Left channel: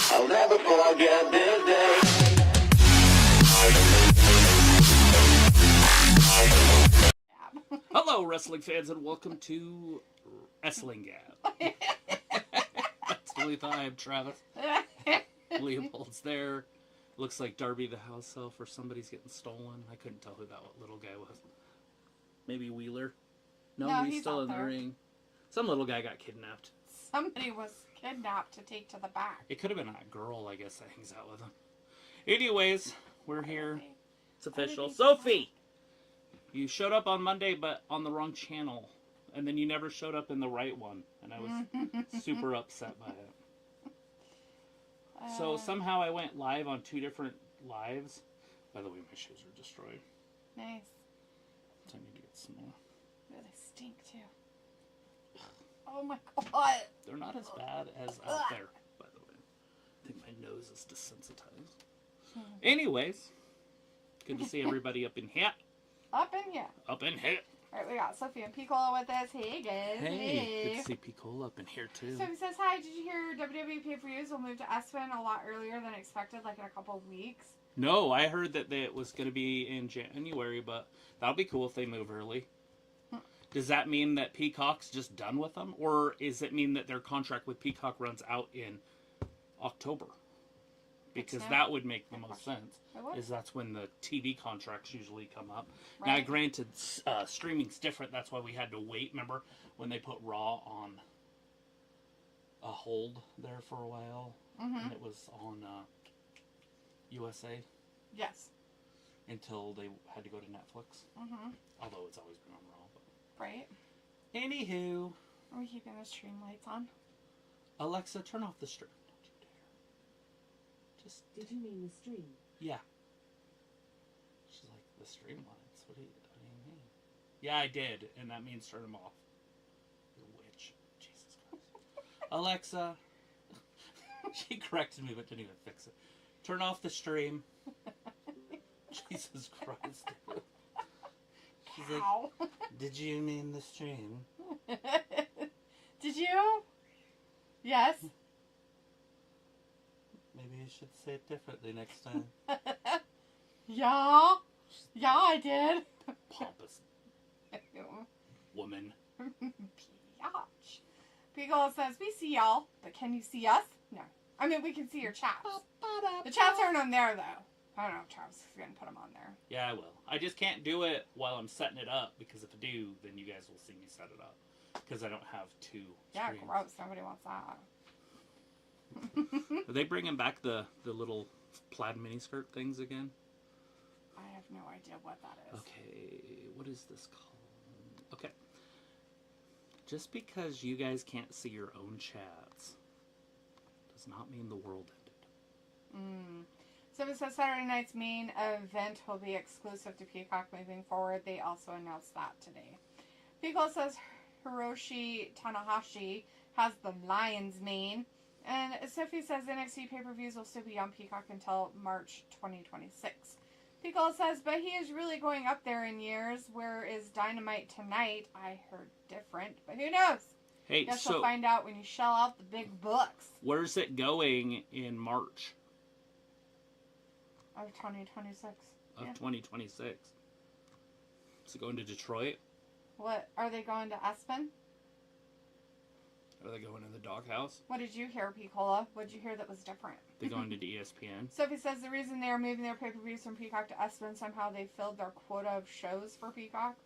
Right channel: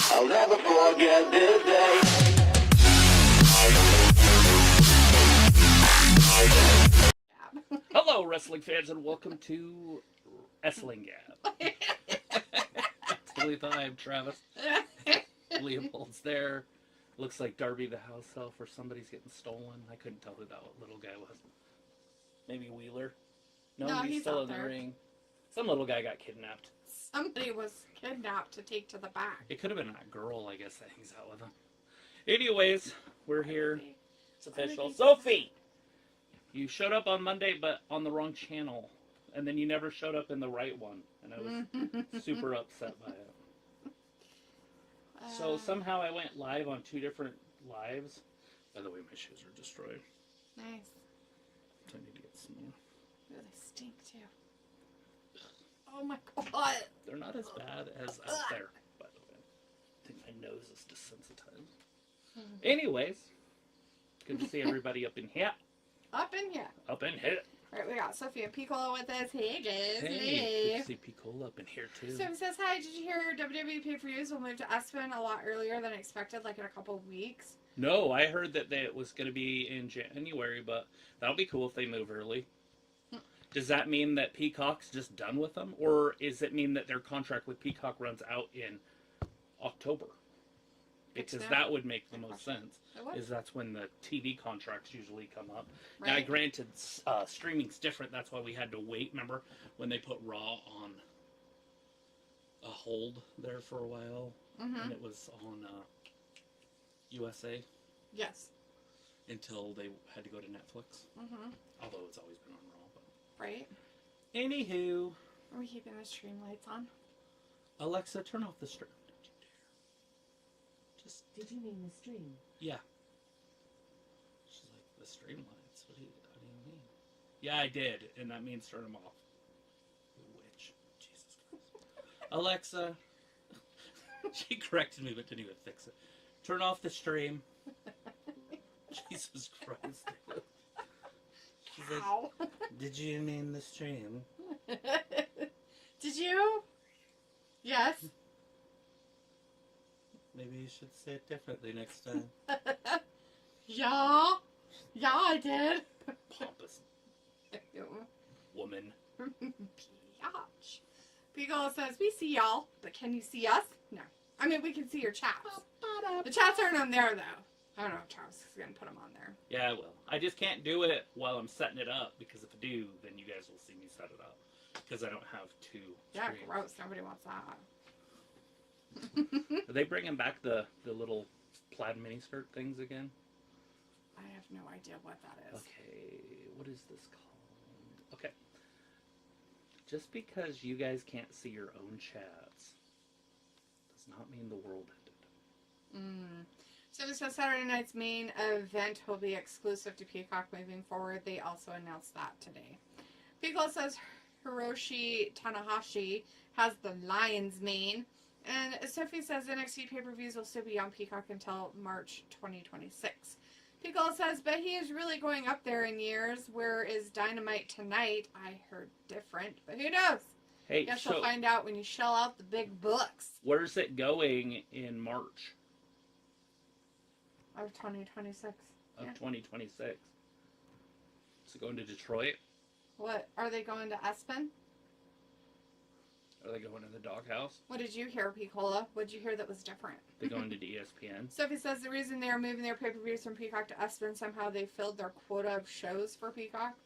I'll never forget this day. Hello, wrestling fans, and welcome to Wrestling Gab. That's Billy Time, Travis. Leopold's there. Looks like Darby the house elf or somebody's getting stolen. I couldn't tell who that little guy was. Maybe Wheeler? No, he's still in the ring. Some little guy got kidnapped. Somebody was kidnapped to take to the back. It could have been that girl, I guess, that hangs out with him. Anyways, we're here. It's official. Sophie! You showed up on Monday, but on the wrong channel. And then you never showed up in the right one. And I was super upset by it. So somehow I went live on 2 different lives. By the way, my shoes are destroyed. Nice. So I need to get some more. Ooh, they stink too. Oh my god. They're not as bad as out there, by the way. I think my nose is desensitized. Anyways, good to see everybody up in here. Up in here. Up in here. Alright, we got Sophie and Piccola with us. Hey guys. Hey. Good to see Piccola up in here too. Sophie says, hi, did you hear WWE pay-per-views will move to Aspen a lot earlier than expected, like in a couple of weeks? No, I heard that it was going to be in January, but that'll be cool if they move early. Does that mean that Peacock's just done with them? Or does it mean that their contract with Peacock runs out in October? Because that would make the most sense. Is that's when the TV contracts usually come up. Right. Now, granted, streaming's different. That's why we had to wait. Remember when they put Raw on a hold there for a while? Mm-hmm. And it was on USA? Yes. Until they had to go to Netflix. Mm-hmm. Although it's always been on Raw. Right. Anywho. Are we keeping the stream lights on? Alexa, turn off the stream. Don't you dare. Just. Did you mean the stream? Yeah. She's like, the stream lights? What do you mean? Yeah, I did. And that means turn them off. The witch. Jesus Christ. Alexa. She corrected me but didn't even fix it. Turn off the stream. Jesus Christ. She's like, did you mean the stream? Did you? Yes. Maybe you should say it differently next time. Yeah. Yeah, I did. Pompous woman. Biatch. Beagle says, we see y'all, but can you see us? No. I mean, we can see your chats. The chats aren't on there, though. I don't know if Travis is going to put them on there. Yeah, I will. I just can't do it while I'm setting it up, because if I do, then you guys will see me set it up. Because I don't have 2 Yeah, screens. gross. Nobody wants that. Are they bringing back the little plaid miniskirt things again? I have no idea what that is. Okay, what is this called? Okay. Just because you guys can't see your own chats does not mean the world ended. So this says Saturday night's main event will be exclusive to Peacock moving forward. They also announced that today. Peacock says Hiroshi Tanahashi has the lion's mane. And Sophie says NXT pay-per-views will still be on Peacock until March 2026. Peacock says, but he is really going up there in years. Where is Dynamite tonight? I heard different, but who knows? Hey, Guess we'll find out when you shell out the big bucks. Where's it going in March? Of 2026. Of 2026. Is it going to Detroit? What? Are they going to Aspen? Are they going to the doghouse? What did you hear, Piccola? What did you hear that was different? They're going to ESPN. Sophie says the reason they are moving their pay-per-views from Peacock to Aspen, somehow they filled their quota of shows for Peacock.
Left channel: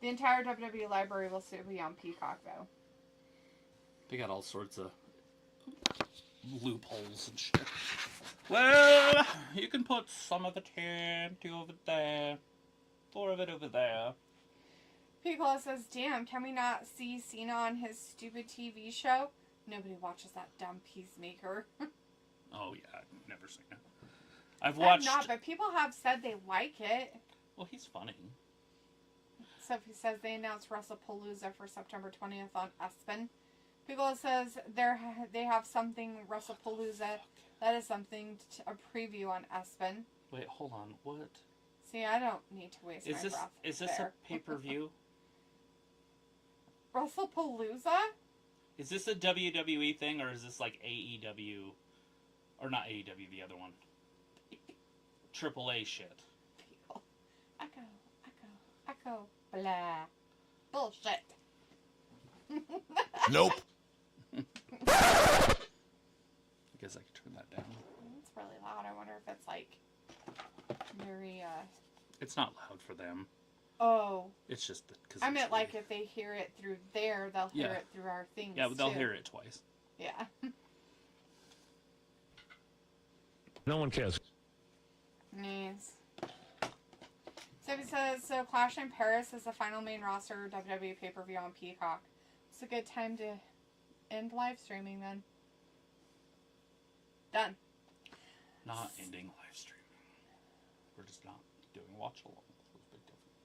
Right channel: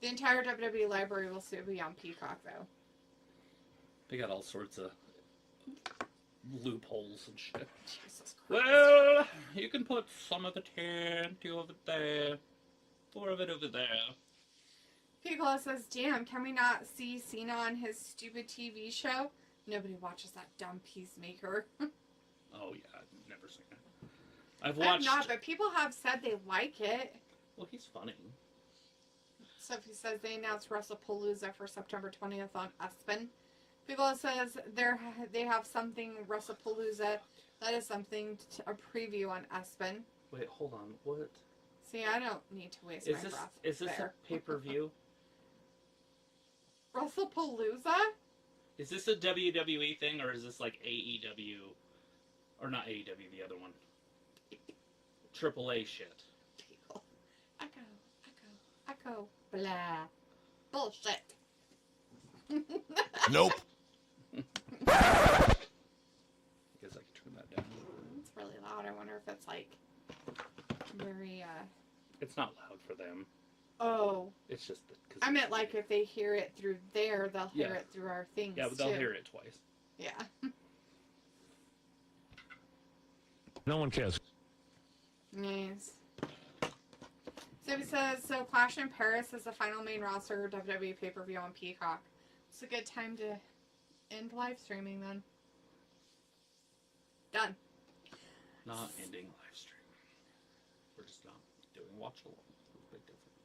The entire WWE library will still be on Peacock, though. They got all sorts of loopholes and shit. Well, you can put some of it here, 2 over there, 4 of it over there. Piccola says, damn, can we not see Cena on his stupid TV show? Nobody watches that dumb Peacemaker. Oh, yeah, I've never seen it. I've watched... not, but people have said they like it. Well, he's funny. Sophie says they announced WrestlePalooza for September 20th on Aspen. Piccola says they have something, WrestlePalooza, that is something, a preview on Aspen. Wait, hold on, what? See, I don't need to waste my breath. Is this a pay-per-view? WrestlePalooza? Is this a WWE thing, or is this like AEW Or not AEW, the other one. AAA shit. Echo. Blah. Bullshit. Nope. I guess I could turn that down. It's really loud. I wonder if it's like very. It's not loud for them. Oh. It's just that. I meant like if they hear it through there, they'll hear it through our things. Yeah, but they'll too. hear it twice. Yeah. No one cares. Nice. So he says, so Clash in Paris is the final main roster WWE pay-per-view on Peacock. It's a good time to end live streaming then. Done. Not ending live streaming. We're just not doing watch along. That's a big difference.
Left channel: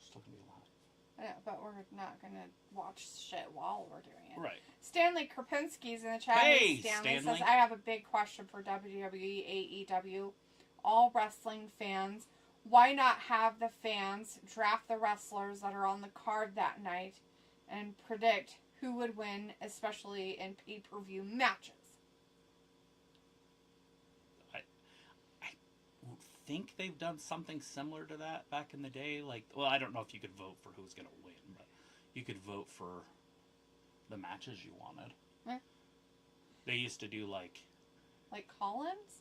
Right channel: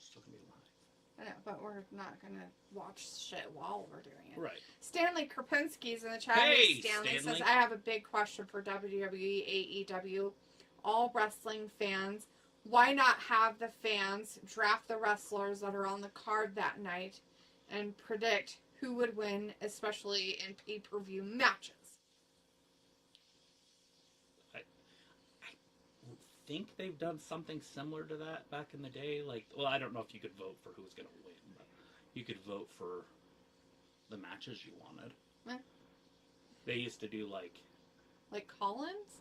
Still gonna be live. Yeah, but we're not going to watch shit while we're doing it. Right. Stanley Krapinski's in the chat. Hey, Stanley Stanley. says, I have a big question for WWE, AEW, all wrestling fans. Why not have the fans draft the wrestlers that are on the card that night and predict who would win, especially in pay-per-view matches? I think they've done something similar to that back in the day. Like, well, I don't know if you could vote for who's going to win, but you could vote for the matches you wanted. Eh. They used to do like call-ins?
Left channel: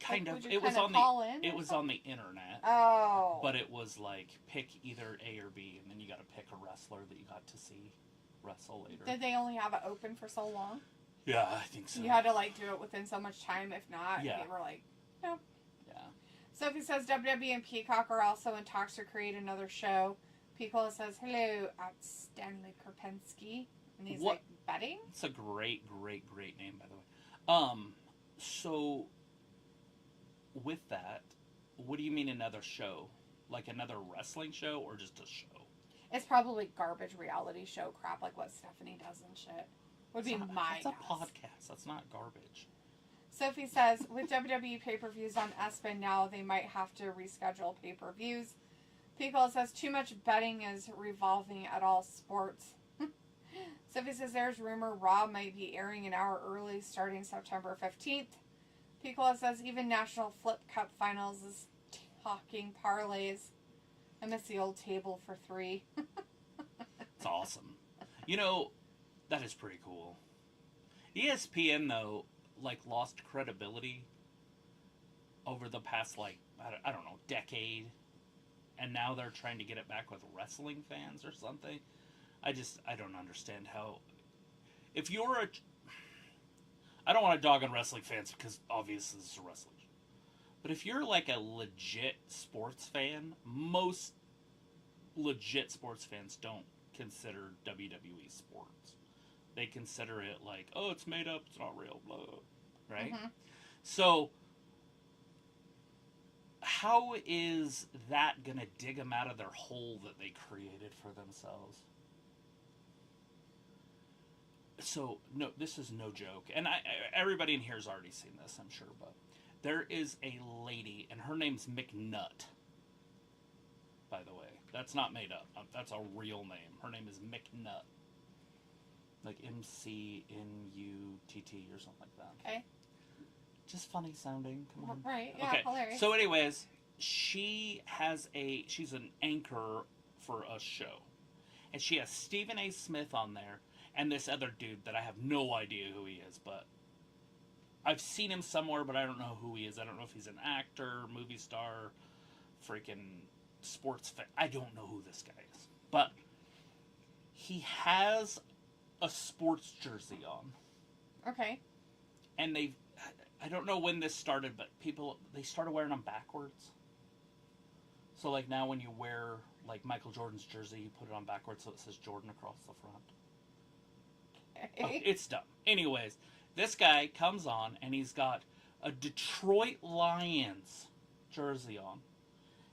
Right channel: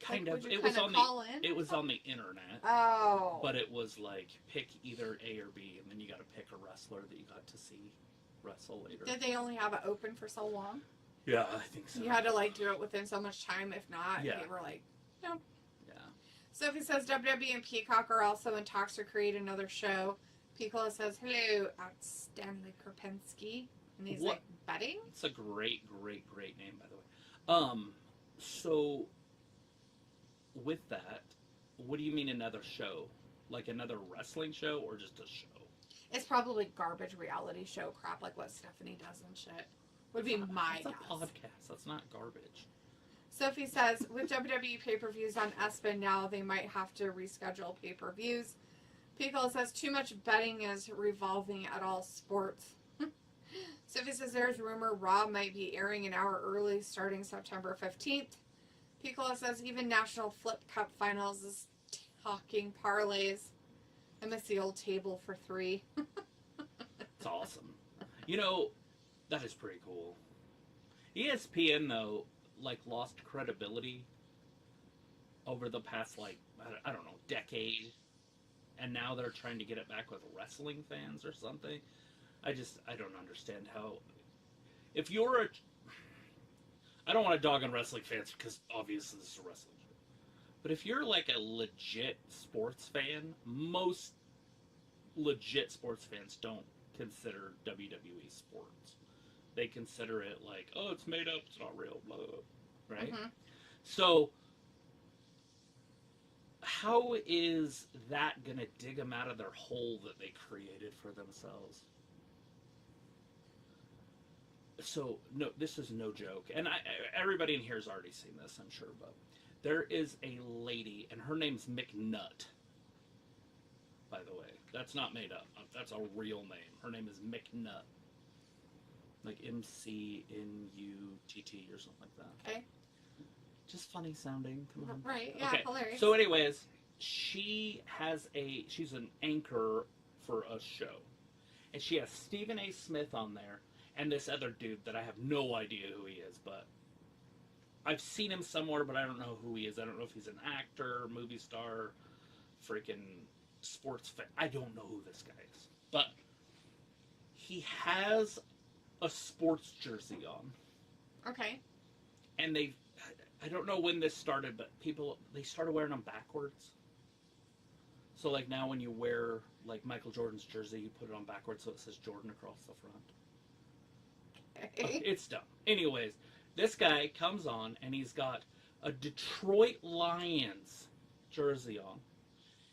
kind Like, of. would you It was kinda on call the. in It or was on the internet. Oh. But it was like pick either A or B, and then you got to pick a wrestler that you got to see wrestle later. Did they only have it open for so long? Yeah, I think so. You had to like do it within so much time. If not, Yeah. they were like, no. Yeah. Sophie says WWE and Peacock are also in talks to create another show. Piccolo says, hello, at Stanley Krapinski. And he's What? like, betting? It's a great name, by the way. So with that, what do you mean another show? Like another wrestling show or just a show? It's probably garbage reality show crap like what Stephanie does and shit. Would be my It's a guess. podcast. That's not garbage. Sophie says, with WWE pay-per-views on ESPN now, they might have to reschedule pay-per-views. Piccolo says, too much betting is revolving at all sports. Sophie says, there's rumor Raw might be airing an hour early starting September 15th. Piccolo says, even National Flip Cup Finals is talking parlays. I miss the old table for 3. It's awesome. You know, that is pretty cool. ESPN, though, like, lost credibility over the past, like, I don't know, decade. And now they're trying to get it back with wrestling fans or something. I don't understand how... If you're a... I don't want to dog on wrestling fans because obviously this is a wrestling show. But if you're like a legit sports fan, most legit sports fans don't consider WWE sports. They consider it like, oh, it's made up, it's not real, blah, blah, blah. Right? Mm-hmm. So, how is that going to dig them out of their hole that they created for themselves? So, no, this is no joke. And everybody in here has already seen this, I'm sure. But there is a lady, and her name's McNutt, by the way. That's not made up. That's a real name. Her name is McNutt. Like McNutt or something like that. Okay. Just funny sounding. Come on. Right, yeah, Okay. hilarious. So anyways, she's an anchor for a show. And she has Stephen A. Smith on there and this other dude that I have no idea who he is, but I've seen him somewhere, but I don't know who he is. I don't know if he's an actor, movie star, freaking sports fan. I don't know who this guy is. But he has a sports jersey on. Okay. And I don't know when this started, but they started wearing them backwards. So, like, now when you wear, like, Michael Jordan's jersey, you put it on backwards so it says Jordan across the front. Okay, it's dumb. Anyways, this guy comes on, and he's got a Detroit Lions jersey on.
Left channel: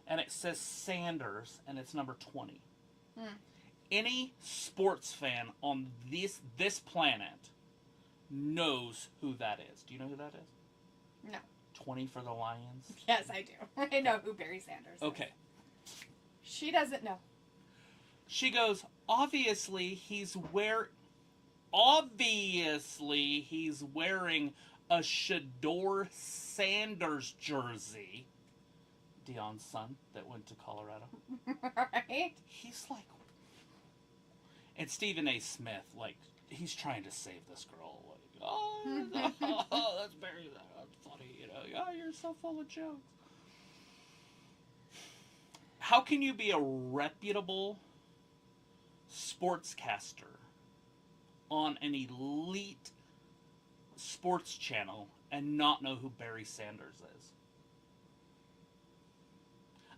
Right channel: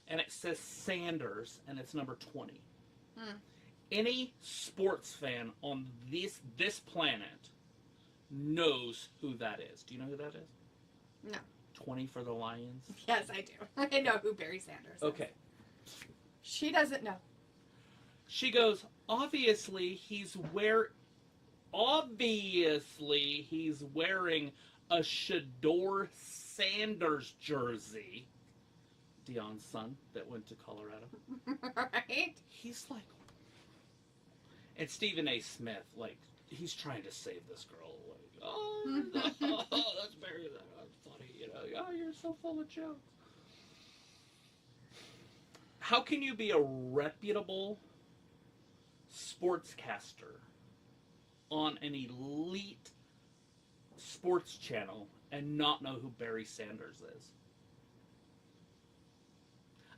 And it says Sanders, and it's number 20. Any sports fan on this planet knows who that is. Do you know who that is? No. 20 for the Lions? Yes, I do. I know who Barry Sanders is. Okay. She doesn't know. She goes, obviously he's wearing a Shador Sanders jersey. Dion's son that went to Colorado. Right? He's like, and Stephen A. Smith, like, he's trying to save this girl. Like, oh, let's bury that. That's funny, you know. Oh, you're so full of jokes. How can you be a reputable sportscaster on an elite sports channel and not know who Barry Sanders is?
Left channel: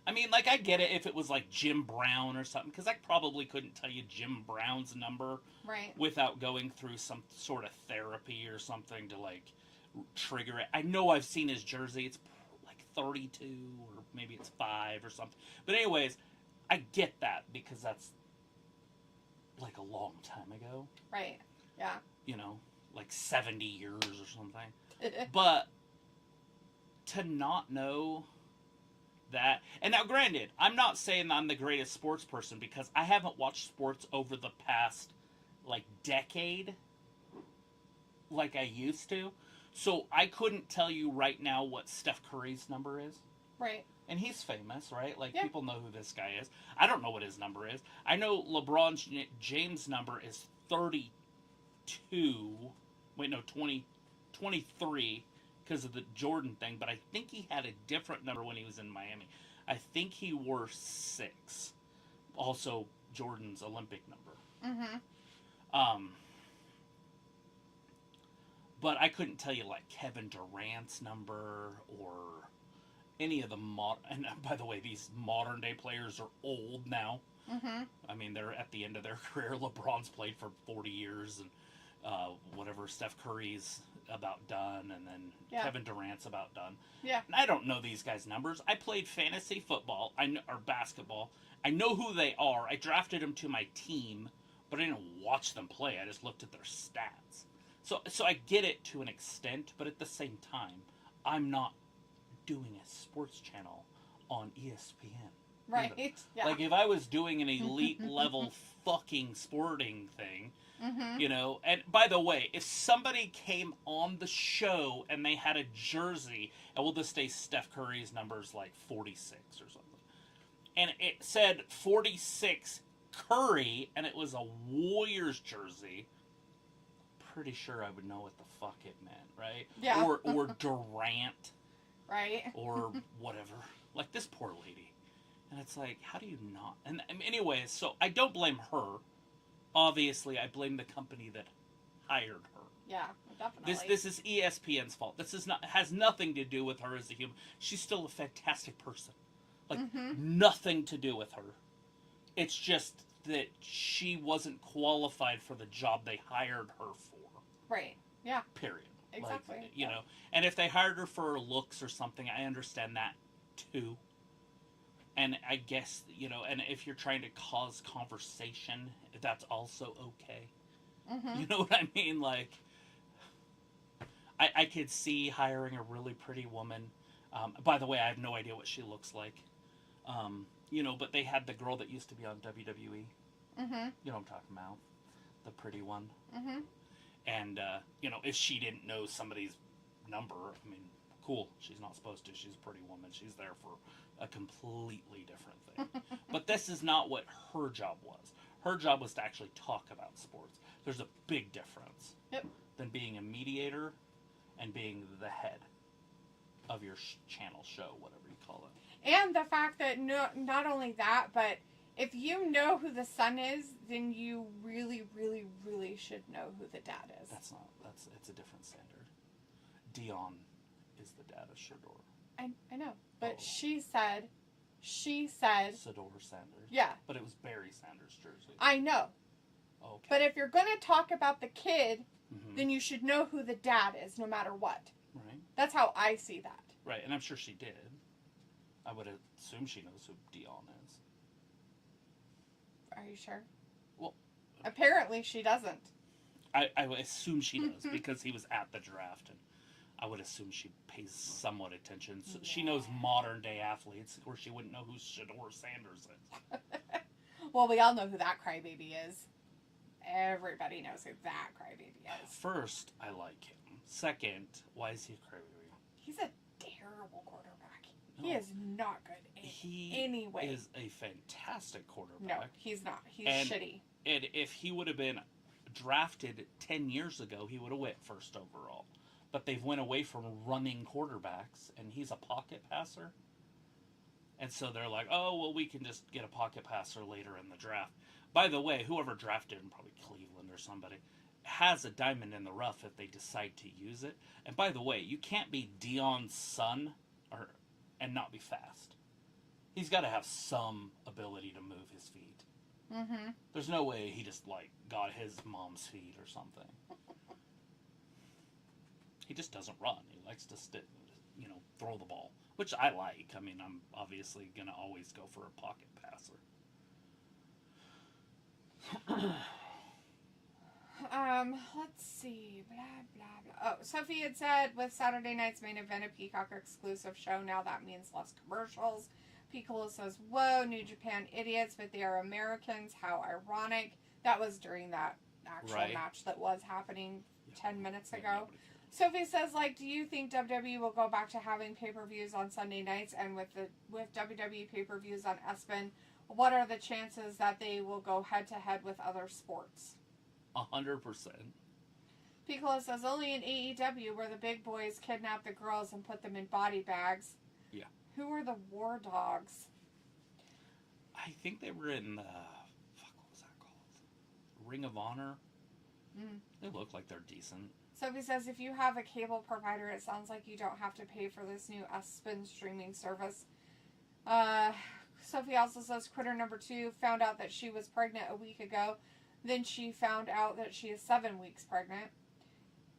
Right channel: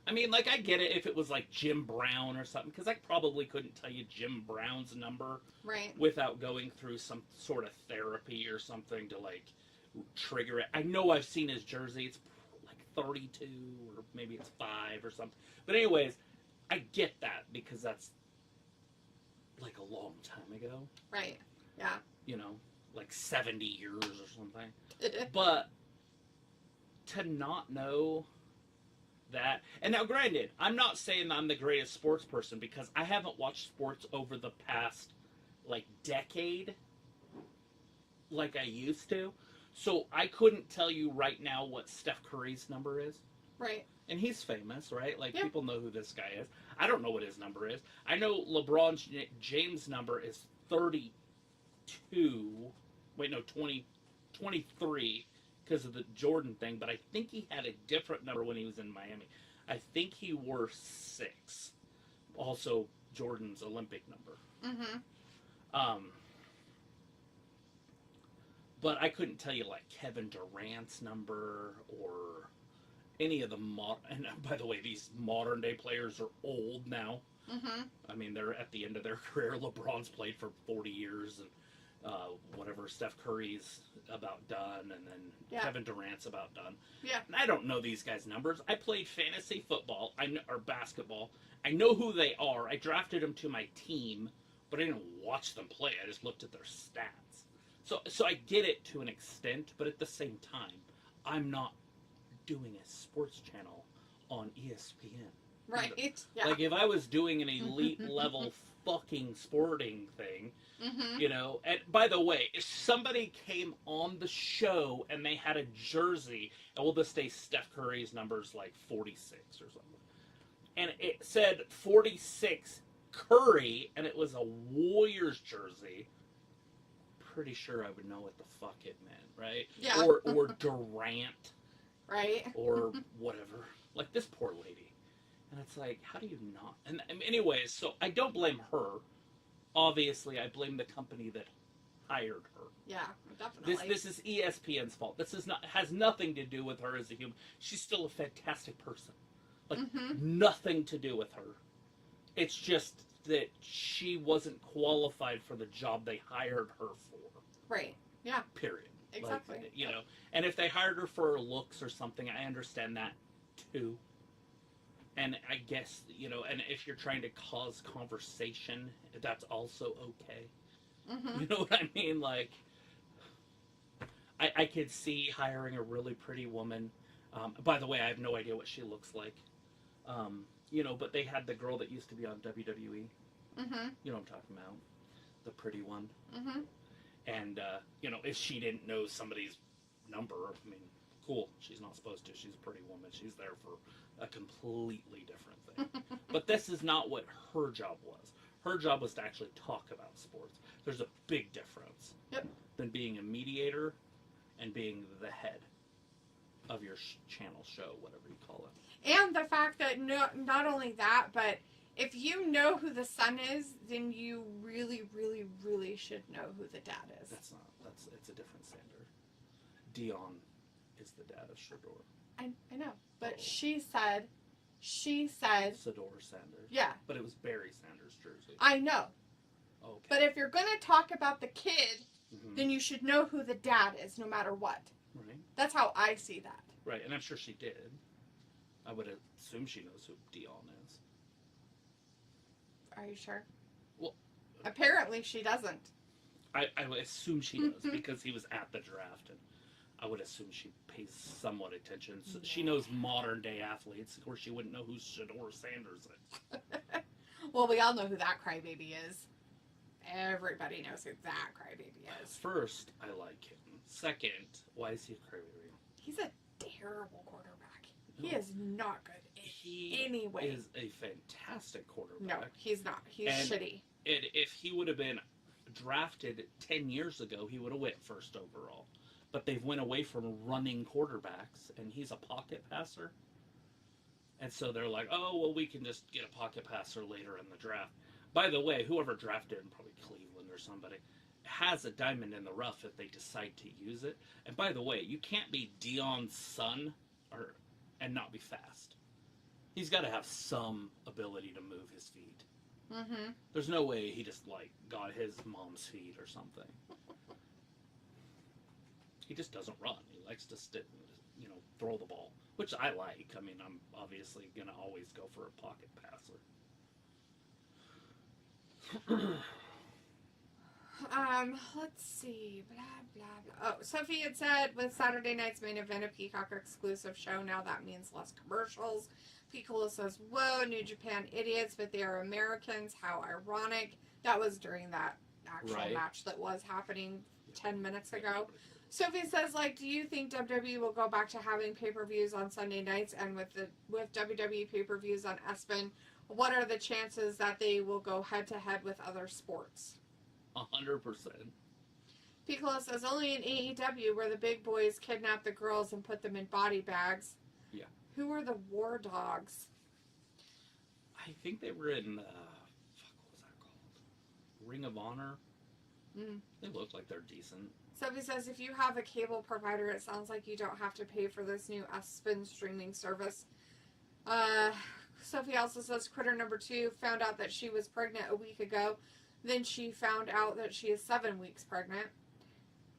I mean, like, I get it if it was like Jim Brown or something, because I probably couldn't tell you Jim Brown's number Right. without going through some sort of therapy or something to, like, trigger it. I know I've seen his jersey. It's like 32 or maybe it's 5 or something. But anyways, I get that because that's like a long time ago. Right. Yeah. You know, like 70 years or something. But to not know that, and now granted, I'm not saying I'm the greatest sports person because I haven't watched sports over the past like decade like I used to. So I couldn't tell you right now what Steph Curry's number is. Right. And he's famous, right? Like, yeah. People know who this guy is. I don't know what his number is. I know LeBron James' number is 32. Wait, no, 23 because of the Jordan thing. But I think he had a different number when he was in Miami. I think he wore 6. Also, Jordan's Olympic number. Mm-hmm. But I couldn't tell you, like, Kevin Durant's number or any of the and by the way, these modern day players are old now. Mm-hmm. I mean, they're at the end of their career. LeBron's played for 40 years, and whatever, Steph Curry's about done, and then Kevin Durant's about done. Yeah. And I don't know these guys' numbers. I played fantasy football, or basketball. I know who they are. I drafted them to my team, but I didn't watch them play. I just looked at their stats. So I get it to an extent, but at the same time, I'm not doing a sports channel on ESPN. Right. Yeah. Like, if I was doing an elite level fucking sporting thing, mm-hmm. you know, and by the way, if somebody came on the show and they had a jersey, and we'll just say Steph Curry's number's like 46 or something, and it said 46 Curry, and it was a Warriors jersey, pretty sure I would know what the fuck it meant, right? Yeah. Or Durant. Right. Or whatever. Like, this poor lady. And it's like, how do you not? And anyways, so I don't blame her. Obviously, I blame the company that hired her. Yeah, definitely. This is ESPN's fault. This is has nothing to do with her as a human. She's still a fantastic person. Like, nothing to do with her. It's just that she wasn't qualified for the job they hired her for. Right. Yeah. Period. Exactly. Like, you know, and if they hired her for her looks or something, I understand that too. And I guess, you know, and if you're trying to cause conversation, that's also okay. Mm-hmm. You know what I mean? Like, I could see hiring a really pretty woman. By the way, I have no idea what she looks like. You know, but they had the girl that used to be on WWE. Mm-hmm. You know what I'm talking about? The pretty one. Mm-hmm. And, you know, if she didn't know somebody's number, I mean, cool. She's not supposed to. She's a pretty woman. She's there for a completely different thing. But this is not what her job was. Her job was to actually talk about sports. There's a big difference than being a mediator and being the head of your channel show, whatever you call it. And the fact that not only that, but if you know who the son is, then you really, really, really should know who the dad is. It's a different standard. Dion is the dad of Shador. I know, but she said, Shador Sanders. Yeah. But it was Barry Sanders' jersey. I know. Okay. But if you're going to talk about the kid, then you should know who the dad is, no matter what. Right. That's how I see that. Right, and I'm sure she did. I would assume she knows who Dion is. Are you sure? Well, apparently she doesn't. I would assume she does because he was at the draft, and I would assume she pays somewhat attention. So she knows modern day athletes, or she wouldn't know who Shador Sanders is. Well, we all know who that crybaby is. Everybody knows who that crybaby is. First, I like him. Second, why is he a crybaby? He's a terrible quarterback. He is not good in any way. He is a fantastic quarterback. No, he's not. He's shitty. And if he would have been drafted 10 years ago, he would have went first overall. But they've went away from running quarterbacks, and he's a pocket passer. And so they're like, oh, well, we can just get a pocket passer later in the draft. By the way, whoever drafted him, probably Cleveland or somebody, has a diamond in the rough if they decide to use it. And by the way, you can't be Dion's son and not be fast. He's got to have some ability to move his feet. Mm-hmm. There's no way he just, got his mom's feet or something. He just doesn't run. He likes to throw the ball, which I like. I mean, I'm obviously going to always go for a pocket passer. Let's see. Blah, blah, blah. Oh, Sophie had said with Saturday night's main event a Peacock exclusive show, now that means less commercials. Piccolo says, whoa, New Japan idiots, but they are Americans. How ironic. That was during that actual match that was happening 10 minutes ago. Sophie says, do you think WWE will go back to having pay-per-views on Sunday nights? And with WWE pay-per-views on ESPN, what are the chances that they will go head-to-head with other sports? 100%. Piccolo says, only in AEW where the big boys kidnap the girls and put them in body bags. Yeah. Who are the War Dogs? I think they were in, what was that called? Ring of Honor? Mm. They look like they're decent. Sophie says, if you have a cable provider, it sounds like you don't have to pay for this new ESPN streaming service. Sophie also says, Critter number 2 found out that she was pregnant a week ago. Then she found out that she is 7 weeks pregnant.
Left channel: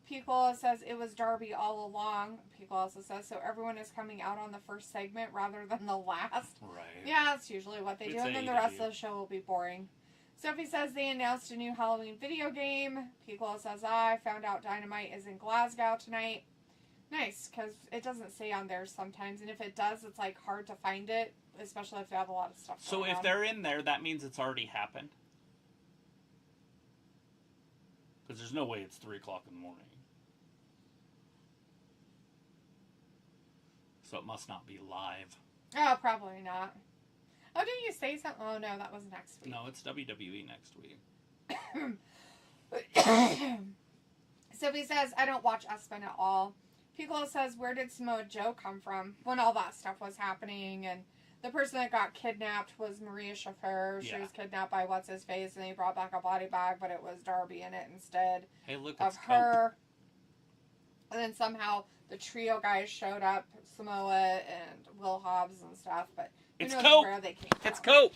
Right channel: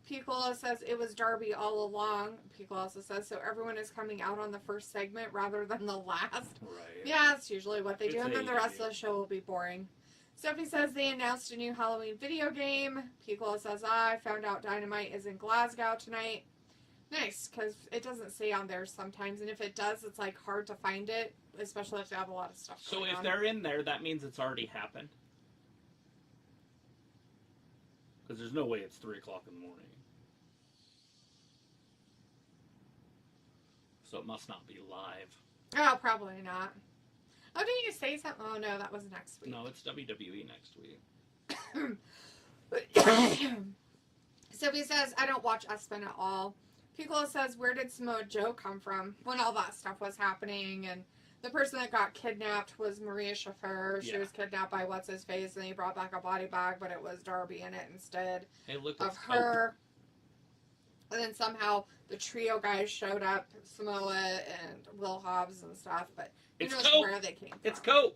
Piccolo says it was Darby all along. Piccolo also says, so everyone is coming out on the first segment rather than the last. Right. Yeah, that's usually what they do. And then the rest of the show will be boring. Sophie says they announced a new Halloween video game. Piccolo says, I found out Dynamite is in Glasgow tonight. Nice, because it doesn't say on there sometimes. And if it does, it's hard to find it, especially if they have a lot of stuff going on. So if they're in there, that means it's already happened? Because there's no way it's 3 o'clock in the morning. So it must not be live. Oh, probably not. Oh, didn't you say something? Oh, no, that was next week. No, it's WWE next week. Sophie says, I don't watch ESPN at all. Piccolo says, where did Samoa Joe come from when all that stuff was happening? And the person that got kidnapped was Maria Schaffer. She was kidnapped by What's-His-Face, and he brought back a body bag, but it was Darby in it instead of her. And then somehow the trio guys showed up, Samoa and Will Hobbs and stuff, but who knows where they came from. It's Cope!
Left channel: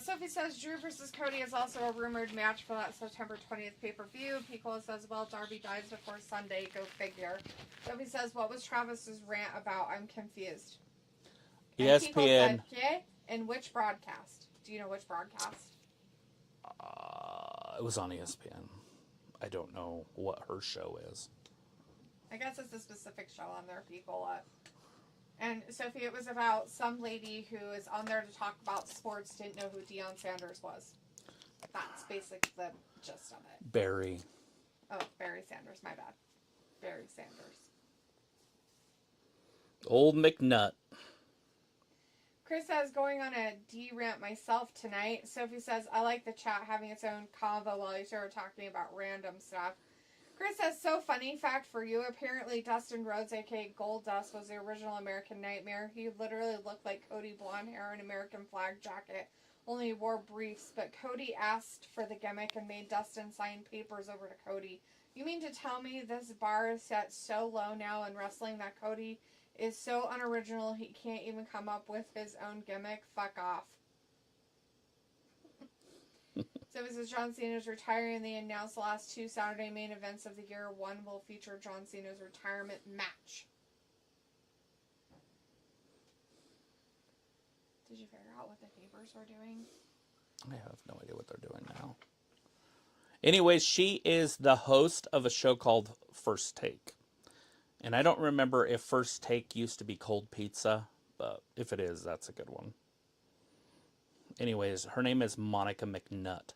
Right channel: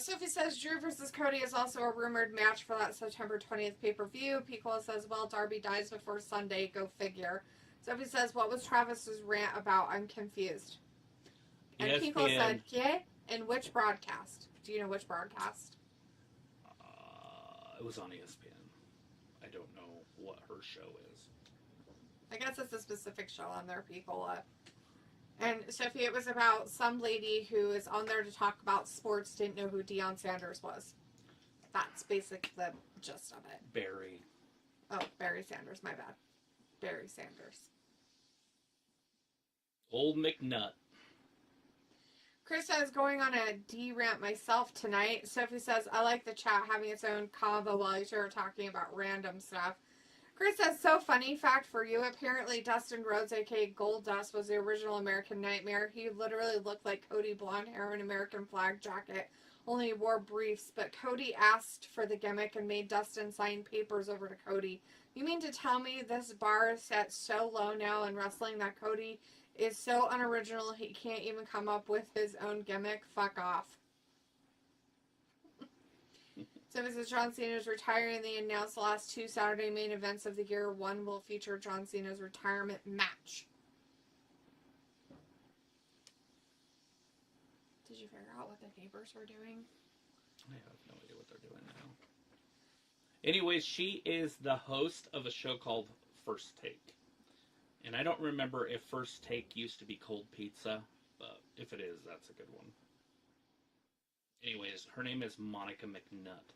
Sophie says Drew versus Cody is also a rumored match for that September 20th pay-per-view. Piccolo says, well, Darby dies before Sunday. Go figure. Sophie says, what was Travis's rant about? I'm confused. And ESPN. Piccolo said, yeah? And which broadcast? Do you know which broadcast? It was on ESPN. I don't know what her show is. I guess it's a specific show on there, Piccolo. And Sophie, it was about some lady who is on there to talk about sports, didn't know who Deion Sanders was. That's basically the gist of it. Barry. Oh, Barry Sanders, my bad. Barry Sanders. Old McNutt. Chris says, going on a D-rant myself tonight. Sophie says, I like the chat having its own convo while you two are talking about random stuff. Chris says, so funny fact for you, apparently Dustin Rhodes, aka Goldust, was the original American Nightmare. He literally looked like Cody, blonde hair and American flag jacket, only he wore briefs, but Cody asked for the gimmick and made Dustin sign papers over to Cody. You mean to tell me this bar is set so low now in wrestling that Cody is so unoriginal he can't even come up with his own gimmick? Fuck off. So this is John Cena's retiring. They announced the last 2 Saturday main events of the year. One will feature John Cena's retirement match. Did you figure out what the papers were doing? I have no idea what they're doing now. Anyways, she is the host of a show called First Take. And I don't remember if First Take used to be Cold Pizza, but if it is, that's a good one. Anyways, her name is Monica McNutt.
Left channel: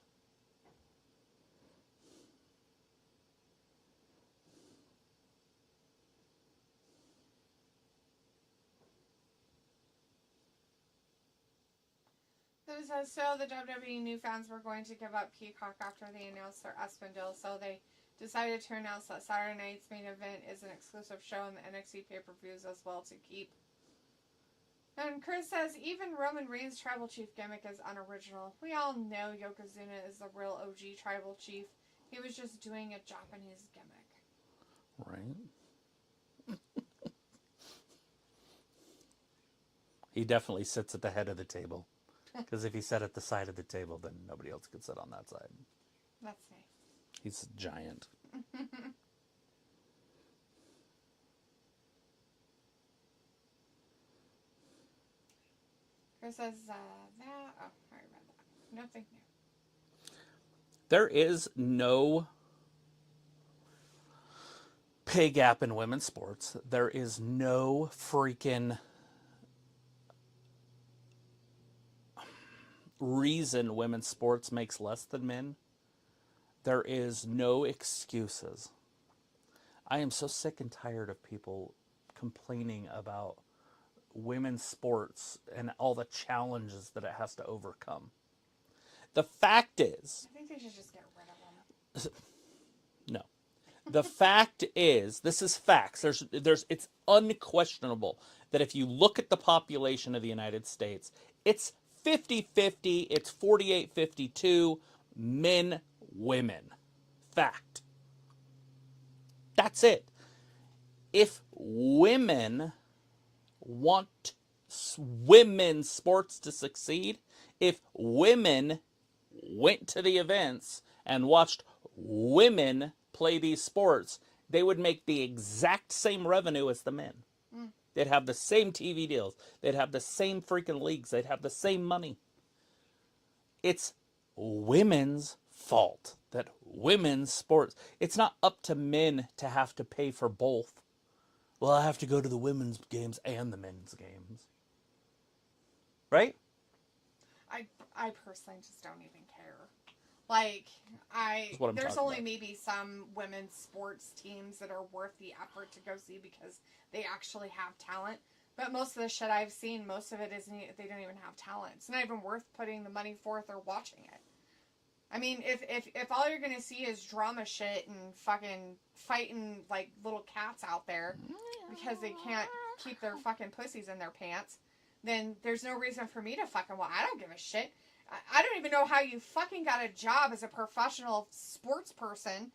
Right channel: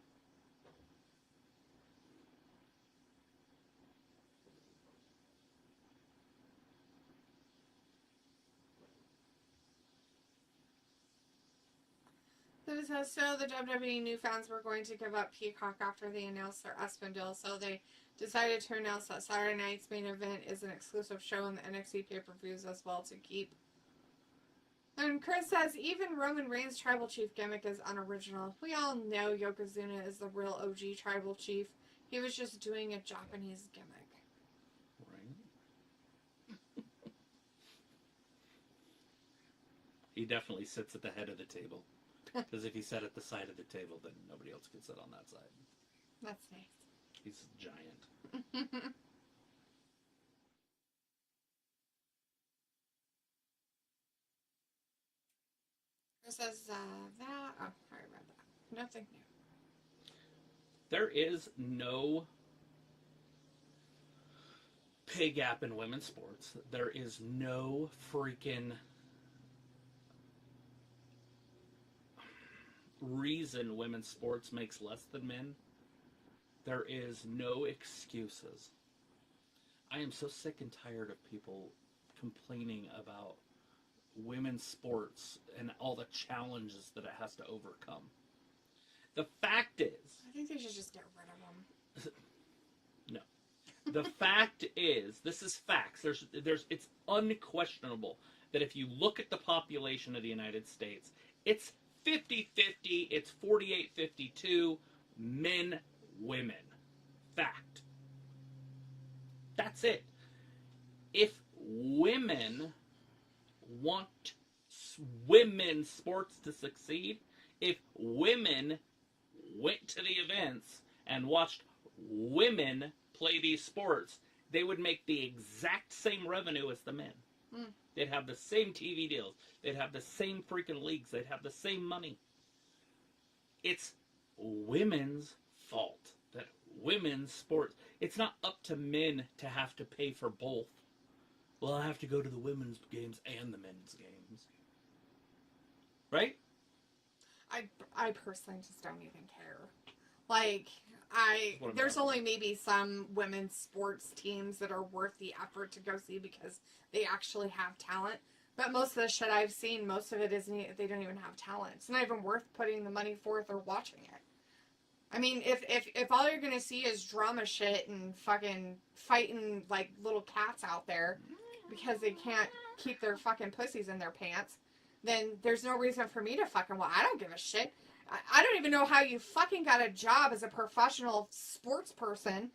So it says, the WWE knew fans were going to give up Peacock after they announced their ESPN deal, so they decided to announce that Saturday night's main event is an exclusive show in the NXT pay-per-views as well to keep. And Chris says, even Roman Reigns' Tribal Chief gimmick is unoriginal. We all know Yokozuna is the real OG Tribal Chief. He was just doing a Japanese gimmick. Right. He definitely sits at the head of the table. Because if he sat at the side of the table, then nobody else could sit on that side. That's nice. He's giant. Chris says, that... Oh, I read that. Nothing new. There is no pay gap in women's sports. There is no freaking reason women's sports makes less than men. There is no excuses. I am so sick and tired of people complaining about women's sports and all the challenges that it has to overcome. The fact is... I think they should just get rid of them. No. The fact is, this is facts. It's unquestionable that if you look at the population of the United States, it's 50-50, it's 48-52, men, women. Fact. That's it. If women want women's sports to succeed, if women went to the events and watched women play these sports, they would make the exact same revenue as the men. They'd have the same TV deals. They'd have the same freaking leagues. They'd have the same money. It's women's fault that women's sports... It's not up to men to have to pay for both. Well, I have to go to the women's games and the men's games. Right? I personally just don't even care. Like, there's only maybe some women's sports teams that are worth the effort to go see because they actually have talent. But most of the shit I've seen, most of it isn't, they don't even have talent. It's not even worth putting the money forth or watching it. I mean, if all you're gonna see is drama shit and fucking fighting like little cats out there because they can't keep their fucking pussies in their pants, then there's no reason for me to fucking I don't give a shit. I don't even know how you fucking got a job as a professional sports person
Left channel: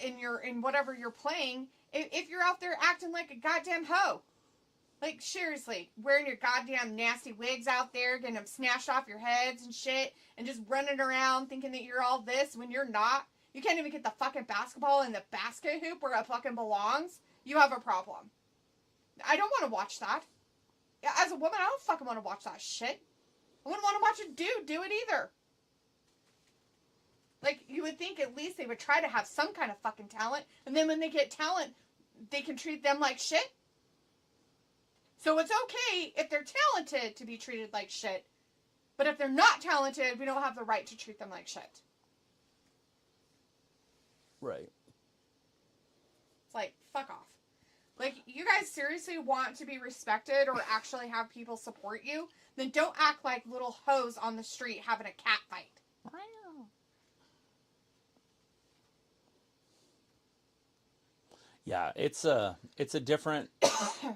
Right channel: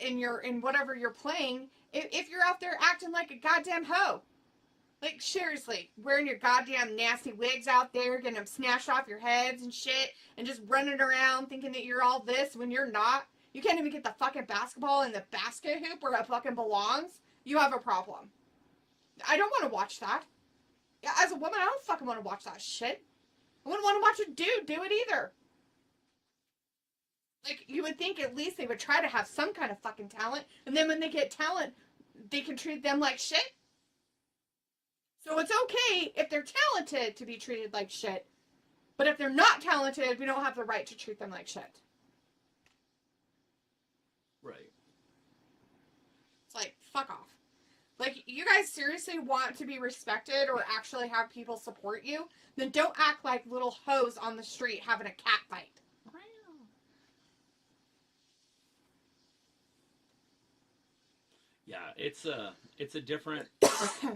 in whatever you're playing if you're out there acting like a goddamn hoe. Like, seriously, wearing your goddamn nasty wigs out there, getting them snatched off your heads and shit, and just running around thinking that you're all this when you're not. You can't even get the fucking basketball in the basket hoop where it fucking belongs. You have a problem. I don't want to watch that. As a woman, I don't fucking want to watch that shit. I wouldn't want to watch a dude do it either. Like, you would think at least they would try to have some kind of fucking talent, and then when they get talent, they can treat them like shit. So it's okay if they're talented to be treated like shit, but if they're not talented, we don't have the right to treat them like shit. Right. It's like, fuck off. Like, you guys seriously want to be respected or actually have people support you? Then don't act like little hoes on the street having a cat fight. Yeah, it's a different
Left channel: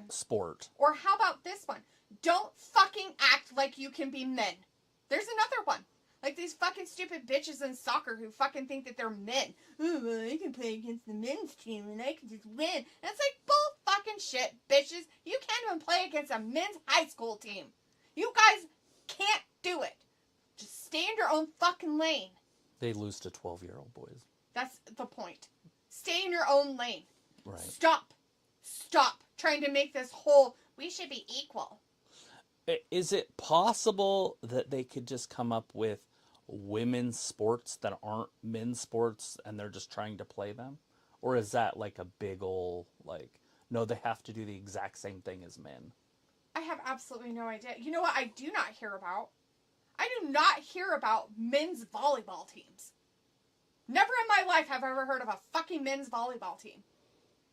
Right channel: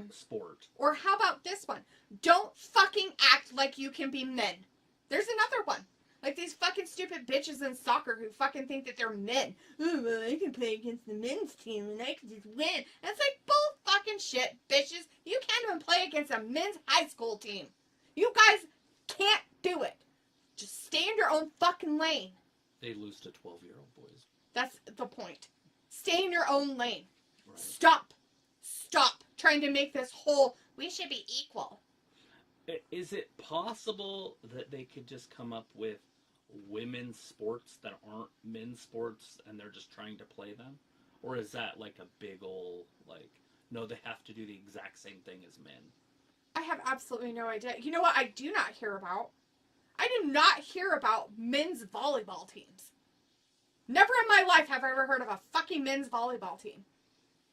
sport. Or how about this one? Don't fucking act like you can be men. There's another one. Like these fucking stupid bitches in soccer who fucking think that they're men. Oh, well, I can play against the men's team and I can just win. And it's like bull fucking shit, bitches. You can't even play against a men's high school team. You guys can't do it. Just stay in your own fucking lane. They lose to 12-year-old boys. That's the point. Stay in your own lane. Right. Stop trying to make this whole, we should be equal. Is it possible that they could just come up with women's sports that aren't men's sports and they're just trying to play them? Or is that like a big ol' like, no, they have to do the exact same thing as men? I have absolutely no idea. You know what I do not hear about? I do not hear about men's volleyball teams. Never in my life have I ever heard of a fucking men's volleyball team.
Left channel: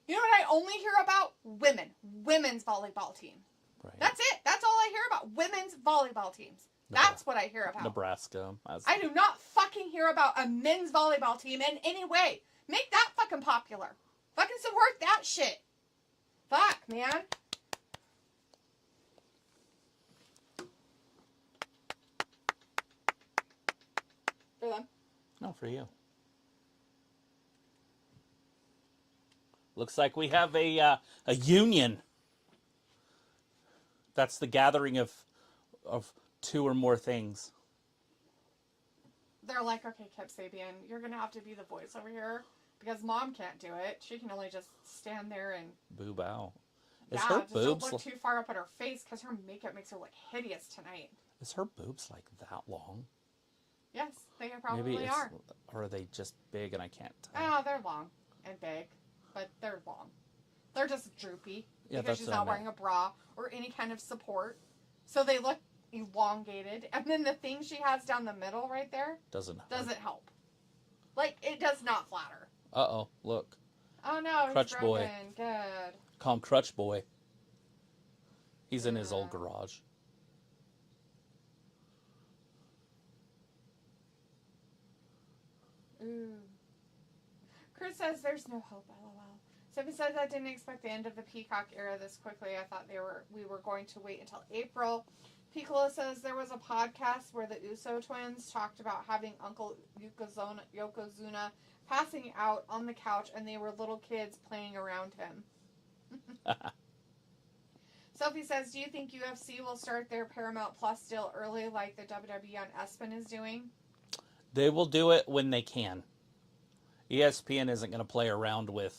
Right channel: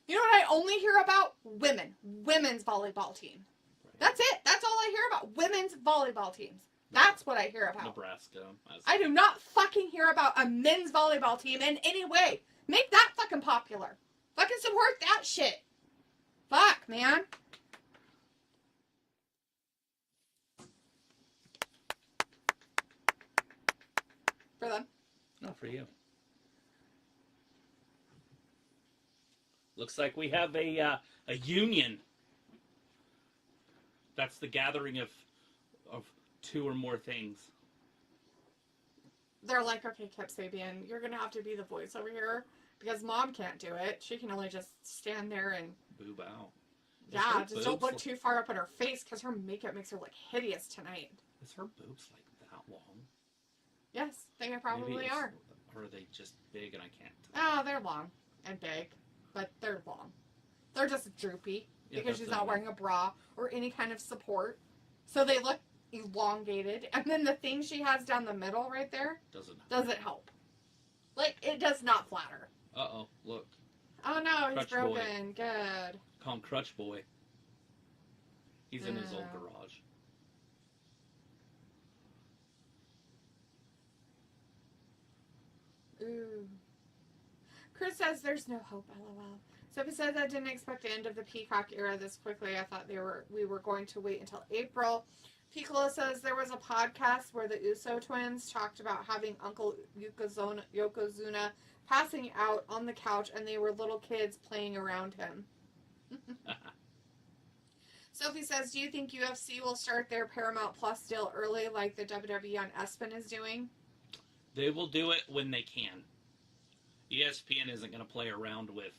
You know what I only hear about? Women's volleyball team. Right. That's it. That's all I hear about. Women's volleyball teams. That's what I hear about. Nebraska. I do not fucking hear about a men's volleyball team in any way. Make that fucking popular. Fucking support that shit. Fuck, man. For them. Not for you. Looks like we have a union. That's the gathering of two or more things. They're like, okay, Kip Sabian, you're gonna have to be the voice over here because Mom can't do it. She can only just stand there and boob out. Just don't look too far up at her face because her makeup makes her look hideous tonight. Is her boobs like that long? Yes, they probably are. Or are they just big and I can't tell? Oh, they're long and big, but they're long. They're just droopy because she's not wearing a bra or any kind of support. So they look elongated. And then the thing she has down the middle right there doesn't help. Like, it does not flatter. Uh-oh, look. Oh, no, Crutch he's broken. boy. Good. Call him Crutch Boy. He's in his old garage. Ooh. Chris says there's no hope, LOL. Sophie says I didn't expect the end of the Peacock era this quickly. I thought we were going to wait until April. Piccolo says there was a podcast where the Uso twins talked about having Uncle Yokozuna passing out on the couch and they were little kids playing around him. Sophie says, do you think UFC will start their Paramount Plus deal early like the WWE on ESPN is doing? They will do it when they can. ESPN isn't going to play around with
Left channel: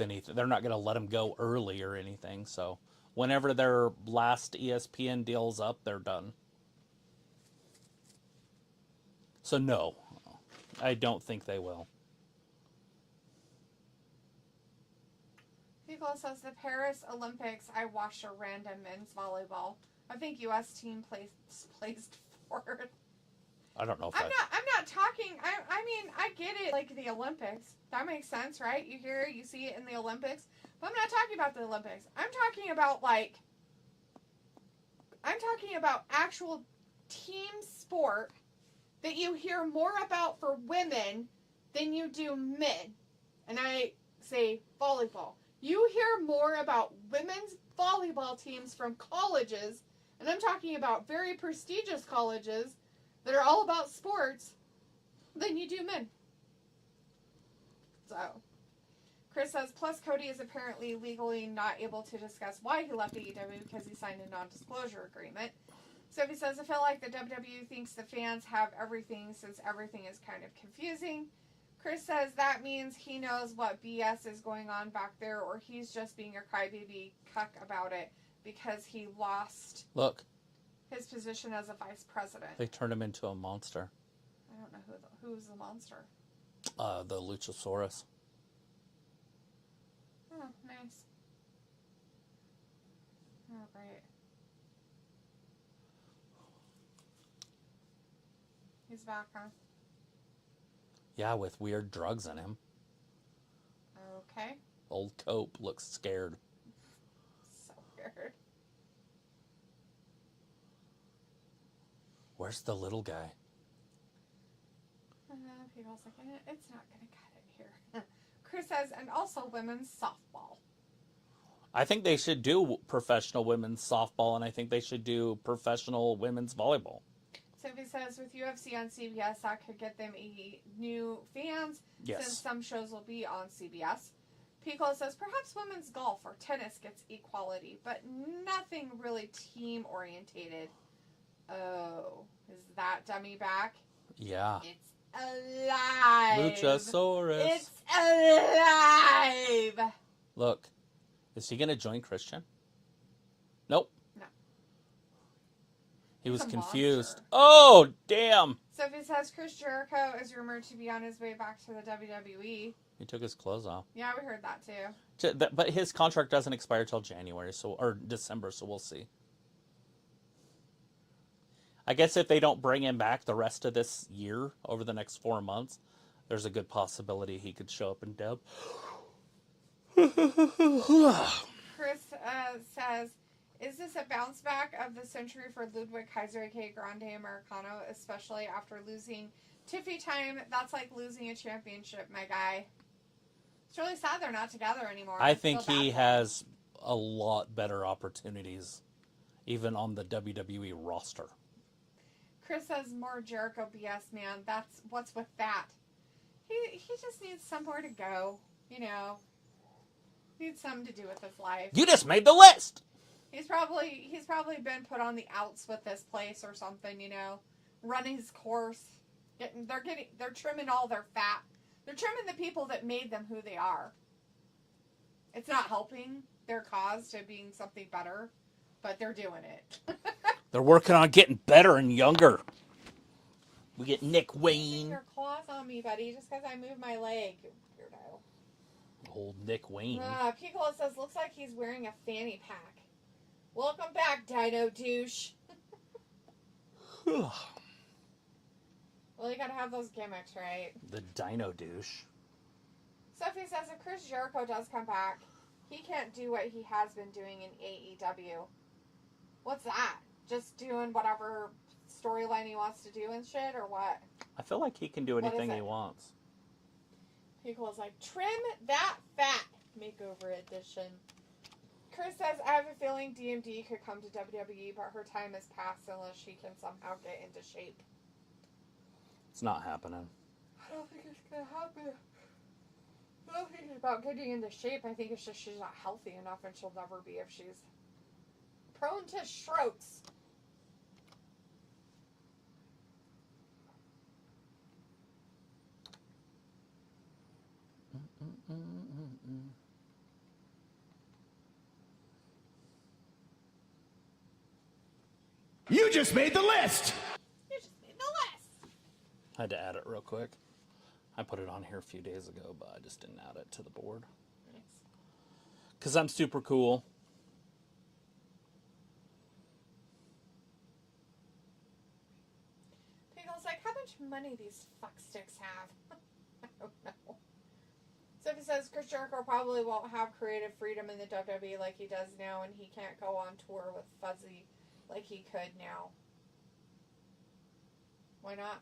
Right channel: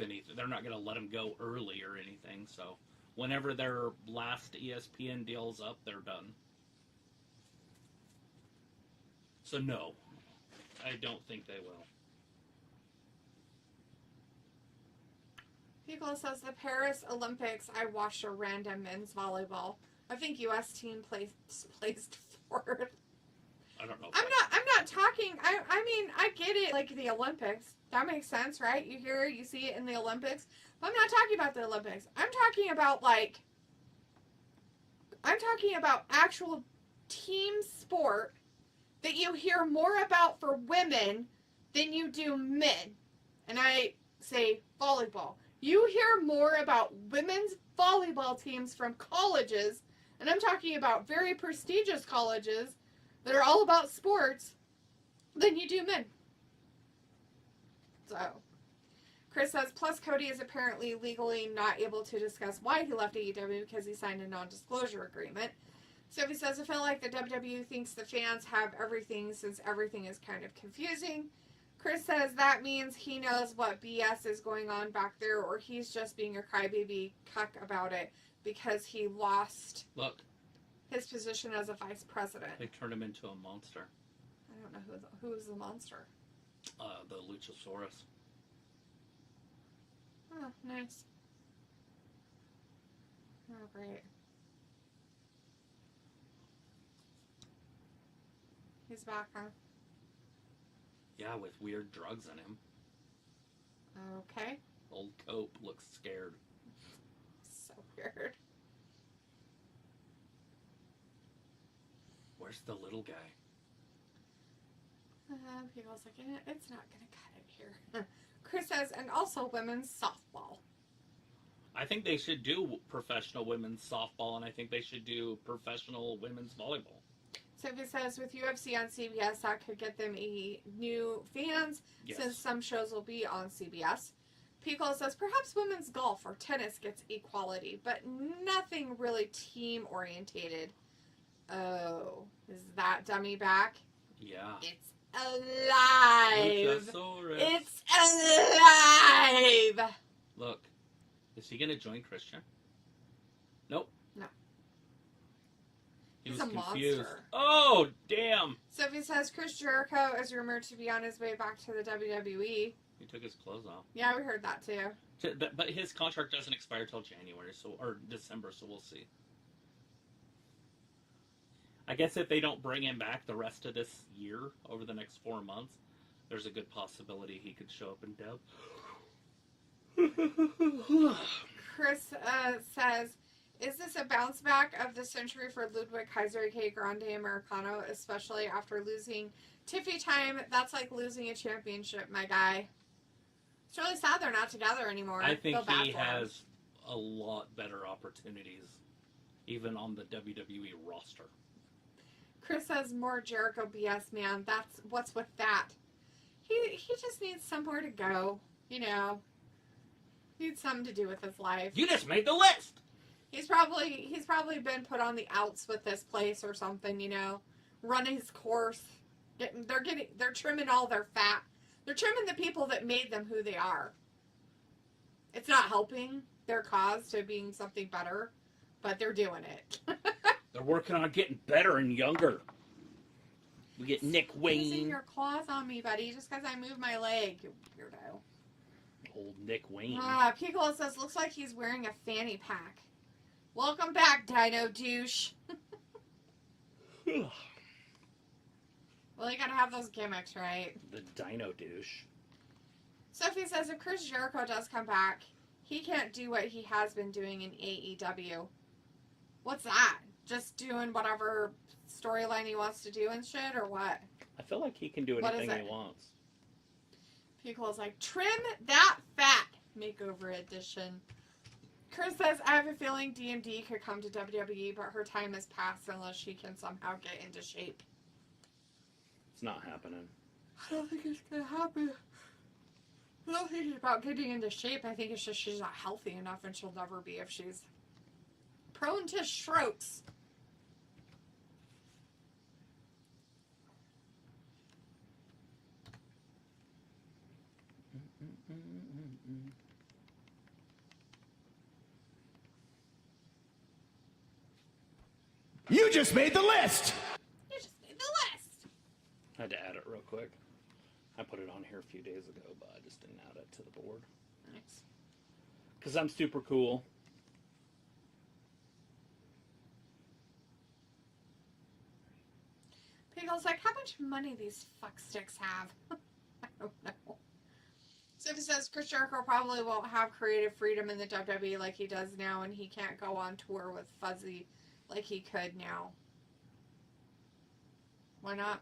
anything. They're not going to let them go early or anything. So whenever their last ESPN deal's up, they're done. So no, I don't think they will. Piccolo says the Paris Olympics, I watched a random men's volleyball. I think U.S. team placed fourth. I don't know. I'm not talking. I mean, I get it. Like the Olympics, that makes sense, right? You hear it, you see it in the Olympics. But I'm not talking about the Olympics. I'm talking about actual team sport that you hear more about for women than you do men. And I say volleyball. You hear more about women's volleyball teams from colleges, and I'm talking about very prestigious colleges that are all about sports, than you do men. So, Chris says, plus Cody is apparently legally not able to discuss why he left AEW because he signed a non-disclosure agreement. Sophie says, I feel like the WWE thinks the fans have everything since everything is kind of confusing. Chris says that means he knows what BS is going on back there, or he's just being a crybaby cuck about it because he lost his position as a vice president. They turned him into a monster. I don't know who is the monster. The Luchasaurus. Oh, nice. Oh, great. He's back, huh? Yeah, with weird drugs in him. Okay. Old Cope looks scared. So weird. Where's the little guy? People's like, it's not going to cut it here. Chris says, and also women's softball. I think they should do professional women's softball, and I think they should do professional women's volleyball. Sophie says, with UFC on CBS, that could get them new fans, since some shows will be on CBS. Piccolo says, perhaps women's golf or tennis gets equality, but nothing really team-orientated. Oh, is that dummy back? Yeah. It's alive. Luchasaurus. It's alive. Look, is he going to join Christian? Nope. No. He He's was a confused. monster. Oh, damn. Sophie says Chris Jericho is rumored to be on his way back to the WWE. He took his clothes off. Yeah, we heard that too. But his contract doesn't expire till January, or December, so we'll see. I guess if they don't bring him back the rest of this year, over the next 4 months, there's a good possibility he could show up in dub. Chris says, Is this a bounce back of the century for Ludwig Kaiser, aka Grande Americano, especially after losing Tiffy time? That's like losing a championship, my guy. It's really sad they're not together anymore. I think feel bad he for him. has a lot better opportunities, even on the WWE roster. Chris says more Jericho BS, man. That's what's with that. He just needs somewhere to go, you know. Needs something to do with his life. You just made the list. He's probably been put on the outs with this place or something, you know. Running his course. They're trimming all their fat. They're trimming the people that made them who they are. It's not helping their cause to being something better, but they're doing it. They're working on getting better and younger. We get Nick Using Wayne. your claws on me, buddy, just because I moved my leg, you weirdo. Old Nick Wayne. Piccolo says, looks like he's wearing a fanny pack. Welcome back, Dino douche. Well, you gotta have those gimmicks, right? The Dino douche. Sophie says, if Chris Jericho does come back, he can't do what he has been doing in AEW. What's that? Just doing whatever storyline he wants to do and shit, or what? I feel like he can do What anything is he it? wants. Piccolo's like, trim that fat. Makeover edition. Chris says, I have a feeling DMD could come to WWE, but her time has passed unless she can somehow get into shape. It's not happening. I don't think it's gonna happen. I don't think it's about getting into shape. I think it's just she's not healthy enough, and she'll never be if she's prone to strokes. You just made the list! You just made the list. I had to add it real quick. I put it on here a few days ago, but I just didn't add it to the board. Nice. Because I'm super cool. Pickle's like, how much money these fucksticks have? I don't know. Sophie says Chris Jericho probably won't have creative freedom in the WWE like he does now, and he can't go on tour with Fuzzy like he could now. Why not?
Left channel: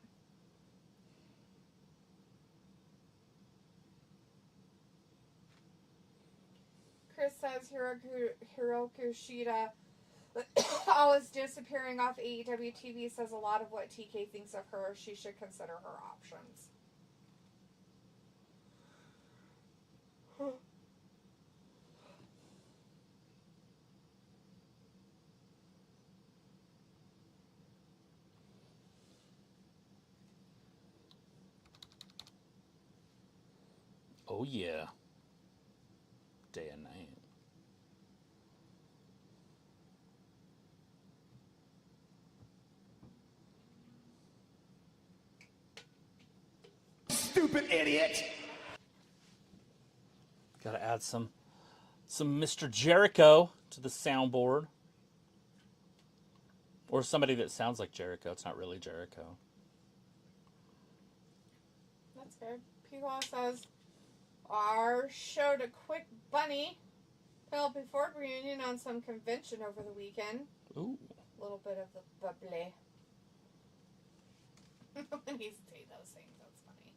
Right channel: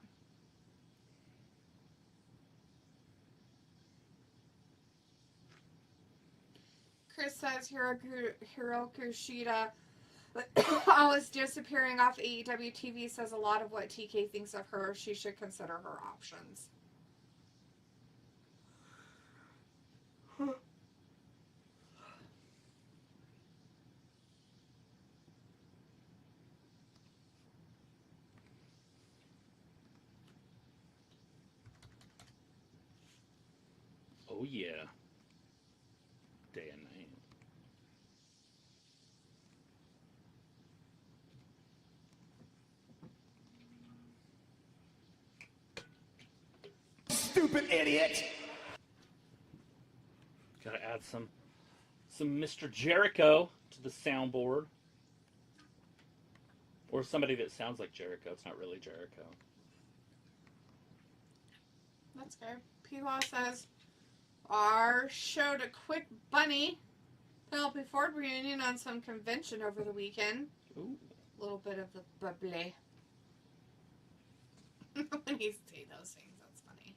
Chris says Hiroku Shida always disappearing off AEW TV says a lot of what TK thinks of her. She should consider her options. Oh, yeah. Day and night. Stupid idiot! Gotta add some Mr. Jericho to the soundboard. Or somebody that sounds like Jericho. It's not really Jericho. That's good. P-Law says, our showed a quick bunny Penelope Ford reunion on some convention over the weekend. Ooh. A little bit of the bubbly. When you say those things, that's funny.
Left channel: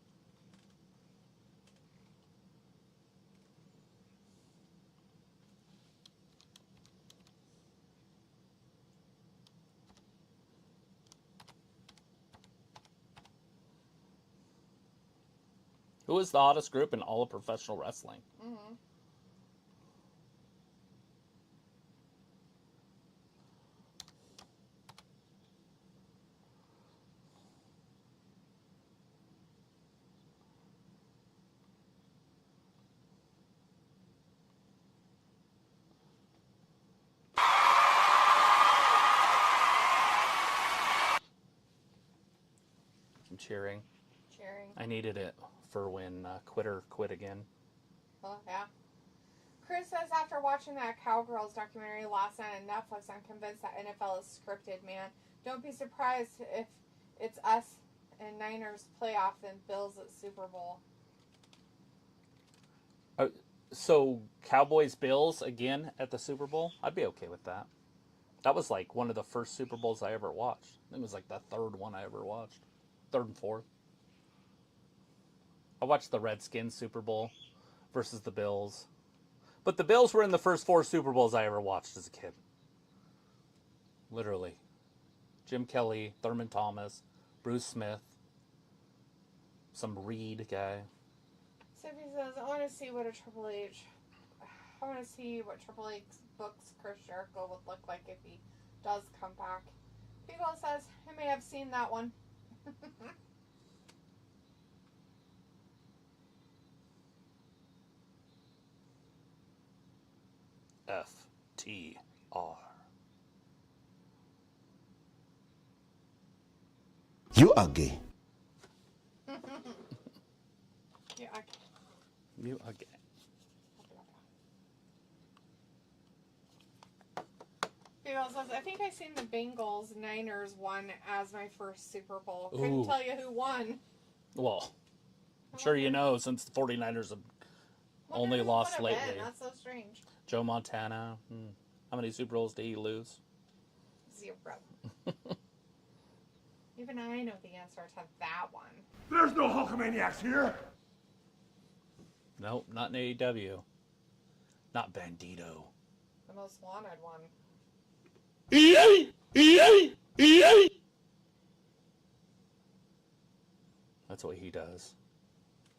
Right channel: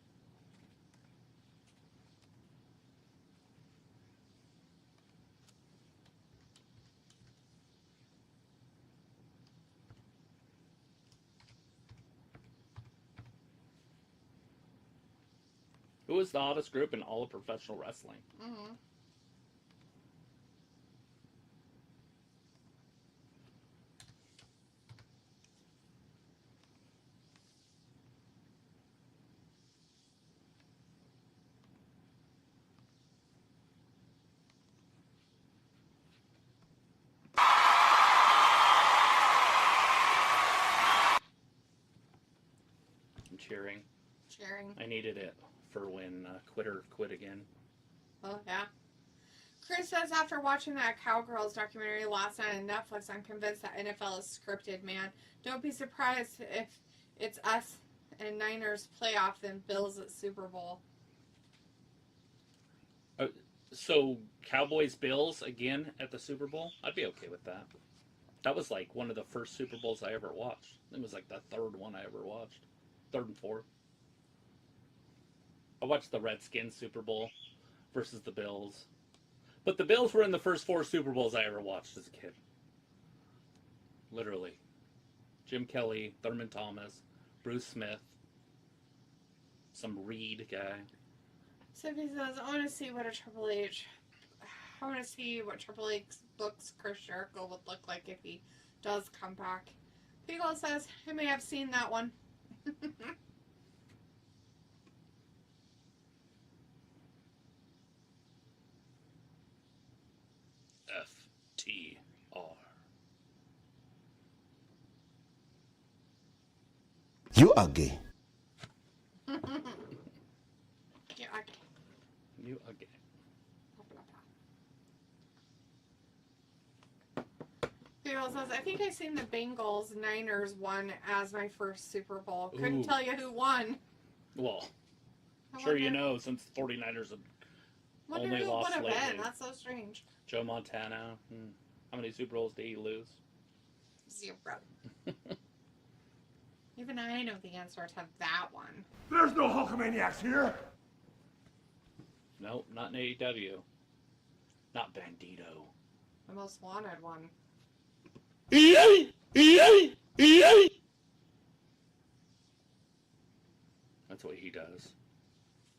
Who is the hottest group in all of professional wrestling? Mm-hmm. I'm cheering. Cheering. I needed it for when Quitter quit again. Oh, yeah. Chris says, after watching that Cowgirls documentary last night on Netflix, I'm convinced that NFL is scripted, man. Don't be surprised if it's us and Niners playoff than Bills at Super Bowl. So, Cowboys Bills again at the Super Bowl? I'd be okay with that. That was like one of the first Super Bowls I ever watched. It was like the third one I ever watched. Third and fourth. I watched the Redskins Super Bowl versus the Bills. But the Bills were in the first 4 Super Bowls I ever watched as a kid. Literally. Jim Kelly, Thurman Thomas, Bruce Smith, some Reed guy. Sophie says, I want to see what Triple H books Chris Jericho would look like if he does come back. Beagle says, I may have seen that one. FTR. You are gay. Yeah, You again. Beagle says, I think I seen the Bengals Niners one as my first Super Bowl. Couldn't Ooh. tell you who won. Well, I sure you wonder- know, since the 49ers have wonder only who it lost would have lately. been. That's so strange. Joe Montana. How many Super Bowls did he lose? 0. Even I know the answer to that one. There's no Hulkamaniacs here. Nope, not in AEW. Not Bandito. The most wanted one. That's what he does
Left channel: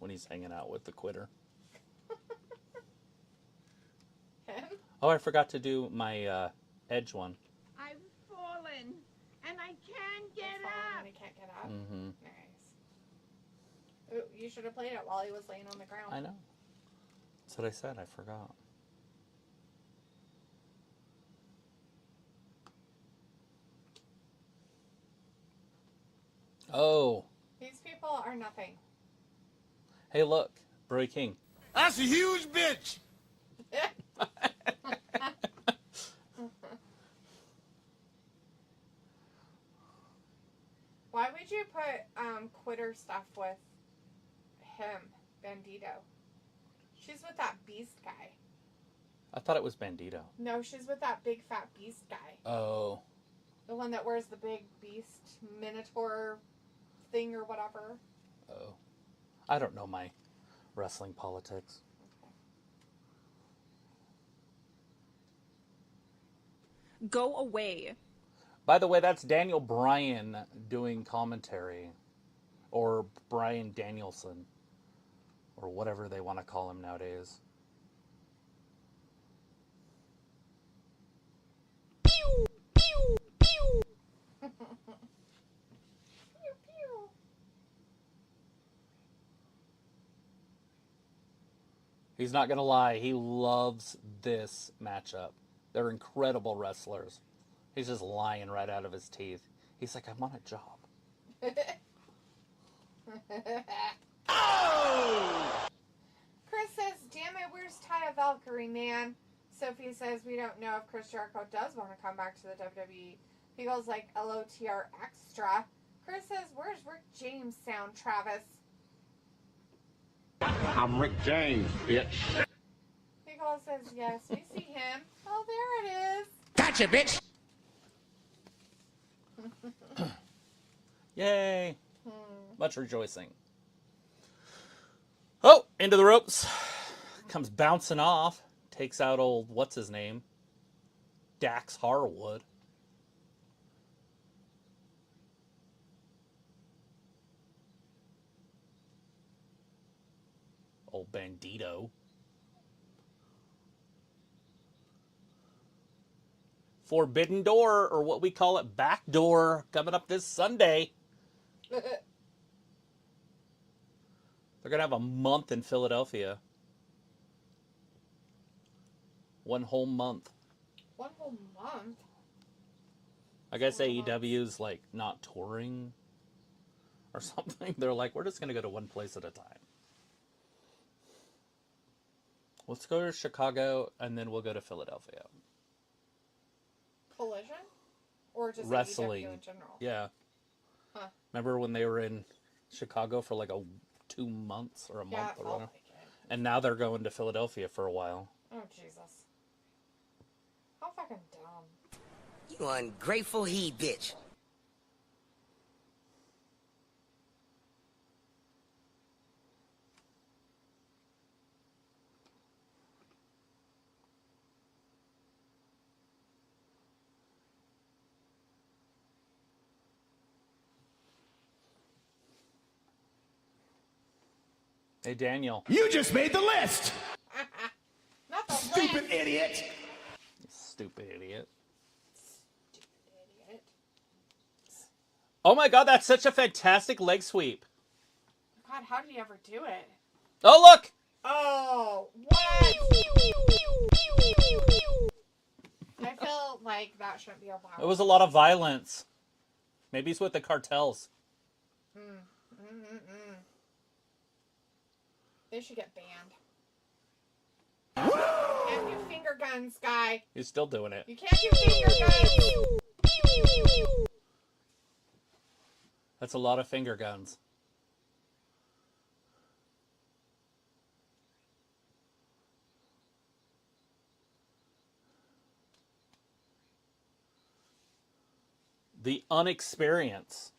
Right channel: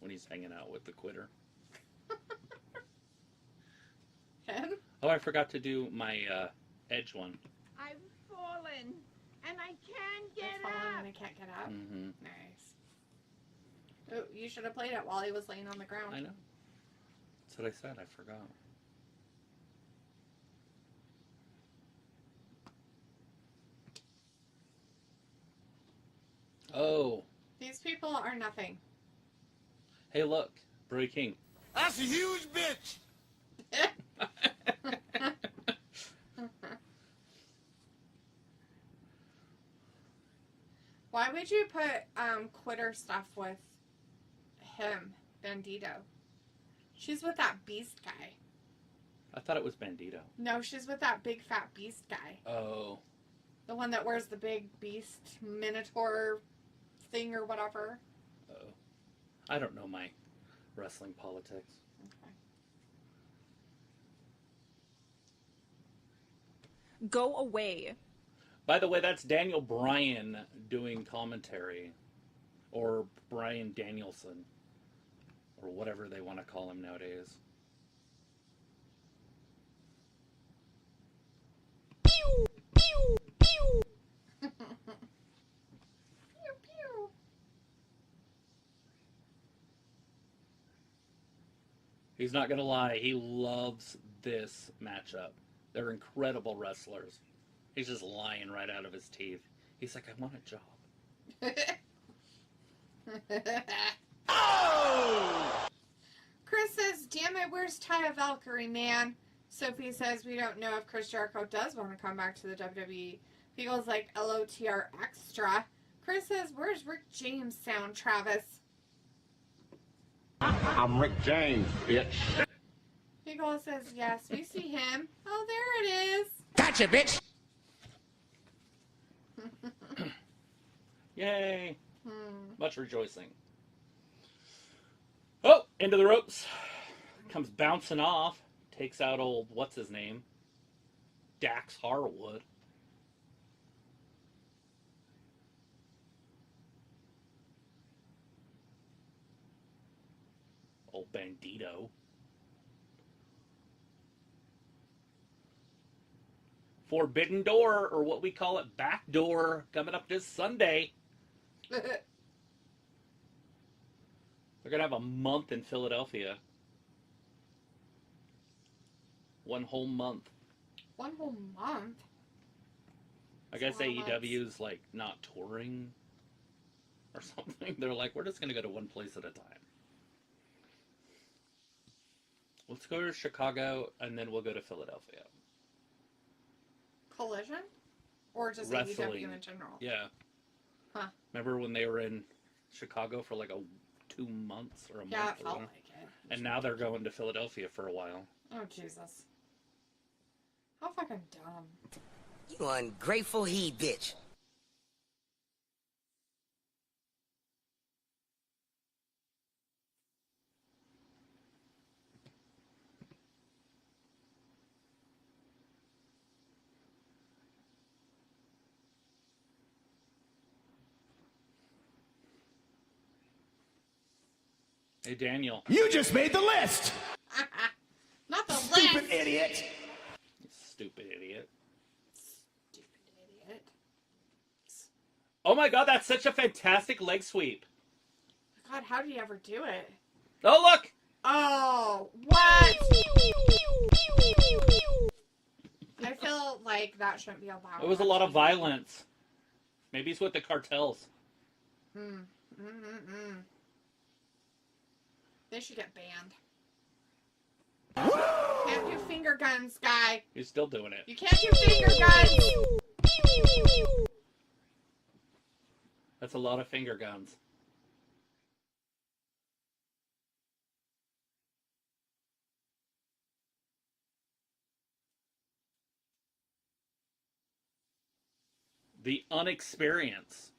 when he's hanging out with the quitter. Him? Oh, I forgot to do my Edge one. I've fallen and I can't get Falling up. and I can't get up. Mm-hmm. Nice. Ooh, you should have played it while he was laying on the ground. I know. That's what I said. I forgot. Oh. These people are nothing. Hey, look. Brody King. That's a huge bitch. Why would you put quitter stuff with him, Bandito? She's with that beast guy. I thought it was Bandito. No, she's with that big fat beast guy. Oh. The one that wears the big beast minotaur thing or whatever. Oh. I don't know my wrestling politics. Go away. By the way, that's Daniel Bryan doing commentary. Or Bryan Danielson. Or whatever they want to call him nowadays. Pew, pew, pew. Pew, pew. He's not going to lie. He loves this matchup. They're incredible wrestlers. He's just lying right out of his teeth. He's like, I'm on a job. Chris says, damn it, where's Taya Valkyrie, man? Sophie says, we don't know if Chris Jericho does want to come back to the WWE. Beagle's like, LOTR extra. Chris says, where's Rick James sound, Travis? I'm Rick James, bitch. Beagle says, yes, we see him. Oh, there it is. Gotcha, bitch. Yay. Much rejoicing. Oh, into the ropes. Comes bouncing off. Takes out old, what's his name? Dax Harwood. Old Bandito. Forbidden Door, or what we call it, Back Door, coming up this Sunday. They're going to have a month in Philadelphia. One whole month. One whole month? I guess That's a lot of AEW's like not touring or something. They're like, we're just going to go to one place at a time. Let's go to Chicago and then we'll go to Philadelphia. Collision? Or just Wrestling. AEW in general? Yeah. Huh. Remember when they were in Chicago for like 2 months or a Yeah, month it or felt whatever? like it. And now they're going to Philadelphia for a while. Oh, Jesus. How fucking dumb. You ungrateful he bitch. Hey, Daniel. You just made the list! Not the Stupid list. idiot! Stupid idiot. Stupid idiot. Oh my god, that's such a fantastic leg sweep. God, how did he ever do it? Oh, look! Oh, what? I feel like that shouldn't be allowed. It was a lot of violence. Maybe it's with the cartels. They should get banned. You can't do finger guns, guy. He's still doing it. You can't do finger guns. That's a lot of finger guns. The unexperience.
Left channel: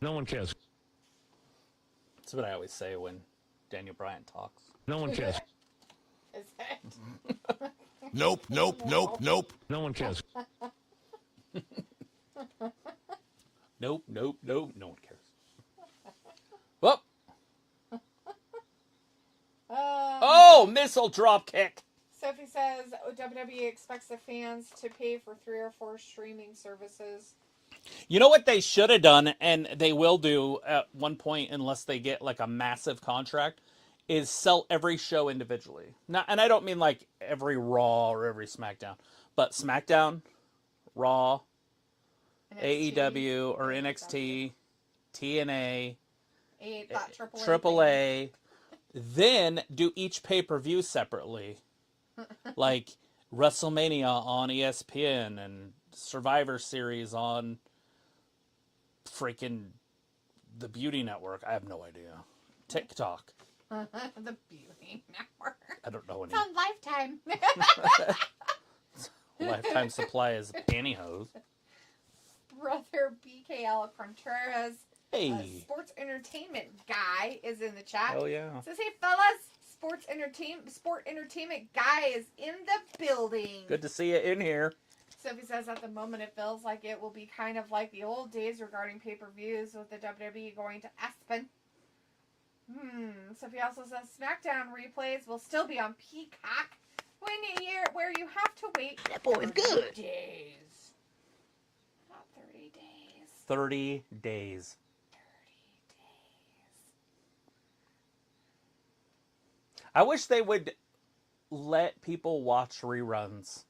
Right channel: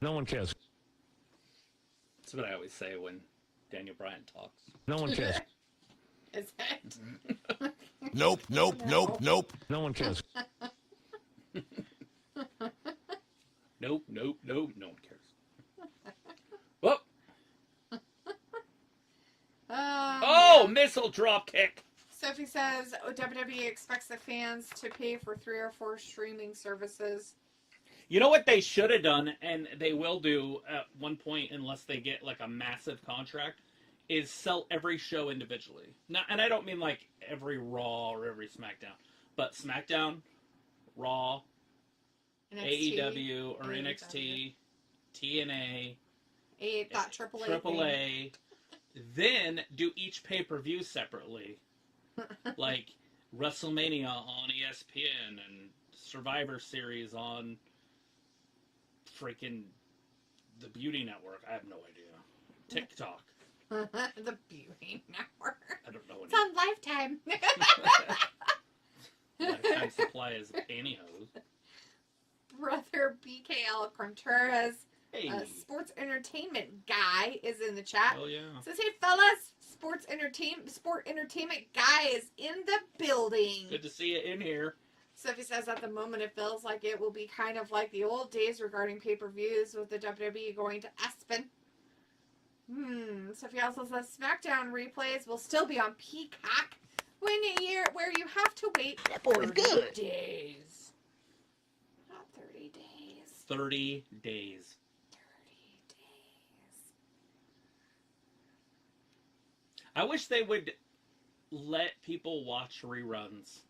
No one cares. That's what I always say when Daniel Bryan talks. No one cares. Is it? Nope, nope, nope, nope. No one cares. Nope, nope, nope. No one cares. Whoop. Oh, missile drop kick. Sophie says WWE expects the fans to pay for 3 or 4 streaming services. You know what they should have done, and they will do at one point unless they get like a massive contract, is sell every show individually. Now, and I don't mean like every Raw or every SmackDown, but SmackDown, Raw, NXT, AEW or AEW. NXT, TNA, That AAA. AAA. Then do each pay-per-view separately. Like WrestleMania on ESPN and Survivor Series on freaking the Beauty Network. I have no idea. TikTok. The Beauty Network. I don't know It's on Lifetime. Lifetime supply is pantyhose. Brother BKL Contreras, Hey. sports entertainment guy, is in the chat. Oh yeah. Says, hey fellas, sport entertainment guy is in the building. Good to see you in here. Sophie says at the moment it feels like it will be kind of like the old days regarding pay-per-views with the WWE going to Aspen. Sophie also says SmackDown replays will still be on Peacock where you have to wait That boy is good. days. Not 30 days. 30 days. 30 days. I wish they would let people watch reruns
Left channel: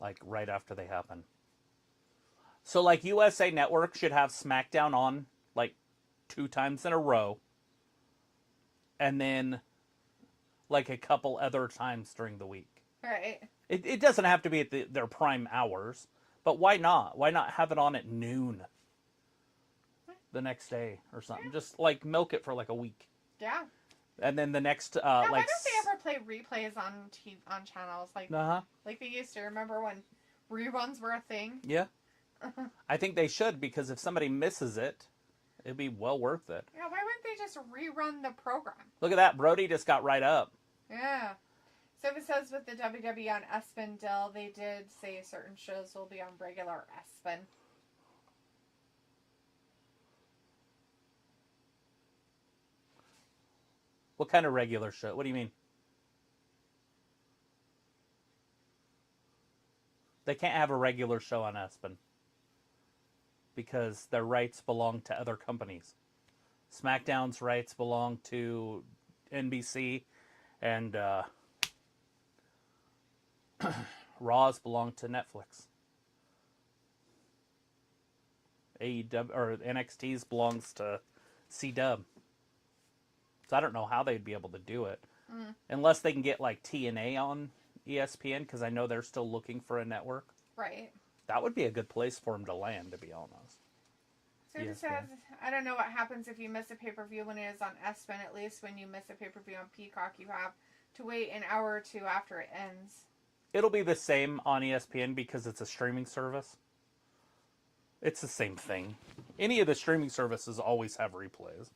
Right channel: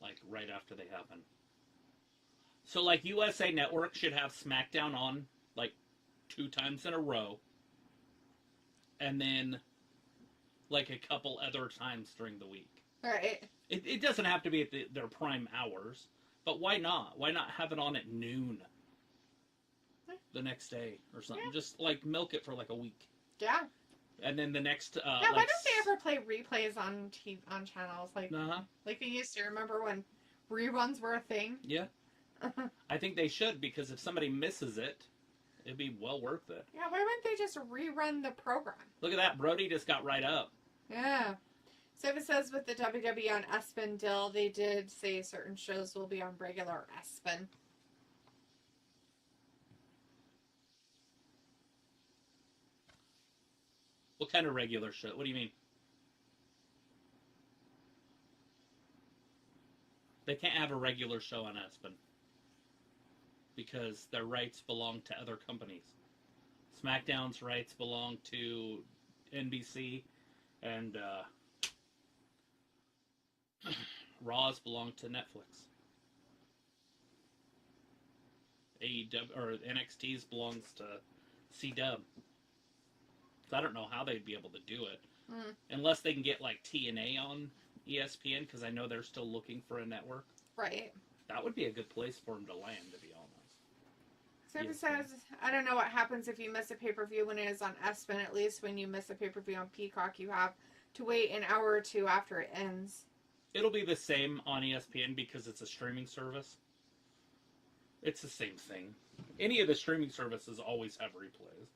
like right after they happen. So like USA Network should have SmackDown on like 2 times in a row. And then like a couple other times during the week. Right. It doesn't have to be at their prime hours, but why not? Why not have it on at noon the next day or something? Yeah. Just like milk it for like a week. Yeah. And then the next yeah, like why don't they ever play replays on channels like they used to? Remember when reruns were a thing? Yeah. I think they should, because if somebody misses it, it'd be well worth it. Yeah, why wouldn't they just rerun the program? Look at that. Brody just got right up. Yeah. So it says with the WWE on Espen Dill, they did say certain shows will be on regular Espen. What kind of regular show? What do you mean? They can't have a regular show on Espen because their rights belong to other companies. SmackDown's rights belong to NBC, and Raw's belong to Netflix. AEW or NXT's belongs to CW. So I don't know how they'd be able to do it. Unless they can get like TNA on ESPN, because I know they're still looking for a network. Right. That would be a good place for them to land, to be honest. Sophie ESPN. says, I don't know what happens if you miss a pay-per-view when it is on ESPN. At least when you miss a pay-per-view on Peacock, you have to wait an hour or two after it ends. It'll be the same on ESPN because it's a streaming service. It's the same thing. Any of the streaming services always have replays.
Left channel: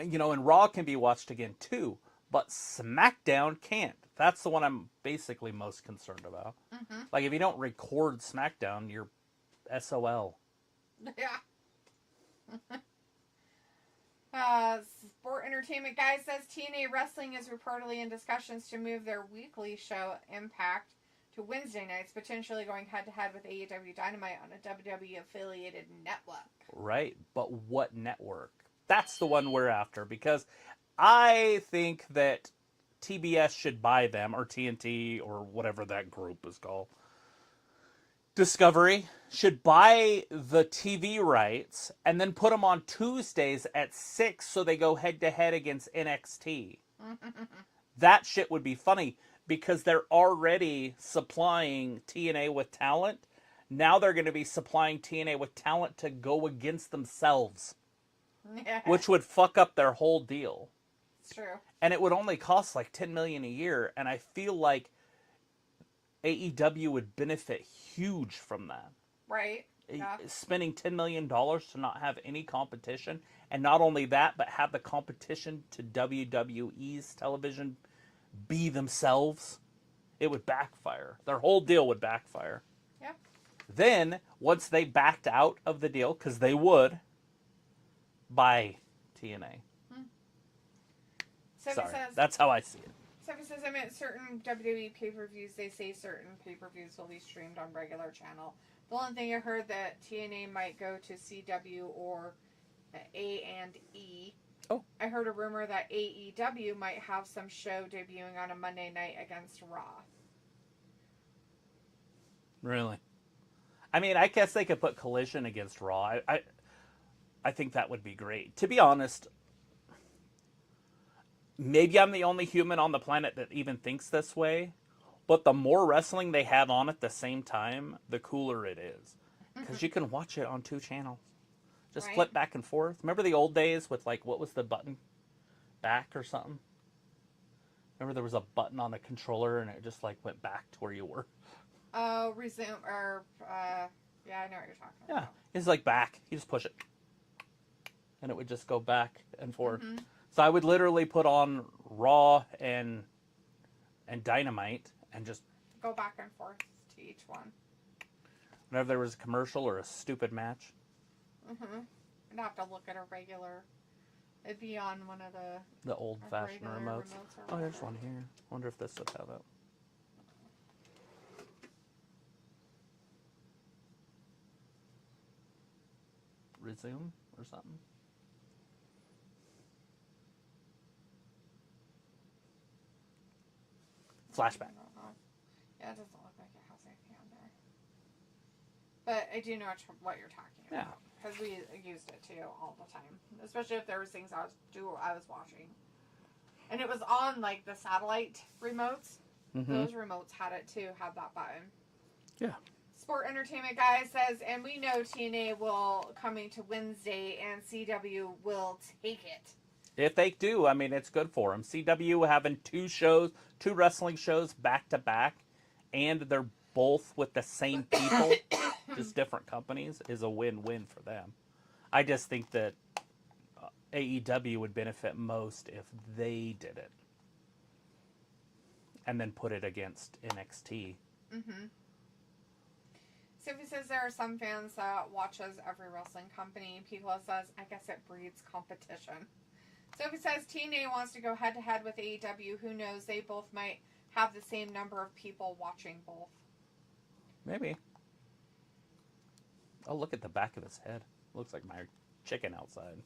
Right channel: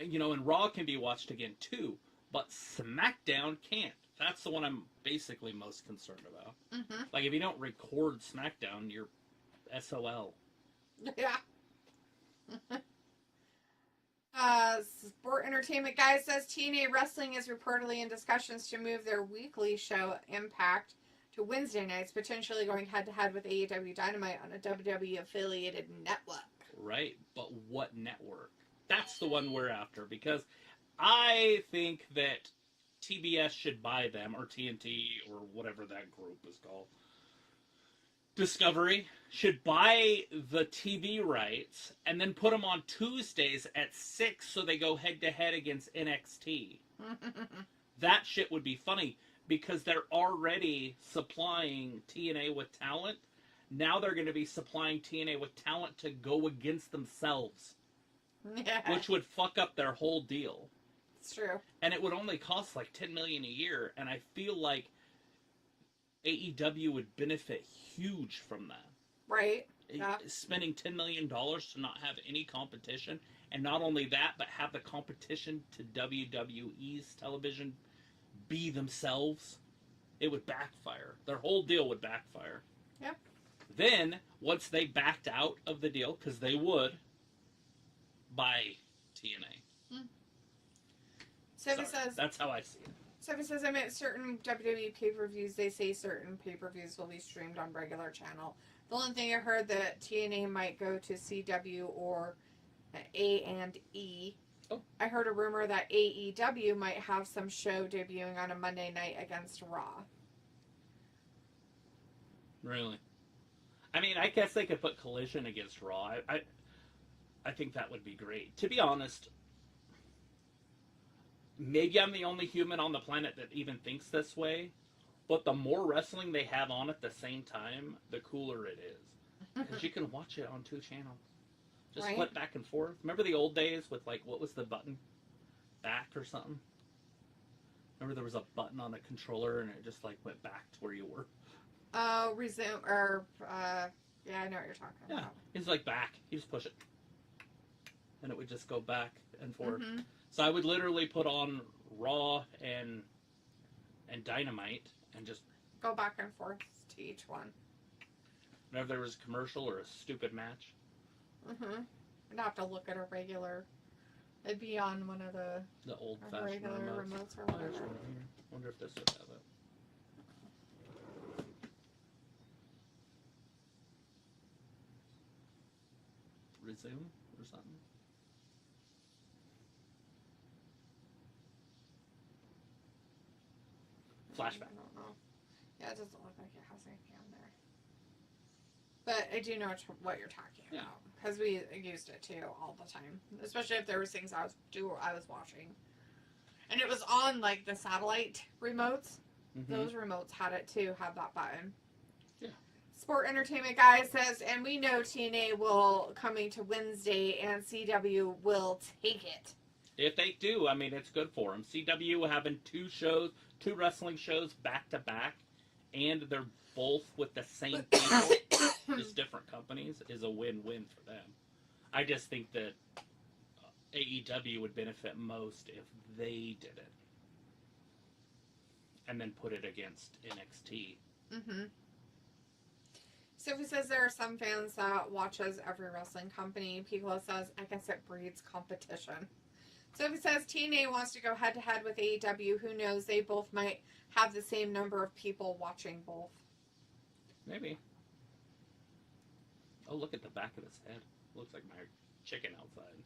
And Raw can be watched again too, but SmackDown can't. That's the one I'm basically most concerned about. Mm-hmm. Like, if you don't record SmackDown, you're SOL. Yeah. Sport Entertainment Guy says TNA Wrestling is reportedly in discussions to move their weekly show Impact to Wednesday nights, potentially going head-to-head with AEW Dynamite on a WWE-affiliated network. Right, but what network? That's the one we're after, because I think that TBS should buy them, or TNT, or whatever that group is called. Discovery should buy the TV rights and then put them on Tuesdays at 6 so they go head-to-head against NXT. That shit would be funny, because they're already supplying TNA with talent. Now they're going to be supplying TNA with talent to go against themselves. Yeah. Which would fuck up their whole deal. It's true. And it would only cost like $10 million a year, and I feel like AEW would benefit huge from that. Right. Yeah. Spending $10 million to not have any competition, and not only that, but have the competition to WWE's television be themselves, it would backfire. Their whole deal would backfire. Yep. Then, once they backed out of the deal, because they would, buy TNA. Sophie Sorry, says, that's how I see it. Sophie says, I mean, certain WWE pay-per-views, they say certain pay-per-views will be streamed on regular channel. The only thing I heard that TNA might go to CW or A&E. Oh. I heard a rumor that AEW might have some show debuting on a Monday night against Raw. Really? I mean, I guess they could put Collision against Raw. I think that would be great. To be honest, maybe I'm the only human on the planet that even thinks this way, but the more wrestling they have on at the same time, the cooler it is. Because you can watch it on 2 channels. Just Right. flip back and forth. Remember the old days with, like, what was the button? Back or something? Remember there was a button on the controller and it just, like, went back to where you were? Resume, or, yeah, I know what you're talking Yeah. about. It's like back. You just push it. And it would just go back and forth. Mhm. So I would literally put on Raw and Dynamite and just Go back and forth to each one. whenever there was a commercial or a stupid match. Mm-hmm. I'd have to look at a regular. It'd be on one of the The old-fashioned regular remotes. remotes or Oh, there's whatever. one here. Wonder if this would have it. Resume or something? Flashback. I don't know. Yeah, it doesn't look like it has anything on there. But I do know what you're talking Yeah. about. Because we used it too all the time. Especially if there was things I was watching. And it was on like the satellite remotes. Mm-hmm. Those remotes had it too, had that button. Yeah. Sport Entertainment Guy says, and we know TNA will coming to Wednesday and CW will take it. If they do, I mean, it's good for them. CW having 2 wrestling shows back to back, and they're both with the same people, just different companies, is a win-win for them. I just think that AEW would benefit most if they did it. And then put it against NXT. Mm-hmm. Sophie says there are some fans that watches every wrestling company. Piccolo says, I guess it breeds competition. Sophie says TNA wants to go head-to-head with AEW. Who knows? They both might have the same number of people watching both. Maybe. Oh, look at the back of his head. Looks like my chicken outside.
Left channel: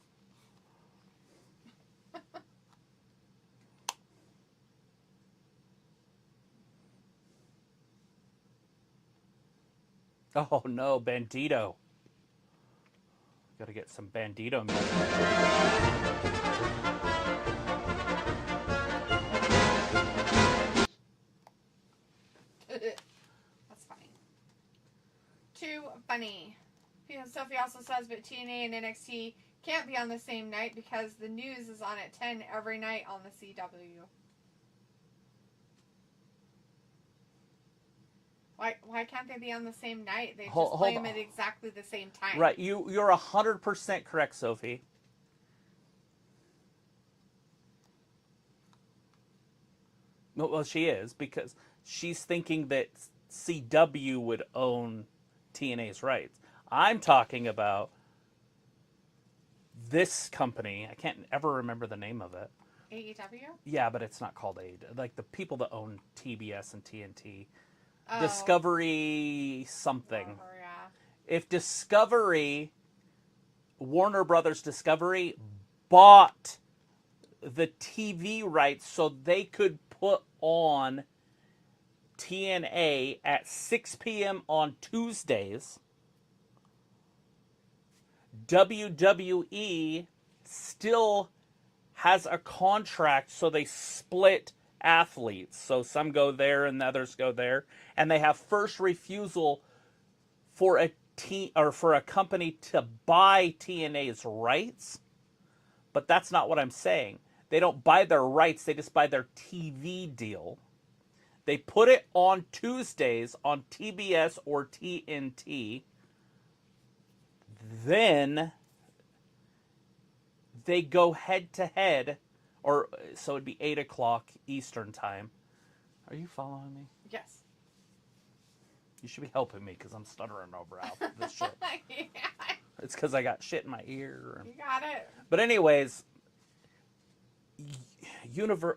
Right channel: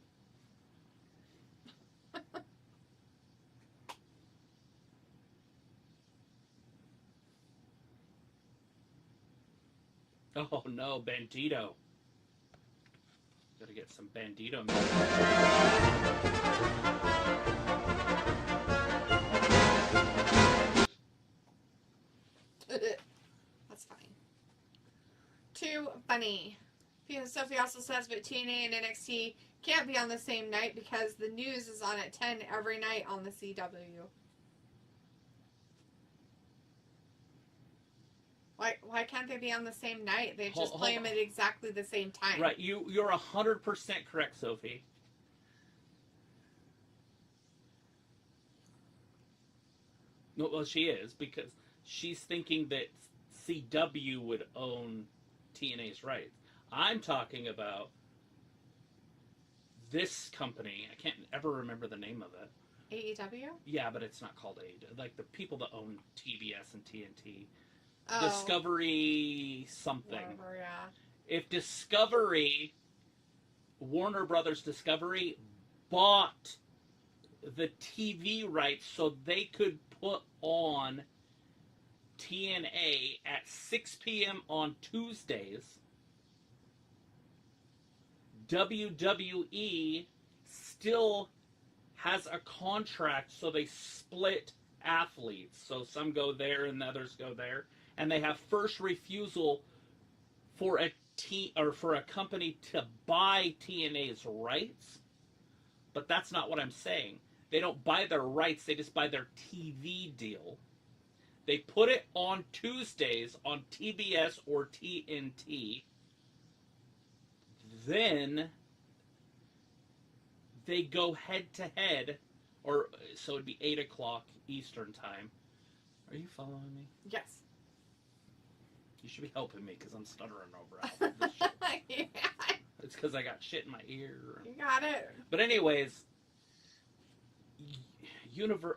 Oh no, Bandito. Gotta get some Bandito That's fine. To too funny. Sophie also says, but TNA and NXT can't be on the same night because the news is on at 10 every night on the CW. Why can't they be on the same night? They just play them at exactly the same time. Right, you're 100% correct, Sophie. Well, she is, because she's thinking that CW would own TNA's rights. I'm talking about this company. I can't ever remember the name of it. AEW? Yeah, but it's not called AEW. Like the people that own TBS and TNT. Oh. Discovery something. Whatever, yeah. If Discovery, Warner Brothers Discovery, bought the TV rights so they could put on TNA at 6 p.m. on Tuesdays, WWE still has a contract, so they split athletes. So some go there and the others go there, and they have first refusal for a company to buy TNA's rights. But that's not what I'm saying. They don't buy their rights, they just buy their TV deal. They put it on Tuesdays on TBS or TNT. Then they go head to head, or so it'd be 8 o'clock Eastern time. Are you following me? Yes. You should be helping me because I'm stuttering over out this shit. Yeah. It's because I got shit in my ear. You got it. But anyways,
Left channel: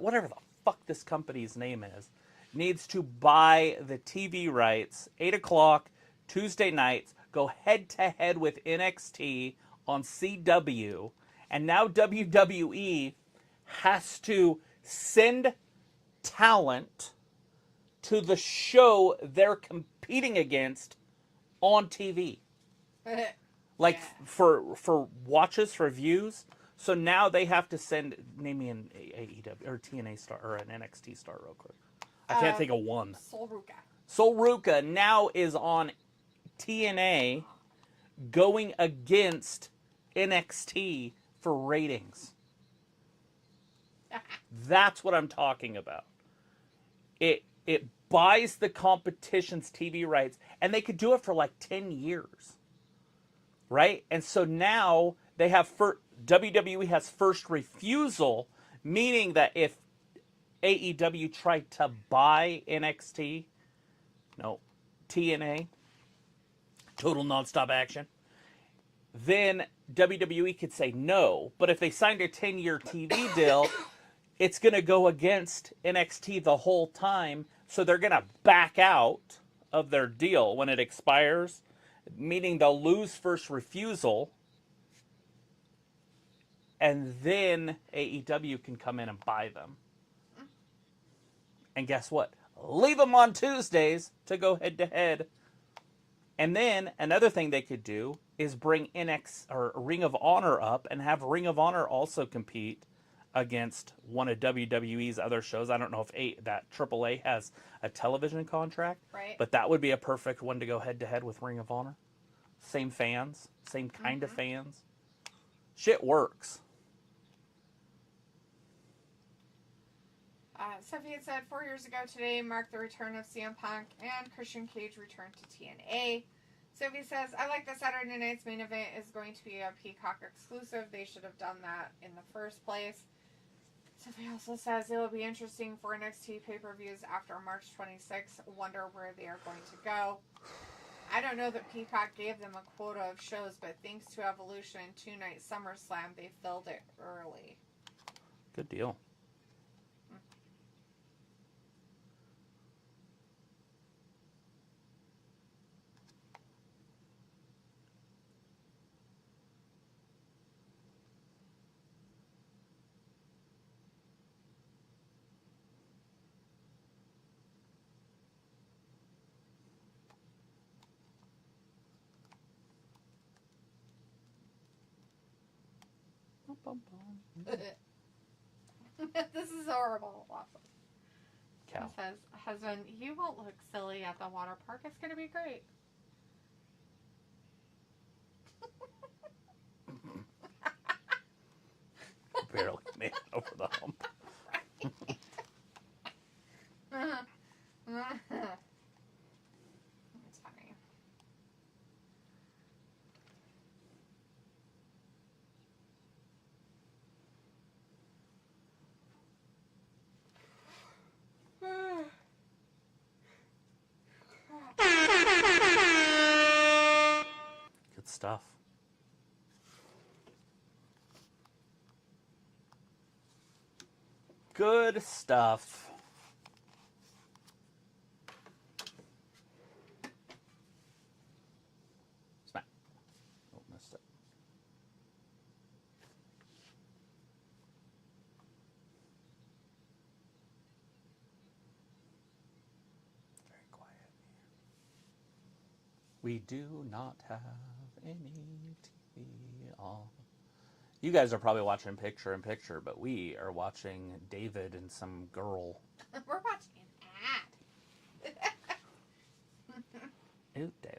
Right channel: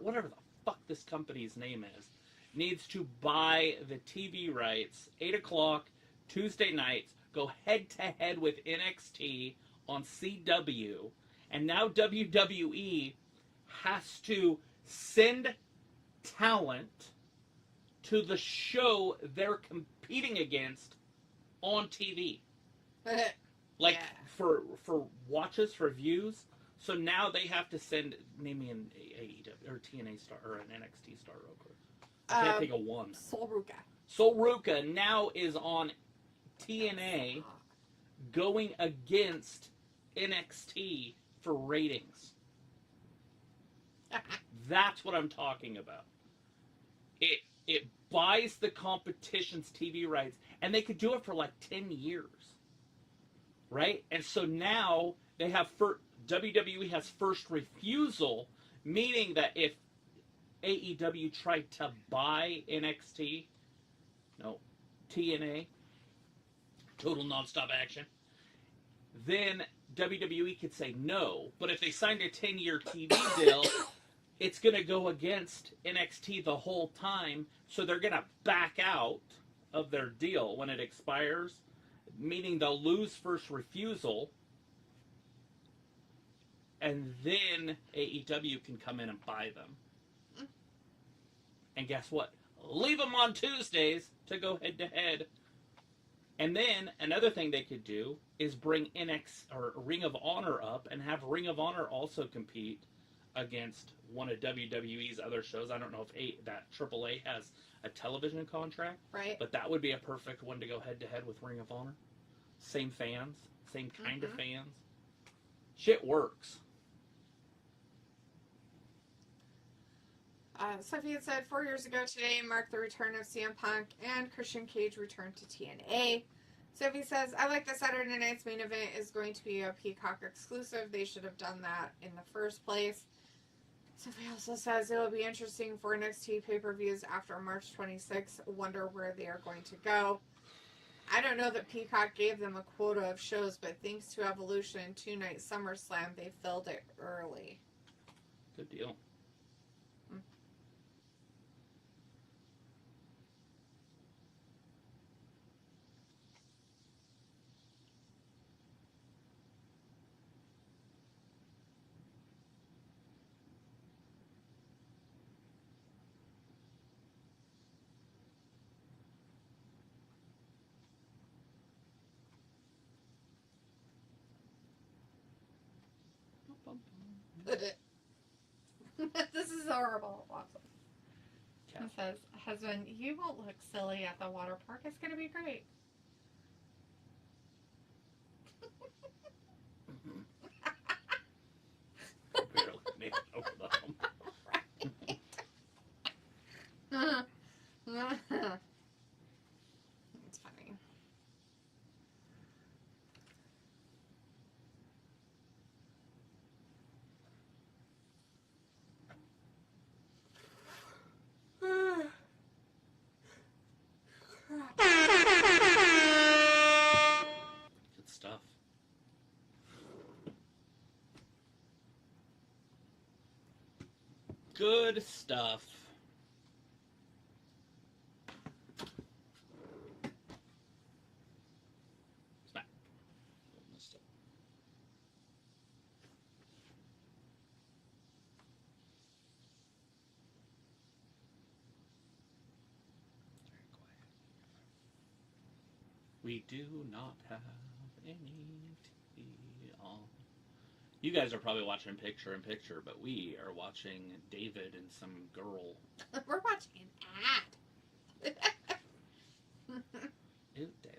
whatever the fuck this company's name is, needs to buy the TV rights, 8 o'clock Tuesday nights, go head to head with NXT on CW, and now WWE has to send talent to the show they're competing against on TV. Like, yeah. for watches, for views. So now they have to send, name me an AEW or TNA star or an NXT star real quick. I can't think of one. Sol Ruka. Sol Ruka now is on TNA going against NXT for ratings. That's what I'm talking about. It buys the competition's TV rights, and they could do it for like 10 years. Right? And so now they have WWE has first refusal, meaning that if AEW tried to buy TNA, Total Nonstop Action, then WWE could say no. But if they signed a 10-year TV deal, it's going to go against NXT the whole time, so they're going to back out of their deal when it expires, meaning they'll lose first refusal, and then AEW can come in and buy them. And guess what? Leave them on Tuesdays to go head to head. And then another thing they could do is bring Ring of Honor up and have Ring of Honor also compete against one of WWE's other shows. I don't know if that AAA has a television contract, right? But that would be a perfect one to go head to head with Ring of Honor. Same fans, same kind of fans. Shit works. Sophia said 4 years ago today marked the return of CM Punk and Christian Cage returned to TNA. Sophie says, I like that Saturday night's main event is going to be a Peacock exclusive. They should have done that in the first place. Sophie also says it will be interesting for NXT pay-per-views after March 26th. Wonder where they are going to go. I don't know that Peacock gave them a quota of shows, but thanks to Evolution and 2-night SummerSlam, they filled it early. Good deal. This is horrible. Awesome. Cow. He says, husband, you won't look silly at the water park. It's going to be great. stuff. Good stuff. Smack. Oh, missed it. Very quiet. We do not have any TV on. You guys are probably watching picture in picture, but we are watching David and some girl. We're watching an ad. Ooh, David.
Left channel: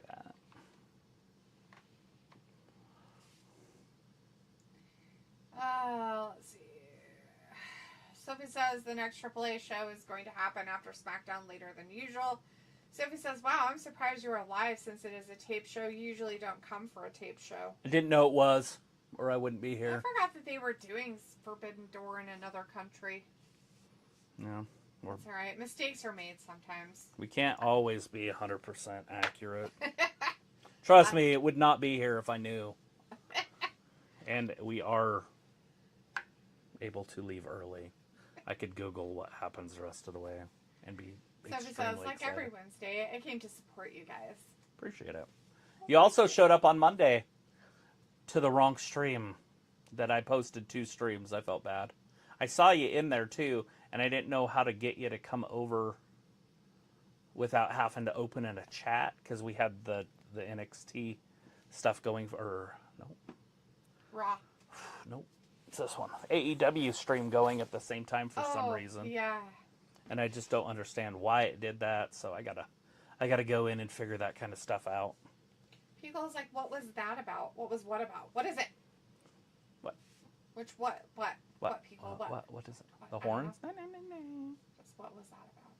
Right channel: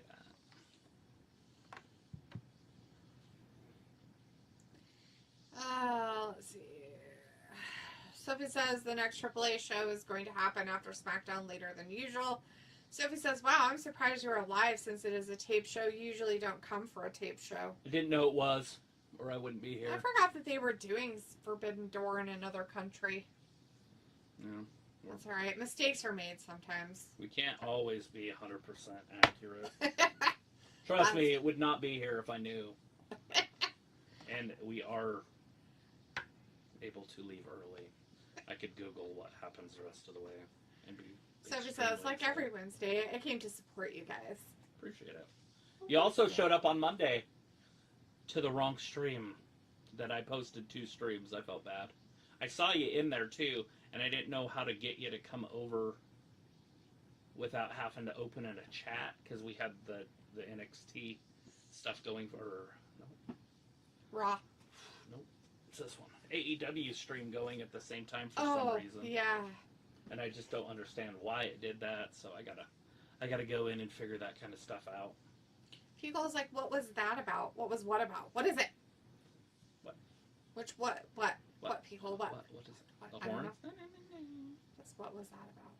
Let's see. Sophie says the next AAA show is going to happen after SmackDown later than usual. Sophie says, wow, I'm surprised you're alive since it is a tape show. You usually don't come for a tape show. I didn't know it was, or I wouldn't be here. I forgot that they were doing Forbidden Door in another country. Yeah. That's alright. Mistakes are made sometimes. We can't always be 100% accurate. Trust me, it would not be here if I knew. And we are able to leave early. I could Google what happens the rest of the way and be Sophie says, like every Wednesday, I came to support you guys. Appreciate it. You also showed up on Monday to the wrong stream that I posted 2 streams. I felt bad. I saw you in there too, and I didn't know how to get you to come over without having to open in a chat because we had the NXT stuff going for Raw. Nope. It's this one. AEW stream going at the same time for some reason. Yeah. And I just don't understand why it did that, so I gotta go in and figure that kind of stuff out. People's like, what was that about? What was what about? What is it? What? Which what? What people? What? What is it? What? The I don't horns? know. Just what was that about?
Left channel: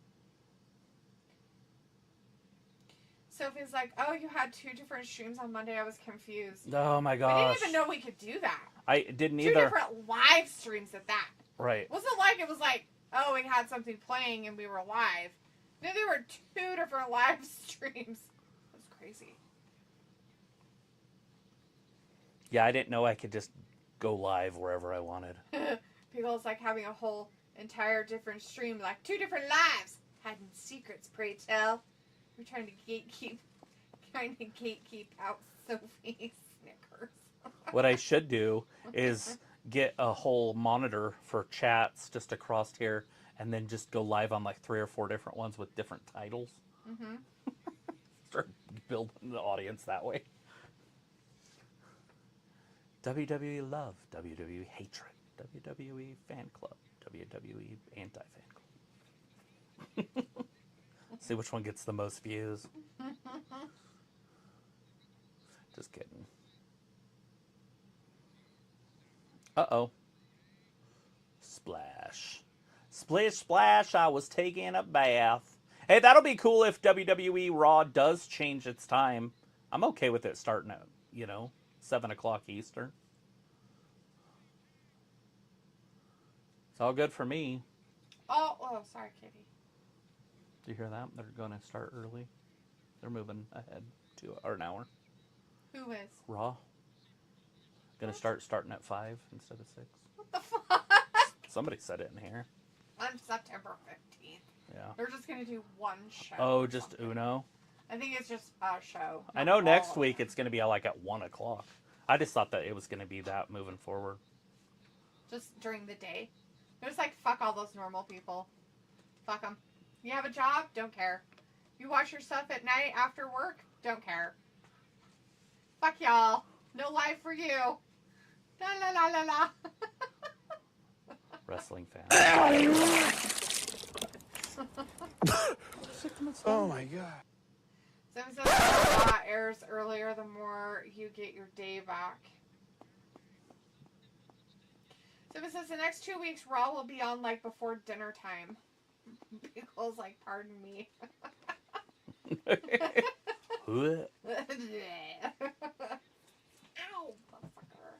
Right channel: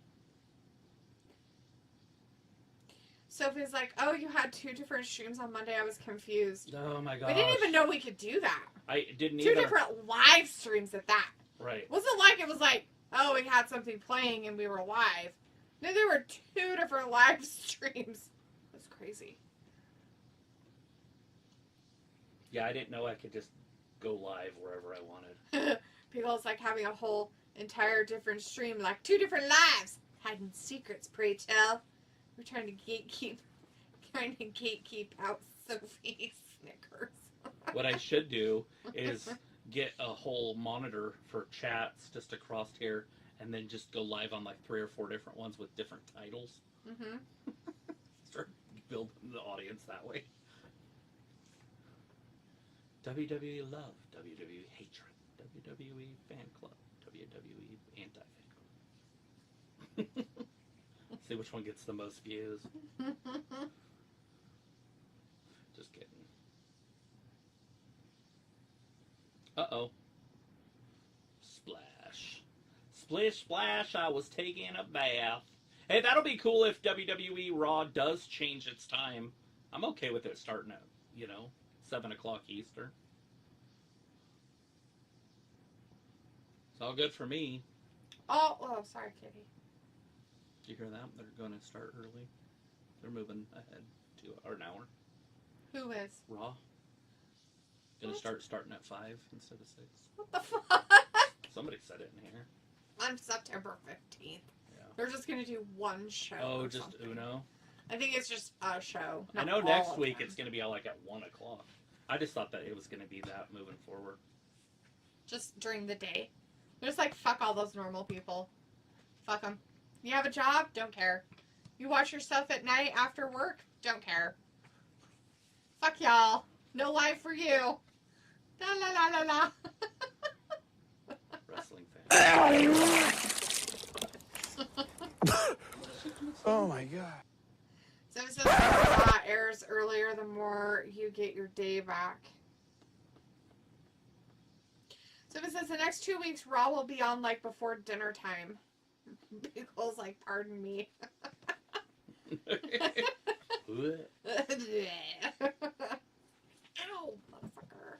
Sophie's like, oh, you had 2 different streams on Monday. I was confused. Oh my gosh. We didn't even know we could do that. I didn't 2 either. different live streams at that. Right. Wasn't like it was like, oh, we had something playing and we were live. No, there were 2 different live streams. That's crazy. Yeah, I didn't know I could just go live wherever I wanted. People's like having a whole entire different stream, like 2 different lives. Hiding secrets, pray tell. We're trying to gatekeep out Sophie's Snickers. What I should do is get a whole monitor for chats just across here and then just go live on like 3 or 4 different ones with different titles. Mm-hmm. Start building the audience that way. WWE love, WWE hatred, WWE fan club, WWE anti-fan club. See which one gets the most views. Just kidding. Uh-oh. Splash. Splish splash, I was taking a bath. Hey, that'll be cool if WWE Raw does change its time. I'm okay with it starting at, 7 o'clock Eastern. It's all good for me. Oh, sorry, Katie. Did you hear that? They're going to start early. They're moving ahead to an hour. Who is? Raw. Going to starting at 5 instead of 6. What the fuck? Somebody said it in here. On September 15th. Yeah. They're just going to do one show. Oh, or just something. Uno? I think it's just a show. I know next week it's going to be like at 1 o'clock. I just thought that it was going to be that moving forward. Just during the day. They're just like, fuck all those normal people. Fuck them. You have a job? Don't care. You watch your stuff at night after work? Don't care. Fuck y'all. No life for you. La la la la la. Wrestling fan. Oh my god. So it says Raw airs earlier, the more you get your day back. So it says the next 2 weeks Raw will be on like before dinner time. Pickle's like, pardon me. What? Ow, motherfucker.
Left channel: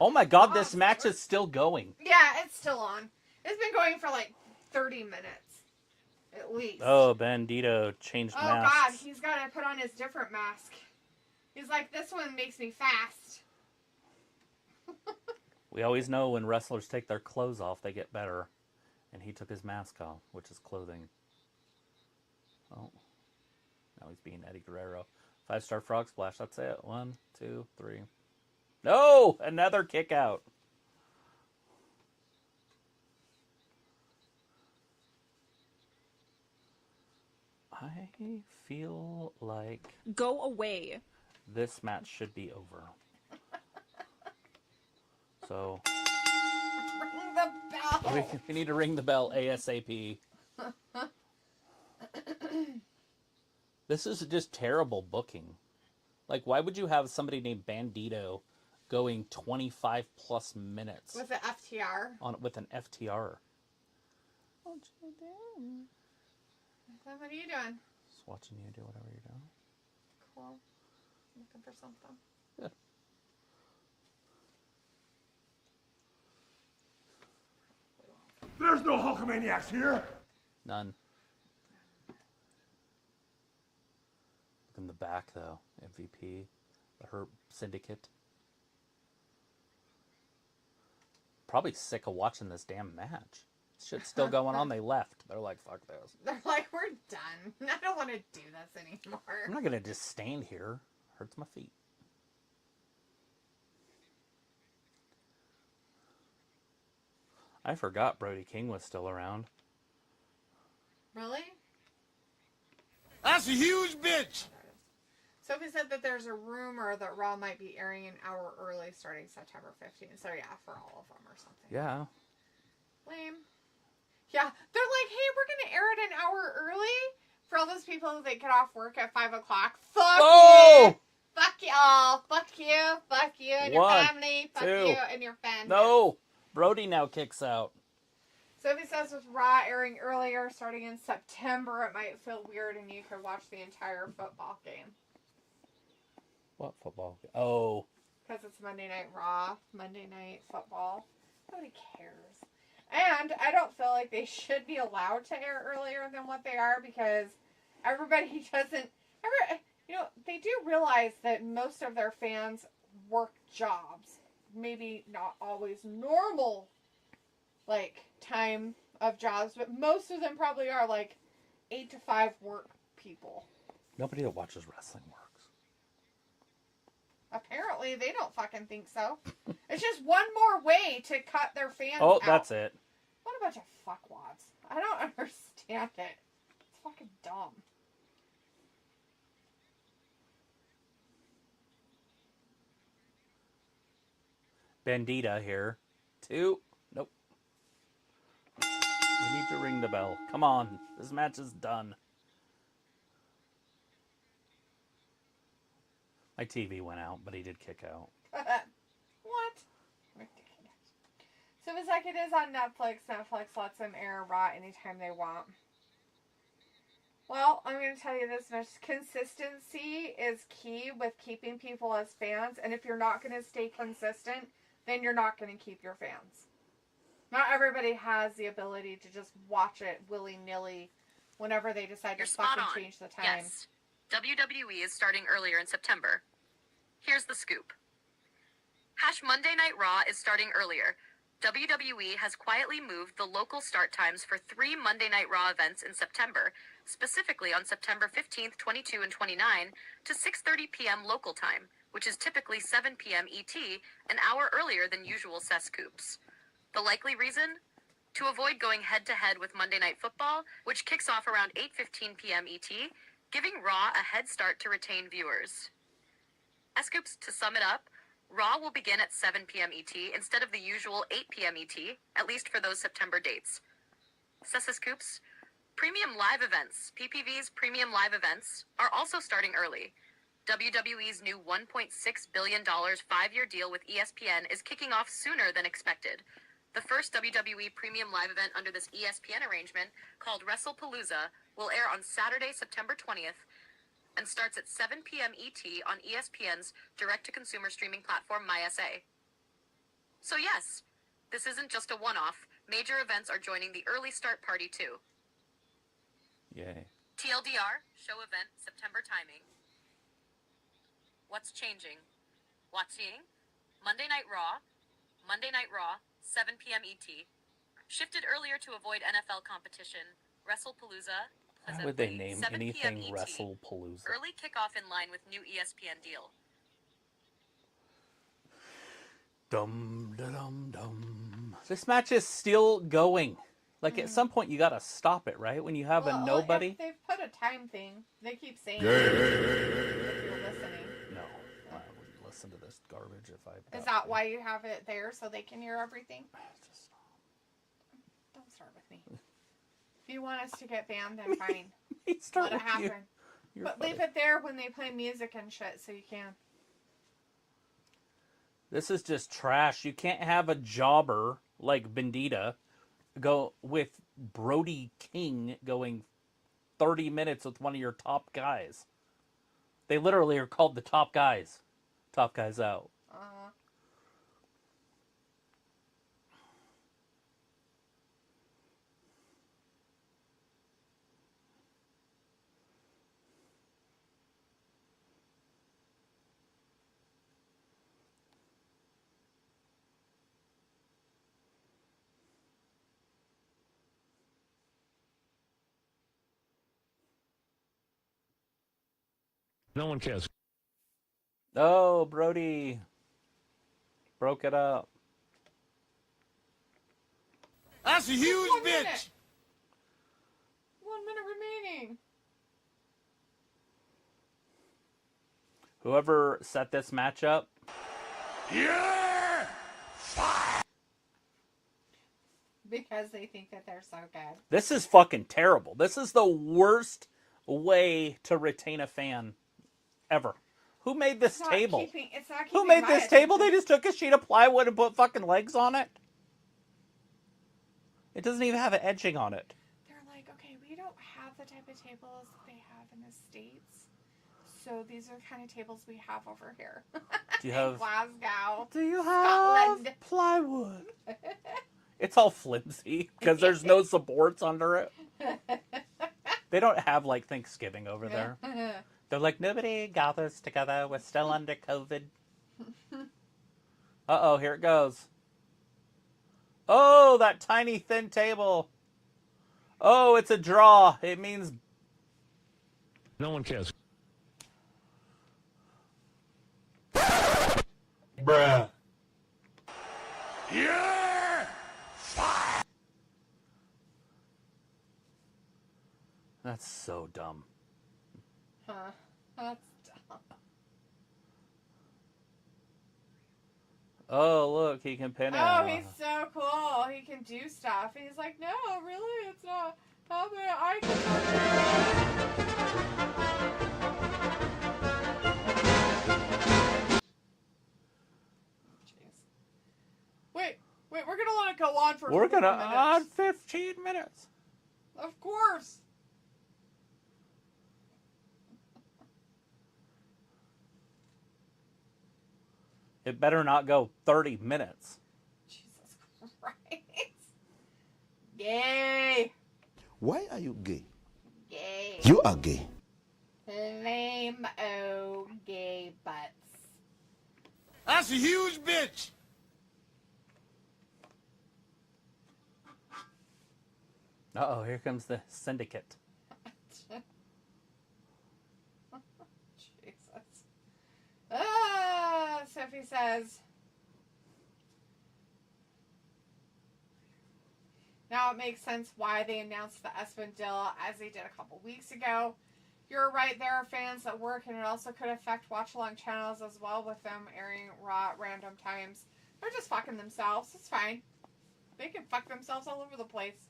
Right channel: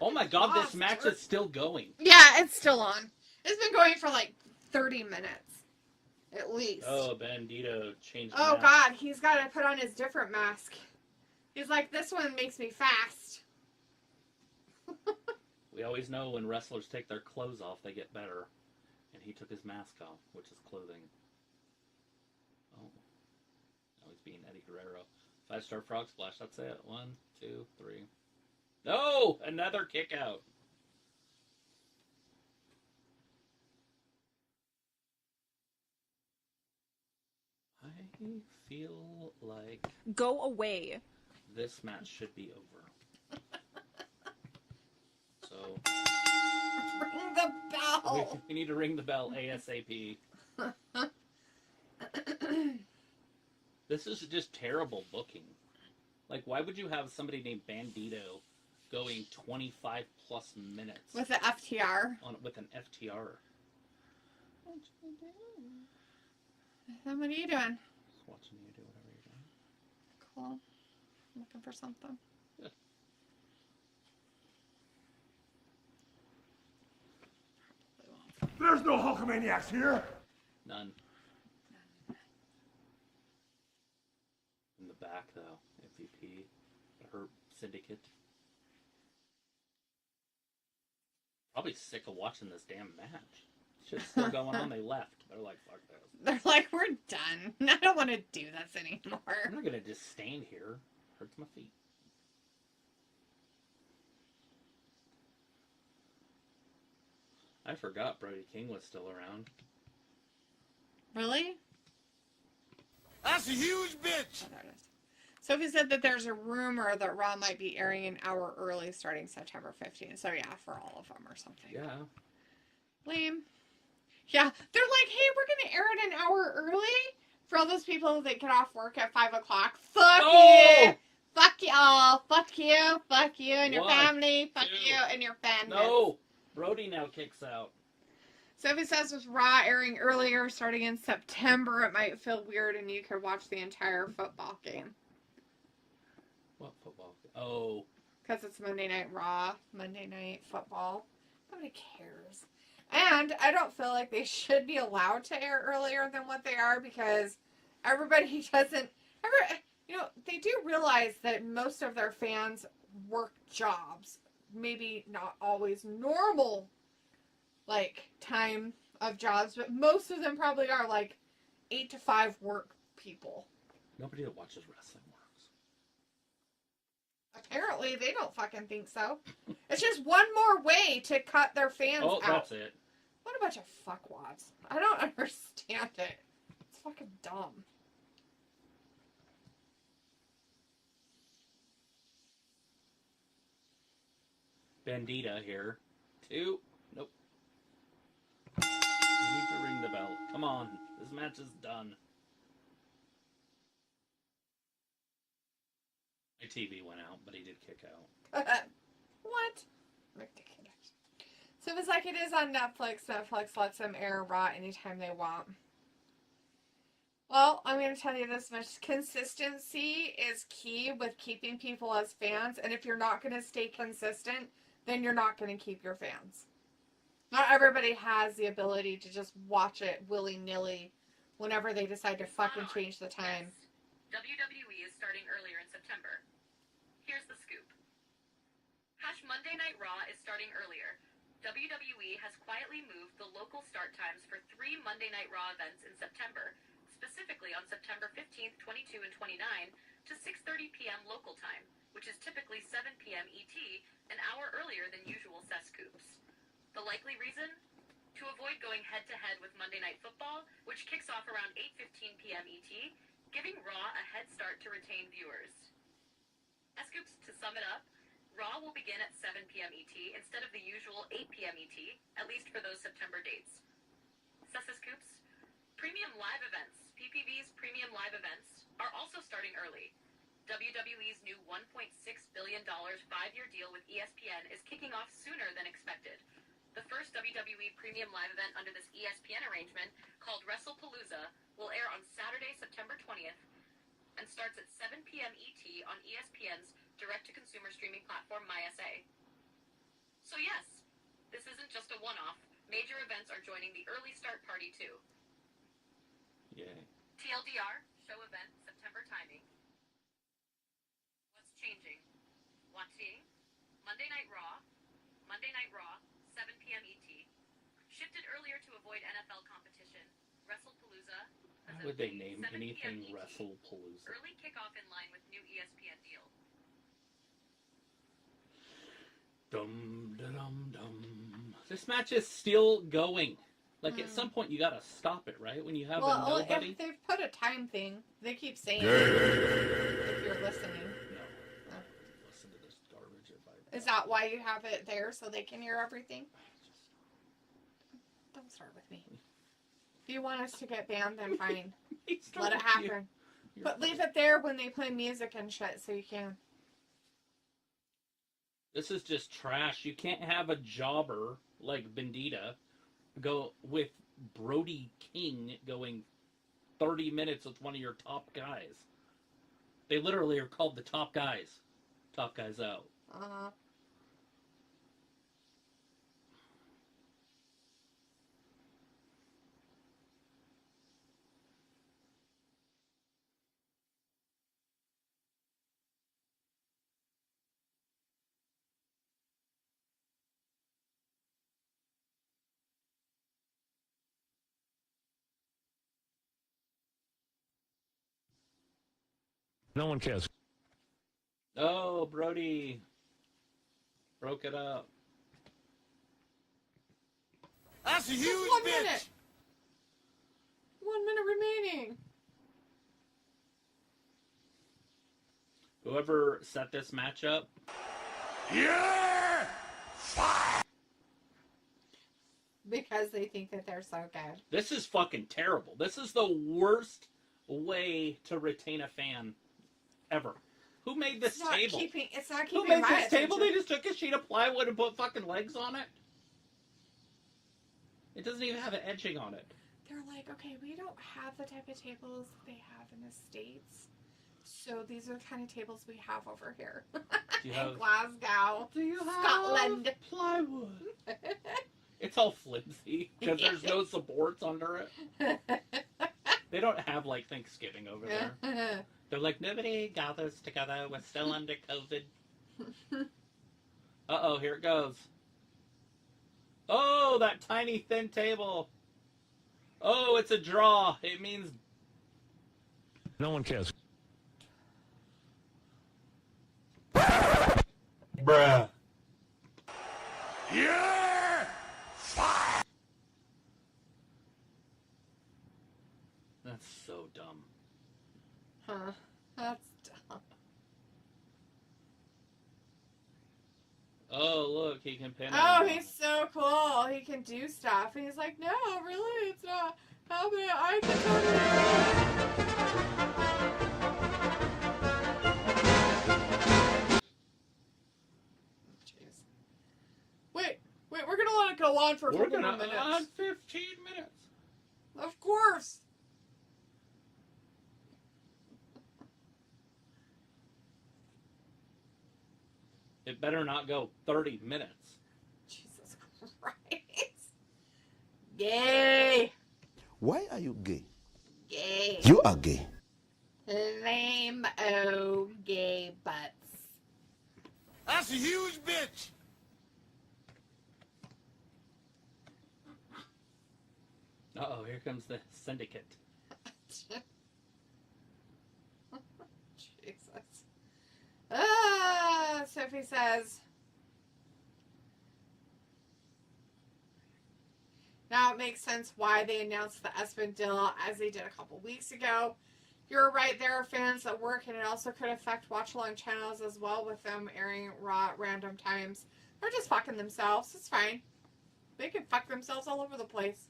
Oh my god, this match is still going. Yeah, it's still on. It's been going for like 30 minutes. At least. Oh, Bandito changed Oh masks. god, he's got to put on his different mask. He's like, this one makes me fast. We always know when wrestlers take their clothes off, they get better. And he took his mask off, which is clothing. Oh. Now he's being Eddie Guerrero. 5-star frog splash. That's it. 1, 2, 3. No! Another kick out. I feel like Go away. this match should be over. So Ring the bell. we need to ring the bell ASAP. This is just terrible booking. Like, why would you have somebody named Bandito going 25 plus minutes With the FTR. with an FTR? Then what are you doing? Just watching you do whatever you're doing. Cool. I'm looking for something. There's no Hulkamaniacs here. None. Look in the back, though. MVP. Her syndicate. Probably sick of watching this damn match. Shit's still going on. They left. They're like, fuck this. They're like, we're done. I don't want to do this anymore. I'm not going to just stand here. Hurts my feet. I forgot Brody King was still around. Really? That's a huge bitch. Sophie said that there's a rumor that Raw might be airing an hour early starting September 15th. So, yeah, for all of them or something. Yeah. Lame. Yeah, they're like, hey, we're going to air it an hour early for all those people that get off work at 5 o'clock. Fuck you. Fuck y'all. Fuck you. Fuck you and your 1, family. Fuck 2. you and your family. No! Brody now kicks out. Sophie says with Raw airing earlier, starting in September, it might feel weird and you could watch the entire football game. What football? Oh. Because it's Monday Night Raw, Monday Night Football. Nobody cares. And I don't feel like they should be allowed to air earlier than what they are because everybody doesn't... they do realize that most of their fans work jobs. Maybe not always normal, time of jobs, but most of them probably are, 8 to 5 work people. Nobody that watches wrestling works. Apparently, they don't fucking think so. It's just one more way to cut their fans out. Oh, that's it. What a bunch of fuckwads. I don't understand it. It's fucking dumb. Bandita here. 2. Nope. We need to ring the bell. Come on. This match is done. My TV went out, but he did kick out. What? Ridiculous. So it's like it is on Netflix. Netflix lets them air Raw anytime they want. Well, I'm going to tell you this much. Consistency is key with keeping people as fans. And if you're not going to stay consistent, then you're not going to keep your fans. Not everybody has the ability to just watch it willy-nilly whenever they decide to fucking change the time. Yes. WWE is starting earlier in September. Here's the scoop. Monday Night Raw is starting earlier. WWE has quietly moved the local start times for 3 Monday Night Raw events in September, specifically on September 15th, 22, and 29, to 6:30 p.m. local time, which is typically 7 p.m. ET, an hour earlier than usual CES scoops. The likely reason? To avoid going head-to-head with Monday Night Football, which kicks off around 8:15 p.m. ET, giving Raw a head start to retain viewers. Scoops, to sum it up, Raw will begin at 7 p.m. ET instead of the usual 8 p.m. ET, at least for those September dates. Scoops, premium live events, PPV's premium live events, are also starting early. WWE's new $1.6 billion 5-year deal with ESPN is kicking off sooner than expected. The first WWE premium live event under this ESPN arrangement, called WrestlePalooza, will air on Saturday, September 20th, and starts at 7 p.m. ET on ESPN's direct-to-consumer streaming platform, MySA. So yes, this isn't just a one-off. Major events are joining the early start party, too. Yay. TLDR, show event, September timing. What's changing? Watching? Monday Night Raw. Monday Night Raw, 7 p.m. ET. Shifted earlier to avoid NFL competition. WrestlePalooza. Why would they name 7 p.m. anything ET. WrestlePalooza? Early kickoff in line with new ESPN deal. Dum dum dum. This match is still going. Like at some point you gotta stop it, right? When you have a nobody. If they've put a time thing. They keep saying it. If you're listening. No, listen to this garbage if I. Is that why you have it there so they can hear everything? Don't start with me. If you want us to get banned, then fine. Let it happen. But leave it there when they play music and shit so you can. This is just trash. You can't have a jobber like Bendita go with Brody King going 30 minutes with one of your top guys. They literally are called the top guys. Top guys out. No one cares. Oh, Brody broke it up. That's a huge One bitch. minute. 1 minute remaining. Whoever set this match up, Yeah! Because they think that they're so good. this is fucking terrible. This is the worst way to retain a fan ever. Who made this table? It's not keeping Who made my this table? They attention. just took a sheet of plywood and put fucking legs on it? It doesn't even have an etching on it. They're like, okay, we don't have the type of tables they have in the States. So these are the kind of tables we have over here. Do you have Glasgow. Do you have Scotland. plywood? It's all flimsy because there's no supports under it. They don't have like Thanksgiving over there. They're like, nobody gathers together. We're still under COVID. Uh-oh, here it goes. Oh, that tiny thin table. Oh, it's a draw. It means No one cares. Bruh. Yeah! that's so dumb. Huh. That's dumb. Oh, look, he can pin it. Oh, he's so cool. He can do stuff. And he's like, no, really, it's not. How about I can. Jeez. Wait, we're going to let it go on for We're 15 gonna minutes. on 15 minutes. Of course. It better not go 30 minutes. Jesus Christ. Gay. Why are you gay? Gay. You are gay. Lame gay butts. That's a huge bitch. Uh-oh, here comes the syndicate. Jesus. Sophie says, now it makes sense why they announced the Espen deal as they did a couple weeks ago. You're right, there are fans that work, and it also could affect watch-along channels as well with them airing Raw at random times. They're just fucking themselves. It's fine. They can fuck themselves all over the place.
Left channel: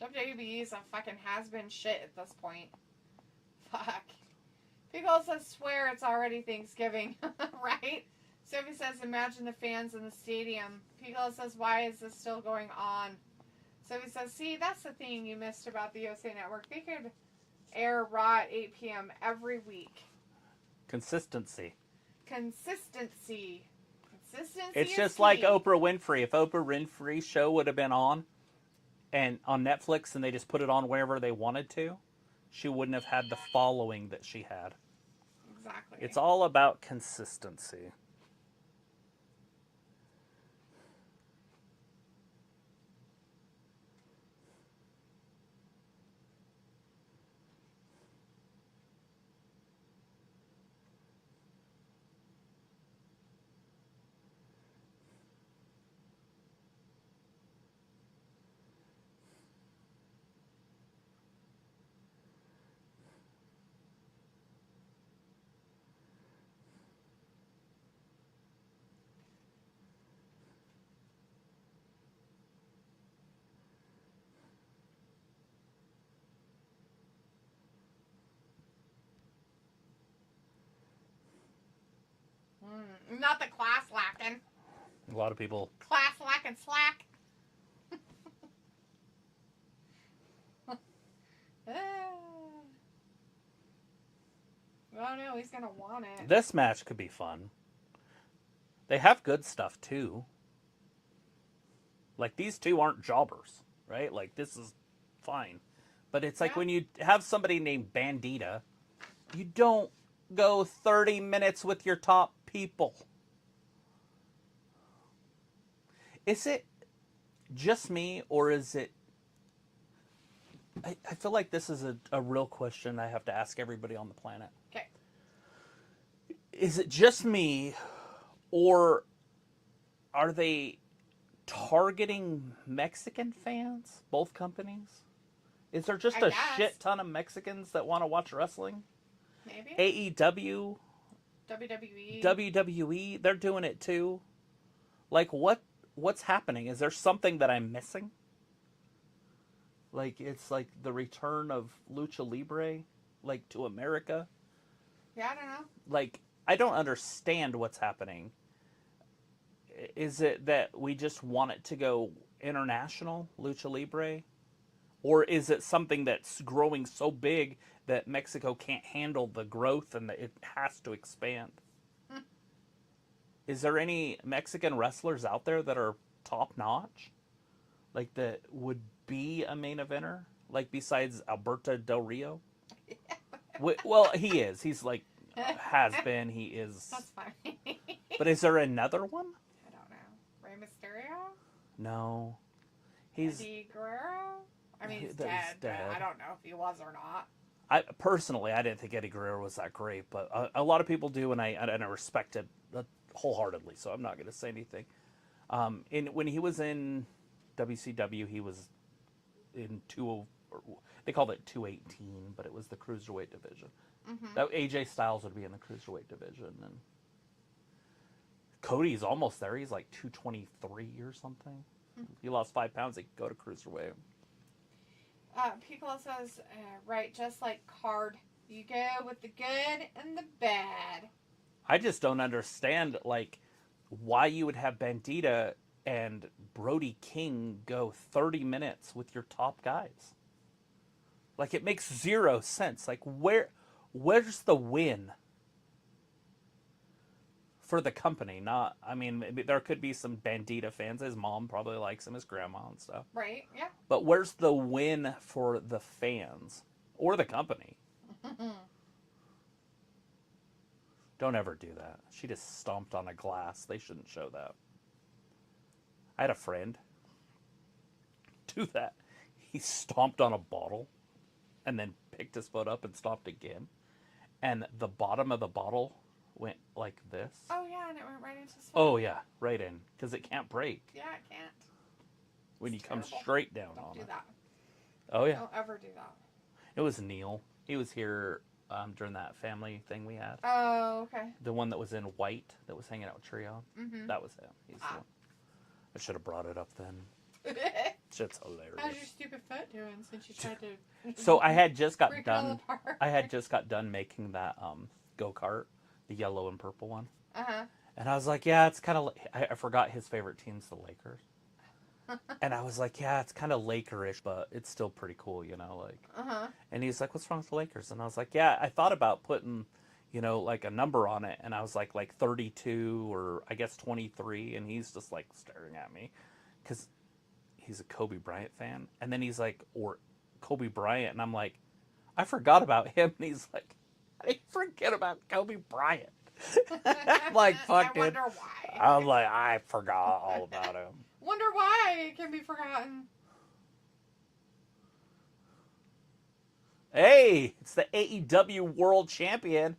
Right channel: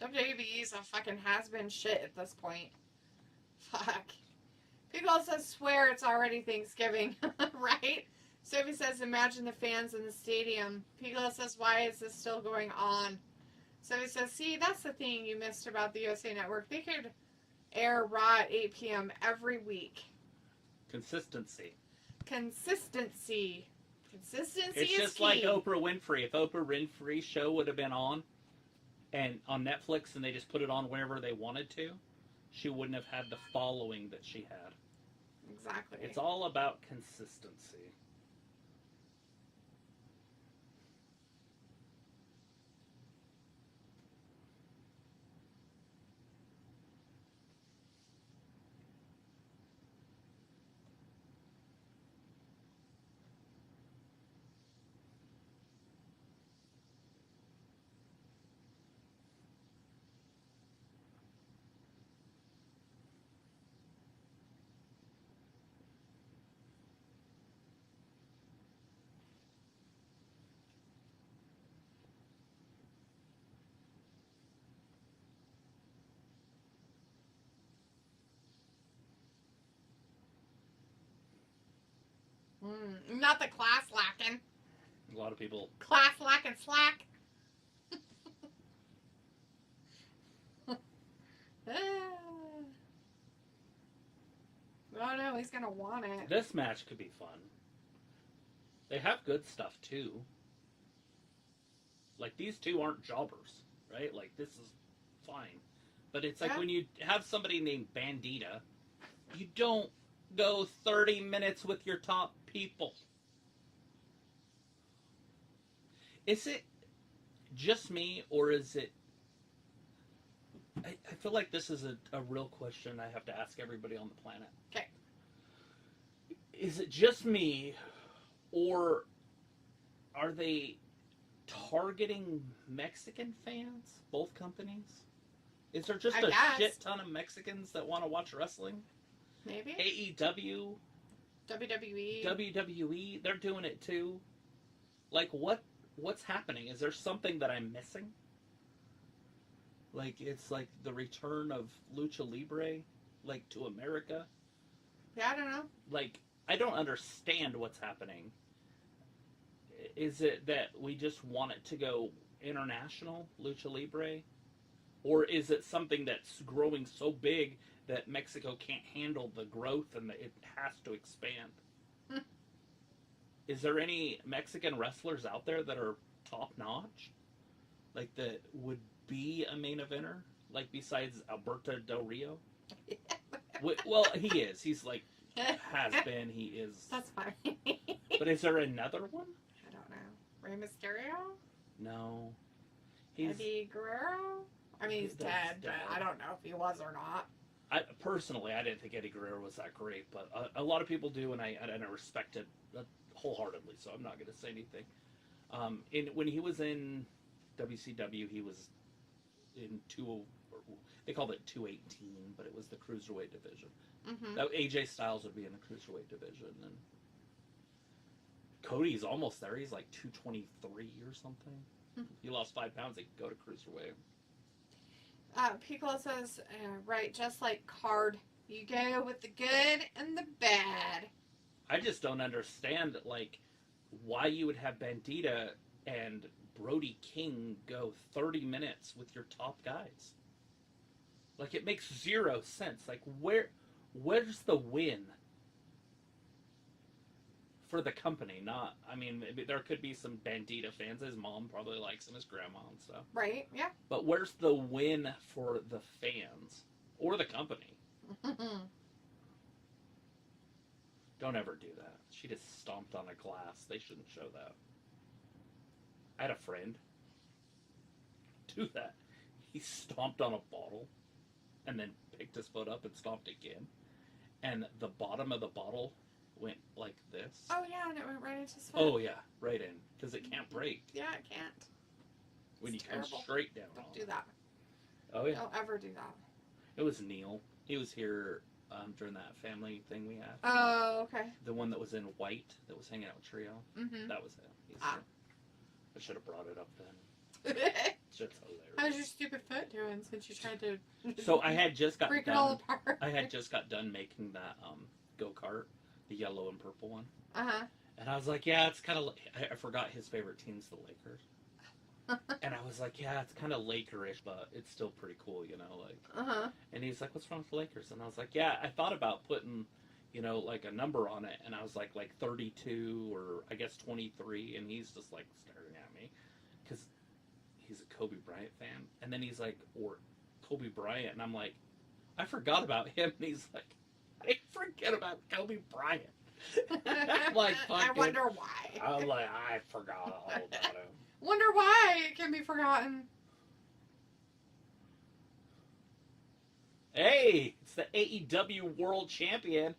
WWE is a fucking has-been shit at this point. Fuck. People also swear it's already Thanksgiving, right? Sophie says, imagine the fans in the stadium. Piccolo says, why is this still going on? Sophie says, see, that's the thing you missed about the USA Network. They could air Raw at 8 p.m. every week. Consistency. Consistency. Consistency It's is just key. like Oprah Winfrey. If Oprah Winfrey's show would have been on Netflix and they just put it on wherever they wanted to, she wouldn't have had the following that she had. Exactly. It's all about consistency. Not the class lacking. A lot of people. Class lacking slack. Oh no, he's gonna want it. This match could be fun. They have good stuff too. Like, these two aren't jobbers, right? Like, this is fine. But it's like when you have somebody named Bandita, you don't go 30 minutes with your top people. Is it just me, or is it... I feel like this is a real question I have to ask everybody on the planet. Okay. Is it just me, or are they targeting Mexican fans, both companies? Is there just a shit ton of Mexicans that want to watch wrestling? Maybe. AEW, WWE, they're doing it too. Like, what's happening? Is there something that I'm missing? Like, it's like the return of Lucha Libre, like, to America. Yeah, I don't know. Like, I don't understand what's happening. Is it that we just want it to go international, Lucha Libre? Or is it something that's growing so big that Mexico can't handle the growth and that it has to expand? Is there any Mexican wrestlers out there that are top-notch? Like, that would be a main eventer? Like, besides Alberto Del Rio? Well, he is. He's like, has been. He is. That's funny. But is there another one? I don't know. Rey Mysterio? No. He's Eddie Guerrero? I mean, he's dead, but I don't know if he was or not. Personally, I didn't think Eddie Guerrero was that great, but a lot of people do, and I respect it wholeheartedly, so I'm not going to say anything. When he was in WCW, he was in they called it 218, but it was the Cruiserweight division. Mm-hmm. AJ Styles would be in the Cruiserweight division, and Cody's almost there. He's like 223 or something. Mm-hmm. He lost 5 pounds. He could go to Cruiserweight. Piccolo says, right, just like Card, you go with the good and the bad. I just don't understand, like, why you would have Bandita and Brody King go 30 minutes with your top guys. Like, it makes zero sense. Like, where's the win for the company? Not, I mean, there could be some Bandita fans. His mom probably likes him, his grandma and stuff. Right, yeah. But where's the win for the fans or the company? Don't ever do that. She just stomped on a glass. They shouldn't show that. I had a friend do that. He stomped on a bottle and then picked his foot up and stomped again. And the bottom of the bottle went like this. Oh, yeah, and it went right into his foot. Oh, yeah, right in. Because it can't break. Yeah, it can't. When It's you come terrible. straight down Don't on do it. that. Oh, yeah. Don't ever do that. It was Neil. He was here during that family thing we had. Oh, okay. The one that was in white that was hanging out with Trio. Mm-hmm. That was him. He's I should have brought it up then. Shit's hilarious. How's your stupid foot doing since you tried to... So I had just got break it all apart. I had just got done making that go-kart, the yellow and purple one. Uh-huh. And I was like, yeah, it's kind of... I forgot his favorite team's the Lakers. And I was like, yeah, it's kind of Lakerish, but it's still pretty cool, you know, like... Uh-huh. And he's like, what's wrong with the Lakers? And I was like, yeah, I thought about putting, you know, like a number on it. And I was like 32 or I guess 23. And he's just like staring at me because he's a Kobe Bryant fan. And then he's like, or Kobe Bryant. And I'm like, I forgot about him. And he's like, I forget about Kobe Bryant. I'm like, fuck, I dude. wonder why. I was like, I forgot all about him. Wonder why it can be forgotten. Hey, it's the AEW World Champion,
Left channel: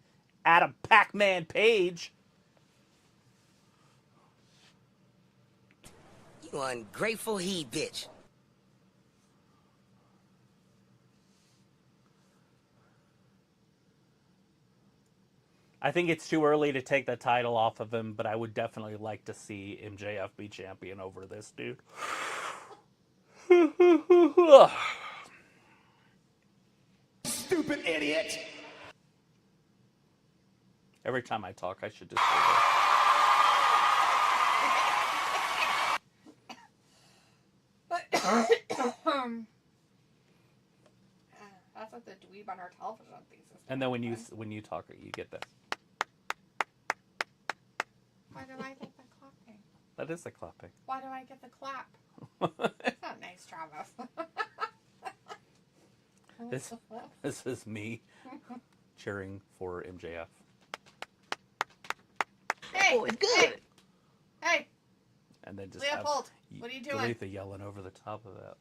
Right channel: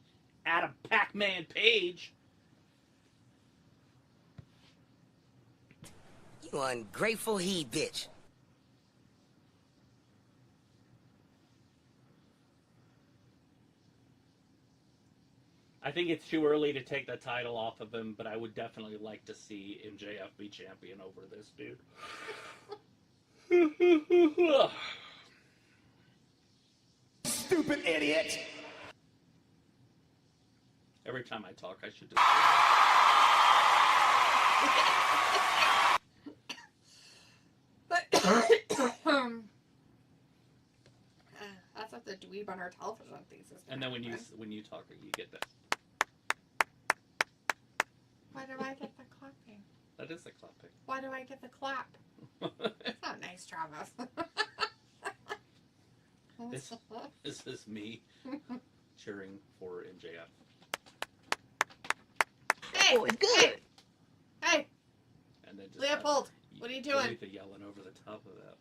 Adam Pac-Man Page. You ungrateful he bitch. I think it's too early to take the title off of him, but I would definitely like to see MJF be champion over this dude. Stupid idiot. Every time I talk, I should just... That's what the dweeb on our television thinks is. And then when you talk, you get this. Why do I get the clapping? That is the clapping. Why do I get the clap? It's not nice, Travis. This is me cheering for MJF. Hey, Oh, it's good. Hey, And then just Leopold, what are you doing? delete the yelling over the top of that.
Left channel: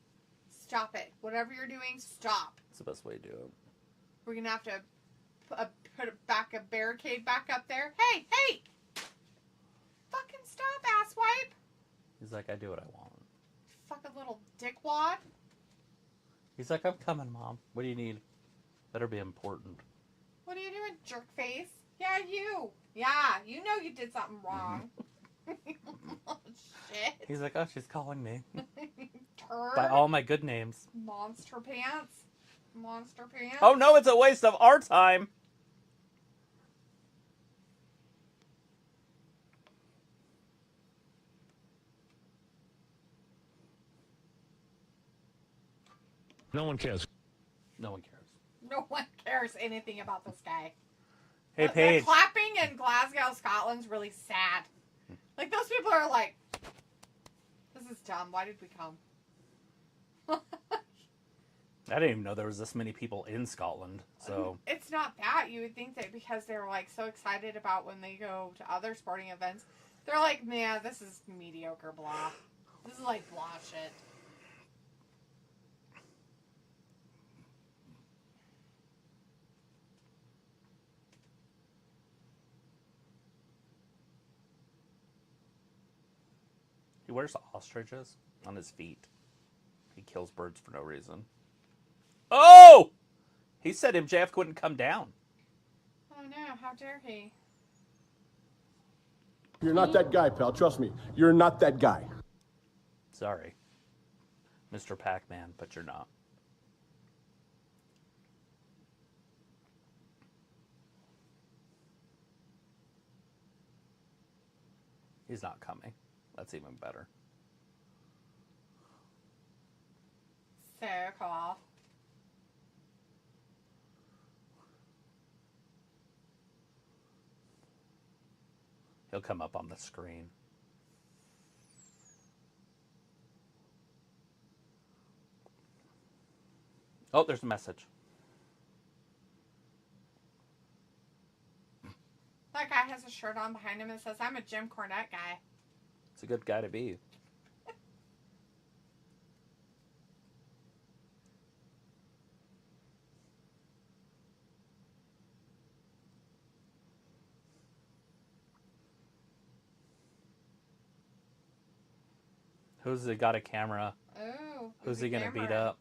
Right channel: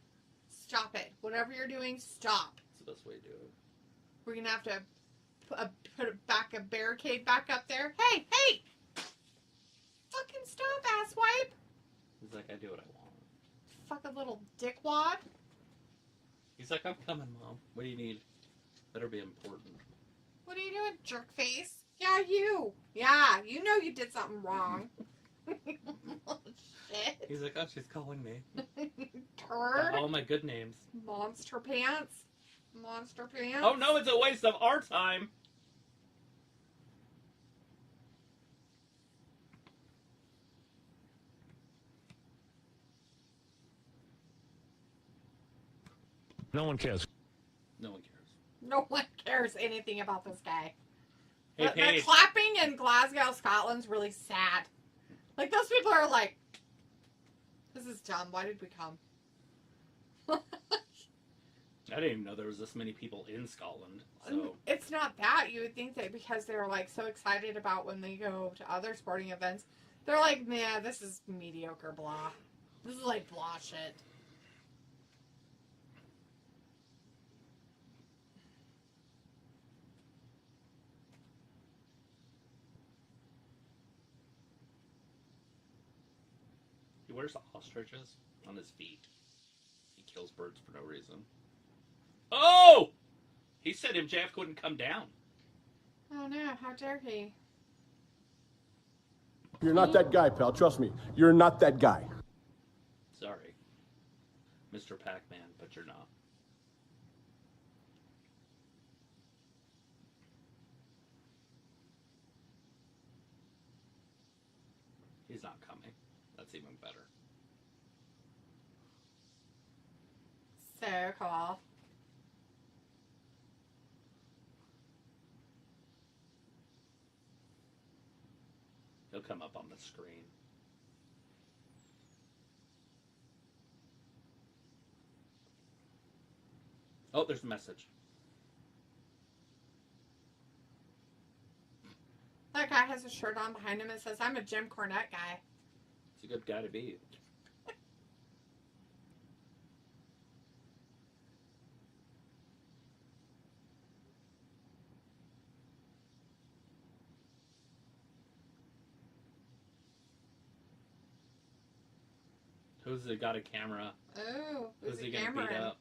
Stop it. Whatever you're doing, stop. It's the best way to do it. We're gonna have to put a barricade back up there. Hey, hey! Fucking stop, asswipe! He's like, I do what I want. Fucking little dickwad. He's like, I'm coming, Mom. What do you need? Better be important. What are you doing, jerk face? Yeah, you. Yeah, you know you did something wrong. Shit. He's like, oh, she's calling me. Turd. By all my good names. Monster pants. Monster pants. Oh no, it's a waste of our time. No one cares. No one cares. No one cares anything about this guy. Hey, The Paige. clapping in Glasgow, Scotland's really sad. Like, those people are like, this is dumb. Why did we come? I didn't even know there was this many people in Scotland. So It's not that. You would think that because they're, like, so excited about when they go to other sporting events, they're like, man, this is mediocre blah. This is like blah shit. he wears ostriches on his feet. He kills birds for no reason. Oh! He said MJF couldn't come down. Oh no, how dare he? You're not that guy, pal. Trust me. You're not that guy. Sorry, Mr. Pac-Man, but you're not. He's not coming. That's even better. So cool. He'll come up on the screen. Oh, there's a message. That guy has a shirt on behind him that says, I'm a Jim Cornette guy. It's a good guy to be. Who's got a camera? Oh, Who's he gonna beat up?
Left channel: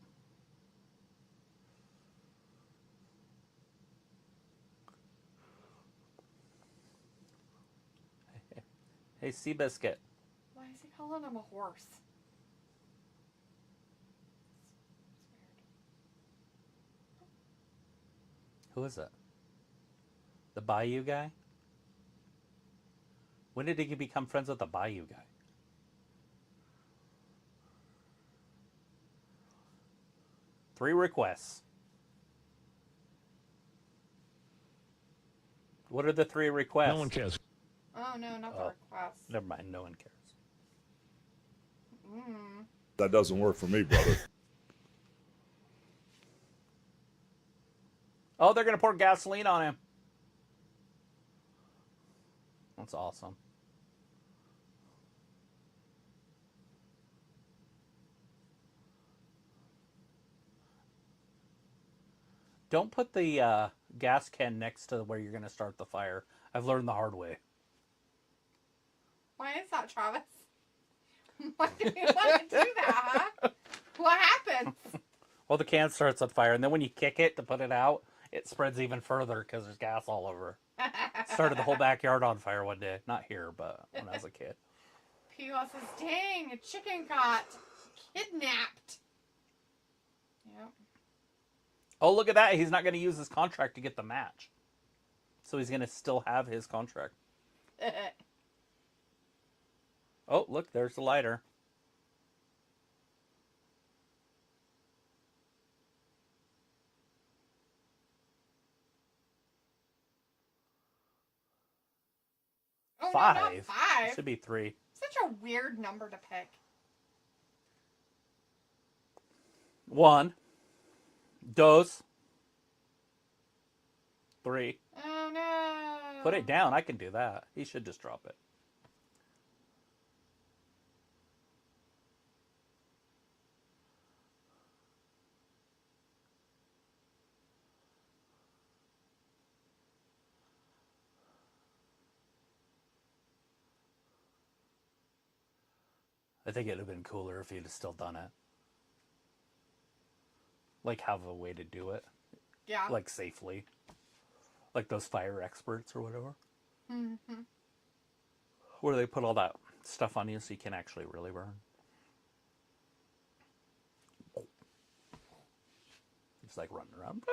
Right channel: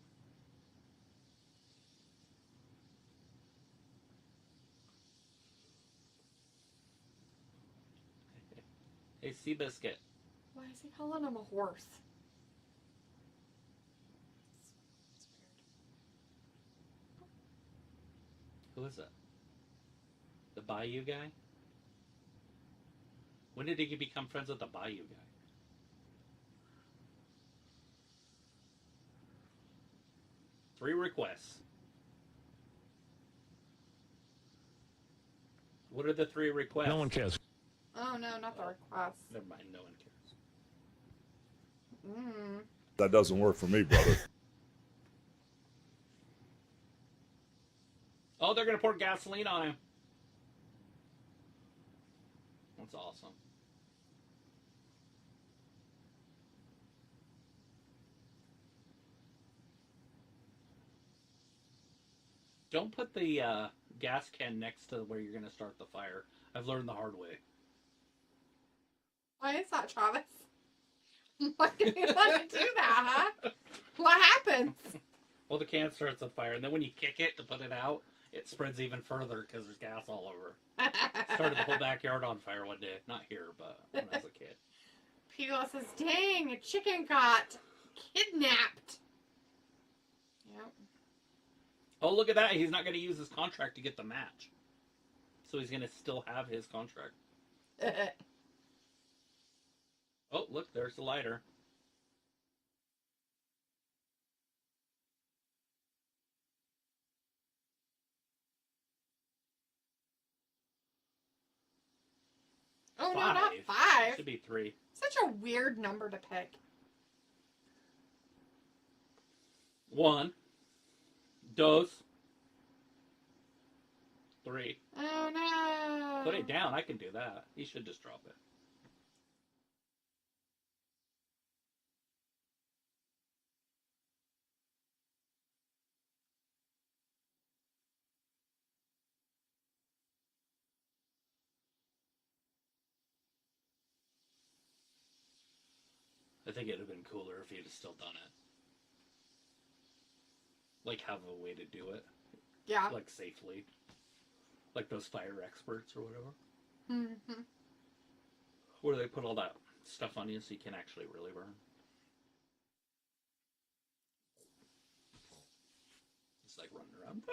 Hey, Seabiscuit. Why is he calling him a horse? It's weird. Who is it? The Bayou guy? When did he become friends with the Bayou guy? Three requests. What are the three requests? No one cares. Oh no, not the request. Never mind, no one cares. That doesn't work for me, brother. Oh, they're gonna pour gasoline on him. That's awesome. Don't put the gas can next to where you're going to start the fire. I've learned the hard way. Why is that, Travis? Why do you want to do that, huh? What happens? Well, the can starts on fire, and then when you kick it to put it out, it spreads even further because there's gas all over. Started the whole backyard on fire one day. Not here, but when I was a kid. Pilo says, dang, a chicken got kidnapped. Yep. Oh, look at that. He's not going to use his contract to get the match. So he's going to still have his contract. Oh, look, there's the lighter. Oh, 5. no, not 5. It should be 3. Such a weird number to pick. 1. 2. 3. Oh, no. Put it down. I can do that. He should just drop it. I think it would have been cooler if he'd have still done it. Like, have a way to do it. Yeah. Like, safely. Like those fire experts or whatever. Mm-hmm. Where they put all that stuff on you so you can actually really burn. It's like running around.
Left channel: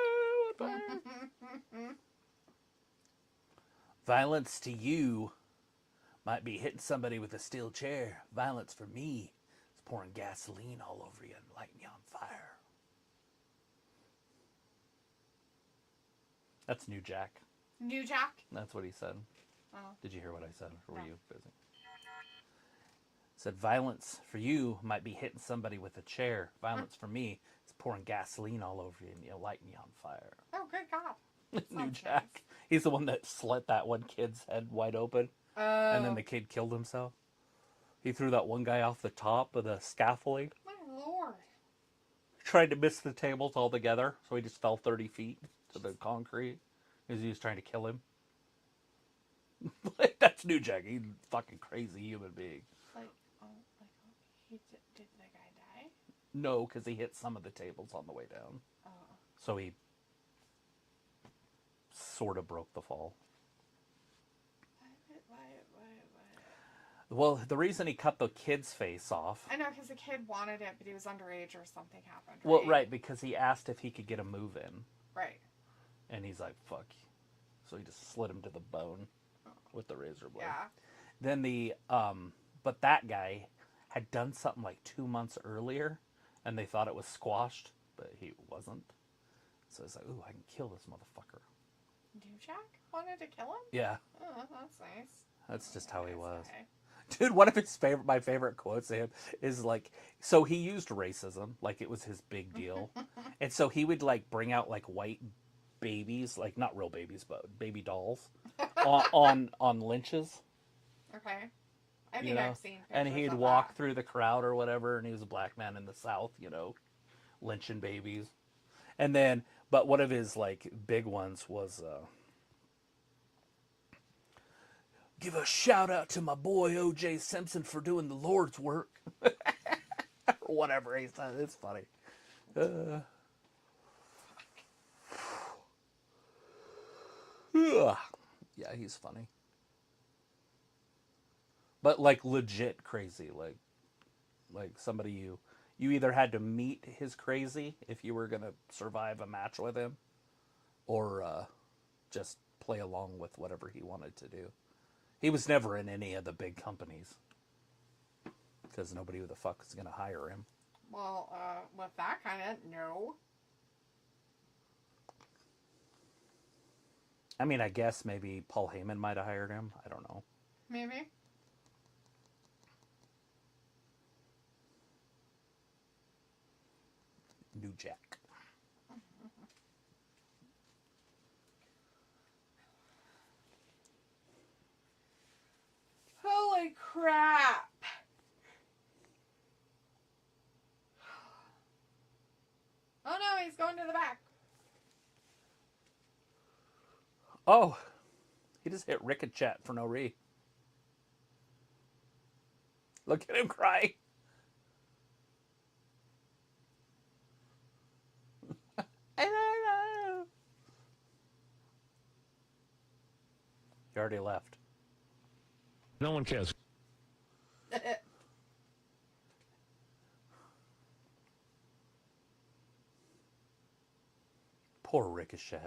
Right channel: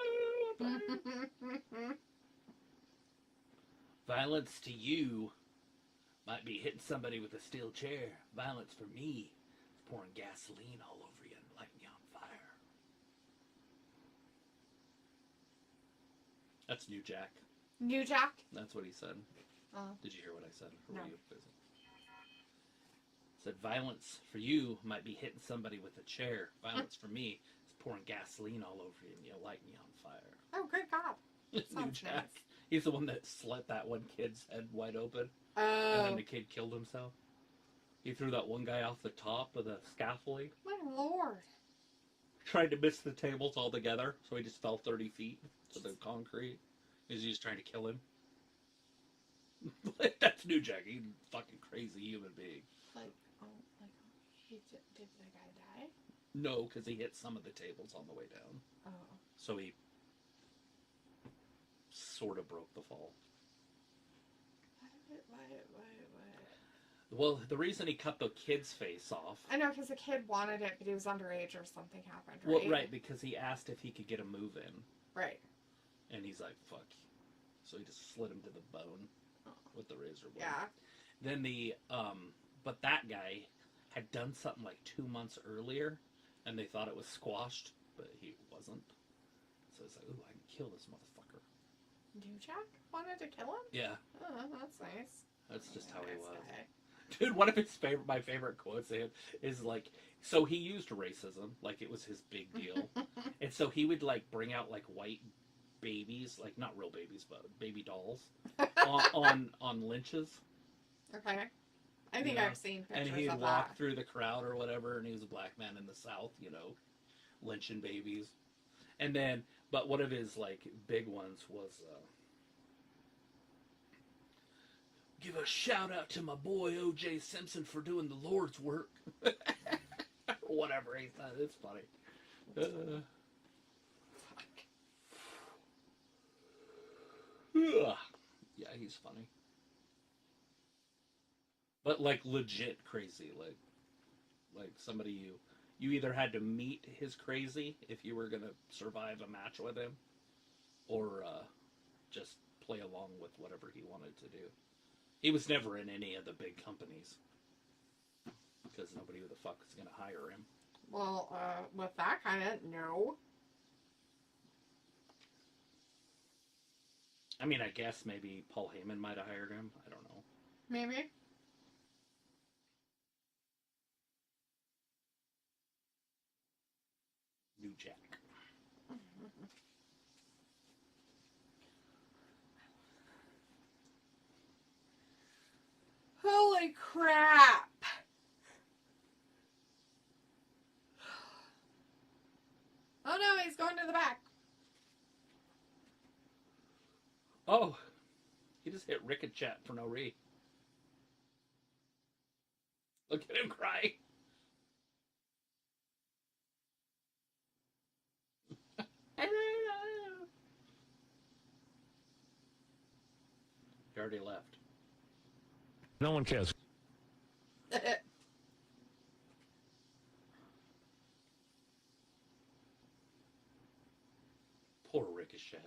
Violence to you might be hitting somebody with a steel chair. Violence for me is pouring gasoline all over you and lighting you on fire. That's New Jack. New Jack? That's what he said. Oh. Did you hear what I said? Or No. were you busy? Said violence for you might be hitting somebody with a chair. Violence for me is pouring gasoline all over you and lighting you on fire. Oh, good God. It's New Sounds Jack. nice. He's the one that slit that one kid's head wide open. Oh. And then the kid killed himself. He threw that one guy off the top of the scaffolding. My Lord. Tried to miss the tables altogether, so he just fell 30 feet to the concrete. He was just trying to kill him. That's New Jack. He's a fucking crazy human being. Did the guy die? No, because he hit some of the tables on the way down. Oh. So he sort of broke the fall. Why? Well, the reason he cut the kid's face off... I know, because the kid wanted it, but he was underage or something happened, right? Well, right, because he asked if he could get a move in. Right. And he's like, fuck. So he just slit him to the bone with the razor blade. Yeah. Then but that guy had done something like 2 months earlier, and they thought it was squashed, but he wasn't. So he's like, ooh, I can kill this motherfucker. New Jack wanted to kill him? Yeah. Oh, that's nice. That's just how he was. Guy. Dude, one of my favorite quotes of him is like, so he used racism, like it was his big deal. And so he would like bring out like white babies, like not real babies, but baby dolls on lynches. Okay. I think I've seen pictures and he'd of walk that. through the crowd or whatever, and he was a black man in the South, lynching babies. And then, but one of his like big ones was, give a shout out to my boy O.J. Simpson for doing the Lord's work. Or whatever he said. It's funny. Yeah, he's funny. But like legit crazy. Like somebody you either had to meet his crazy if you were going to survive a match with him, or just play along with whatever he wanted to do. He was never in any of the big companies because nobody who the fuck is going to hire him. Well, with that kind of, no. I mean, I guess maybe Paul Heyman might have hired him. I don't know. Maybe. New Jack. Oh, he just hit Ricochet for no reason. Look at him cry. He already left. No one cares. Poor Ricochet.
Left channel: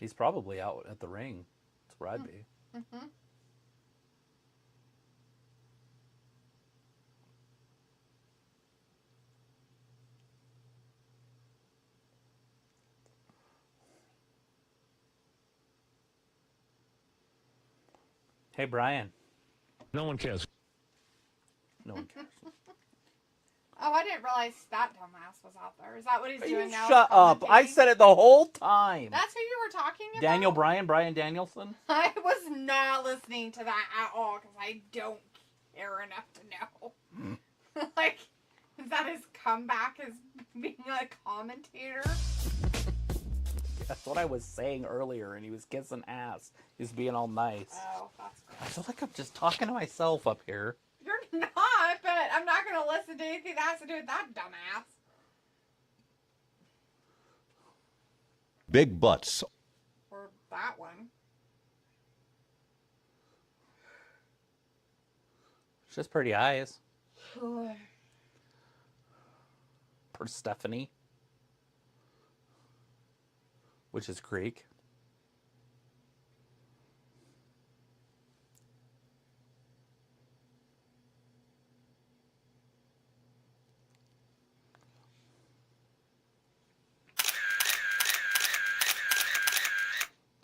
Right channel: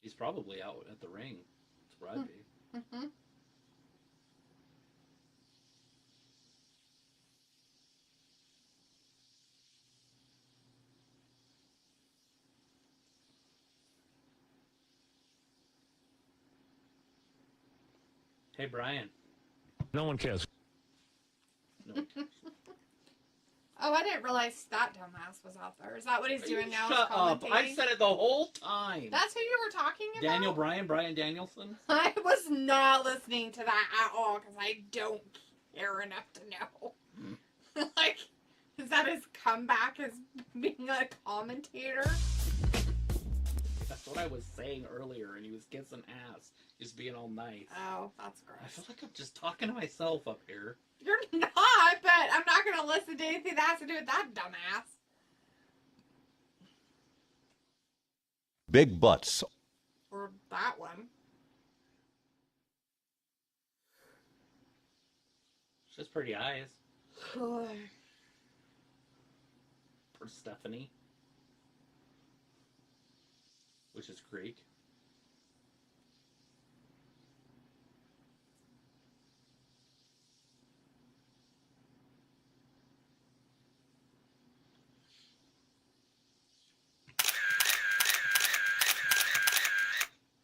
He's probably out at the ring. That's where I'd be. Mm-hmm. Hey, Brian. No one cares. No one cares. Oh, I didn't realize that dumbass was out there. Is that what he's doing now? Shut up. I said it the whole time. That's who you were talking about? Daniel Bryan, Brian Danielson? I was not listening to that at all because I don't care enough to know. Like, is that his comeback as being a commentator? That's what I was saying earlier, and he was kissing ass. He was being all nice. Oh, that's gross. I feel like I'm just talking to myself up here. You're not, but I'm not going to listen to anything that has to do with that dumbass. Big butts. Or that one. It's just pretty eyes. Poor For Stephanie. Which is Greek.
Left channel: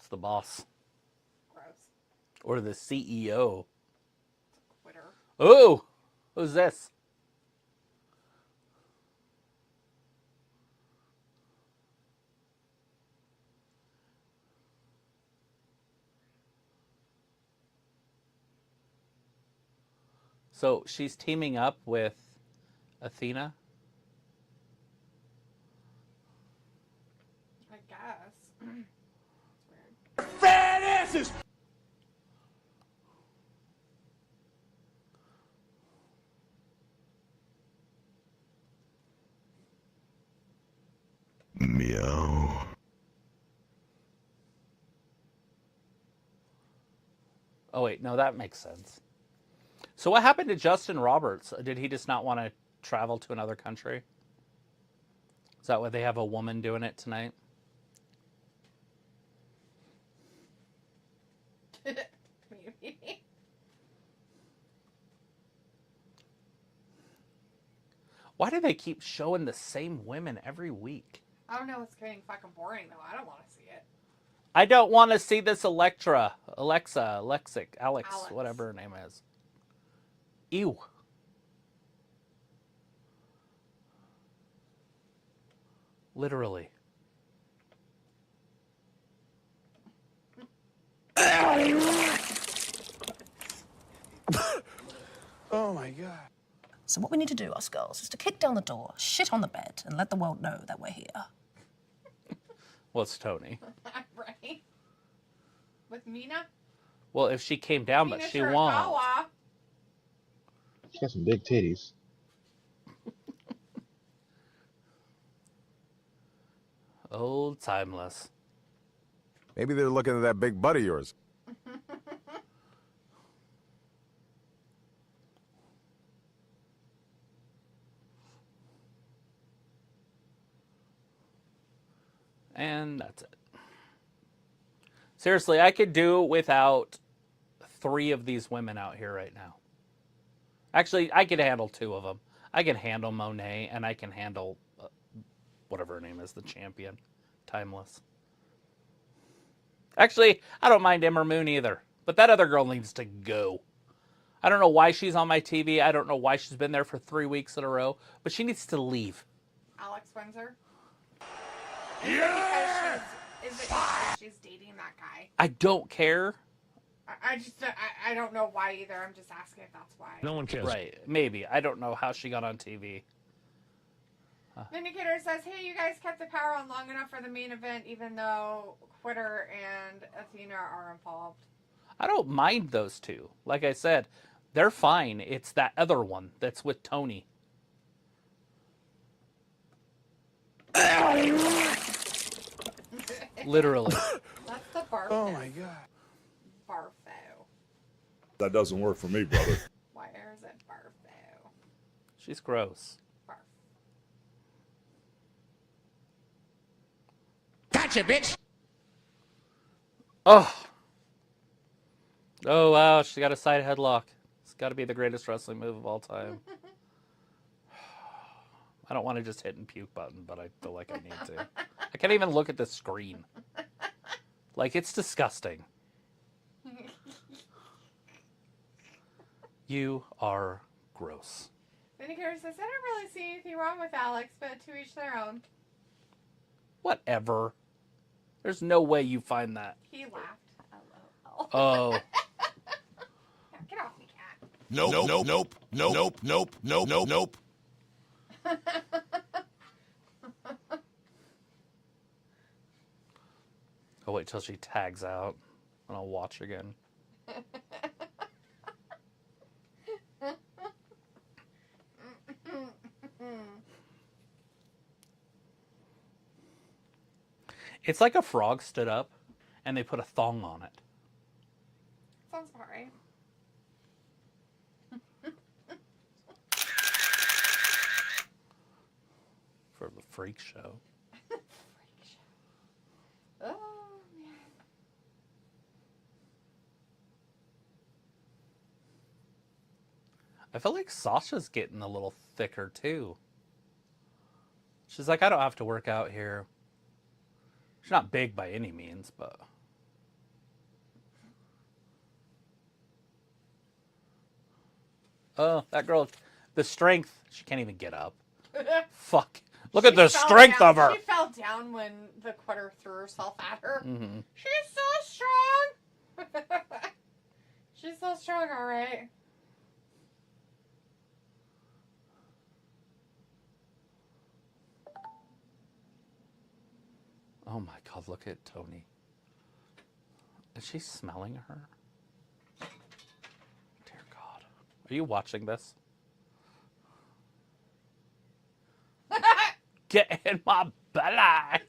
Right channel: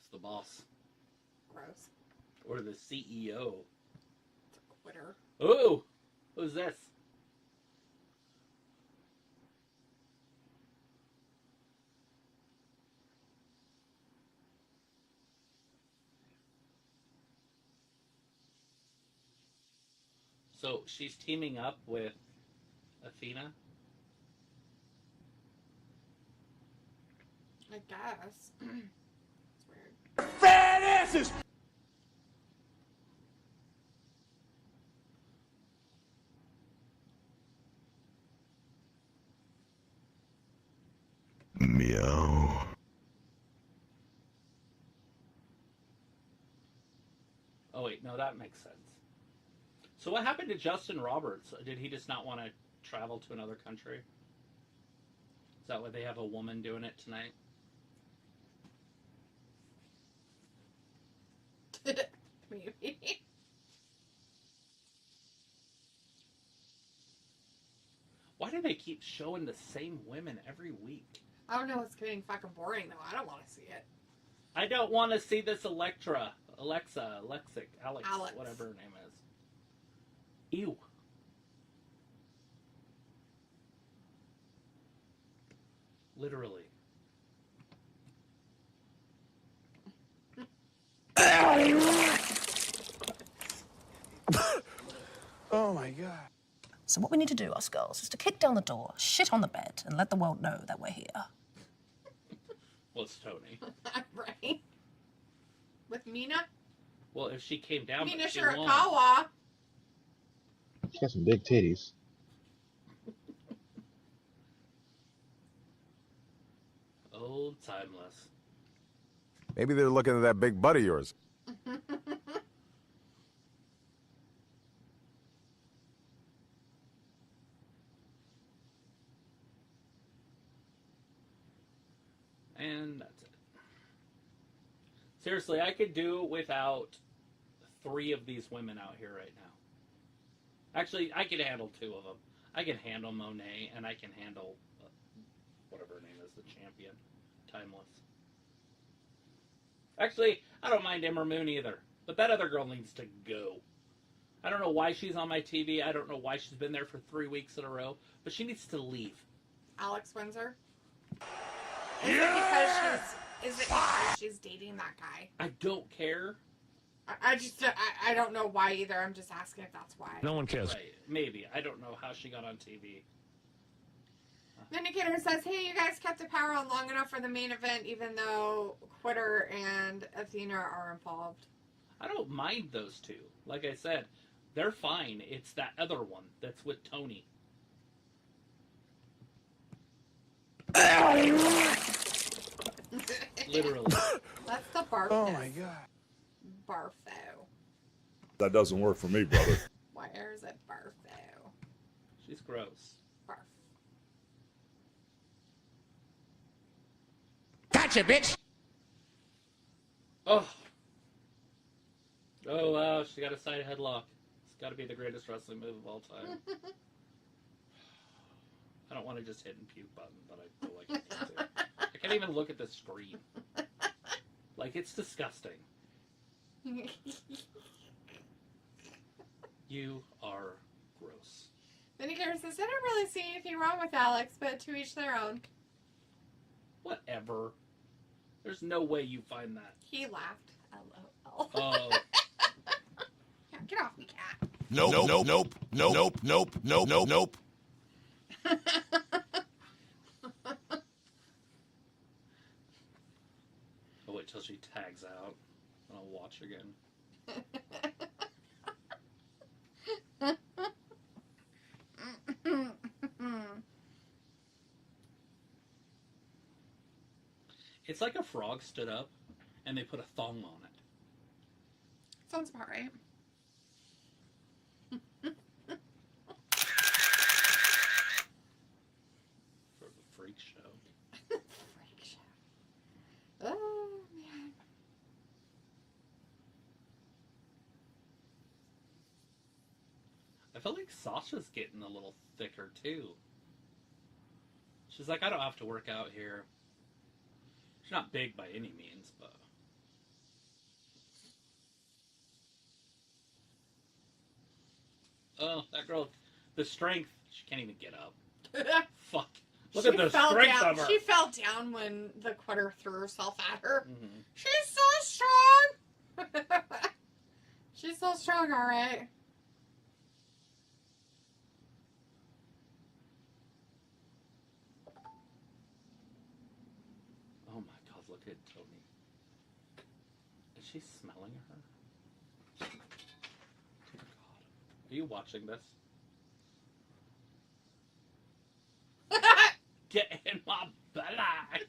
It's the boss. Gross. Or the CEO. It's a quitter. Oh! Who's this? So she's teaming up with Athena? I guess. It's weird. Fat asses! Meow. Oh, wait. No, that makes sense. So what happened to Justin Roberts? Did he just not want to travel to another country? Is that why they have a woman doing it tonight? Maybe. Why do they keep showing the same women every week? I don't know, it's getting fucking boring though. I don't want to see it. I don't want to see this Alexa, Alex, whatever her name is. Ew. Literally. Oh my God. So what we need to do, us girls, is to kick down the door, shit on the bed, and let the world know that we're here. Well, it's Tony. Right? With Mina? Well, if she came down, Mina but she won. Shirakawa. She got some big titties. Old timeless. Maybe they're looking at that big butt of yours. And that's it. Seriously, I could do without 3 of these women out here right now. Actually, I could handle 2 of them. I can handle Monet, and I can handle whatever her name is, the champion. Timeless. Actually, I don't mind Ember Moon either. But that other girl needs to go. I don't know why she's on my TV. I don't know why she's been there for 3 weeks in a row. But she needs to leave. Alex Windsor? Yeah! Is it because she's dating that guy? I don't care. I don't know why either. I'm just asking if that's why. No one cares. Right. Maybe. I don't know how she got on TV. Vindicator says, hey, you guys kept the power on long enough for the main event, even though Quitter and Athena are involved. I don't mind those two. Like I said, they're fine. It's that other one that's with Tony. Literally. That's the Bartho. Oh my god. Bartho. That doesn't work for me, brother. Why is it Bartho? She's gross. Barf. Gotcha, bitch! Oh. Oh, wow. She got a side headlock. It's got to be the greatest wrestling move of all time. I don't want to just hit and puke button, but I feel like I need to. I can't even look at the screen. Like, it's disgusting. You are gross. Vindicator says, I don't really see anything wrong with Alex, but to each their own. Whatever. There's no way you find that. He laughed. LOL. Oh. Yeah, get off me, cat. Nope, nope, nope, nope, nope, nope, nope, nope, nope. I'll wait till she tags out, and I'll watch again. It's like a frog stood up, and they put a thong on it. Sounds about right. For the freak show. Freak show. Oh, man. I feel like Sasha's getting a little thicker, too. She's like, I don't have to work out here. She's not big by any means, but... Oh, that girl, the strength, she can't even get up. Fuck. Look at the strength of her. She fell down when the Quitter threw herself at her. Mm-hmm. She's so strong. She's so strong, all right. Oh my god, look at Tony. Is she smelling her? Dear God. Are you watching this? Get in my belly!